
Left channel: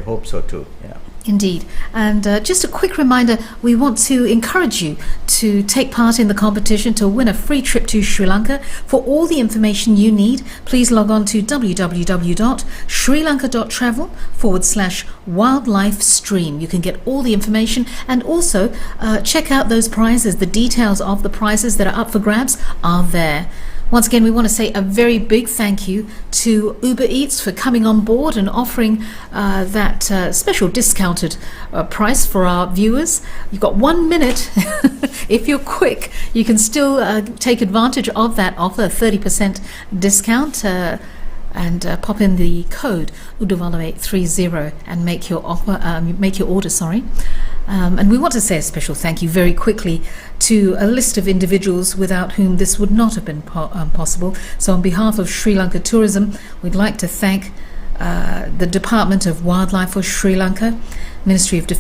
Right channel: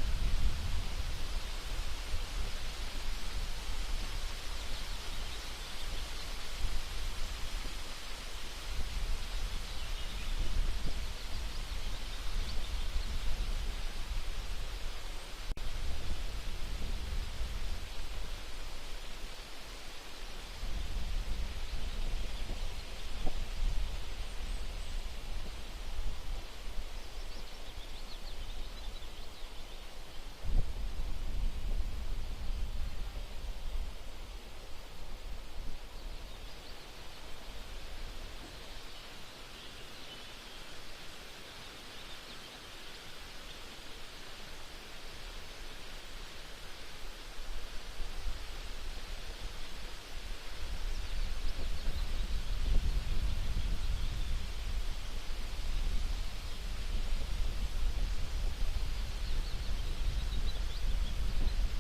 hope so too. Yeah. Indeed. And just a quick reminder, we want to encourage you to take part in the competition to win a free trip to Sri Lanka. For all the information you need, please log on to www.srilanka.travel/wildlife stream. You can get all the information and also check out those prizes. The details of the prizes that are up for grabs are there. Once again, we want to say a very big thank you to Uber Eats for coming on board and offering that special discounted price for our viewers. You've got 1 minute. If you're quick, you can still take advantage of that offer, 30% discount, and pop in the code Udawalawe30 and make your order. And we want to say a special thank you very quickly to a list of individuals without whom this would not have been possible. So on behalf of Sri Lanka Tourism, we'd like to thank the Department of Wildlife for Sri Lanka, Ministry of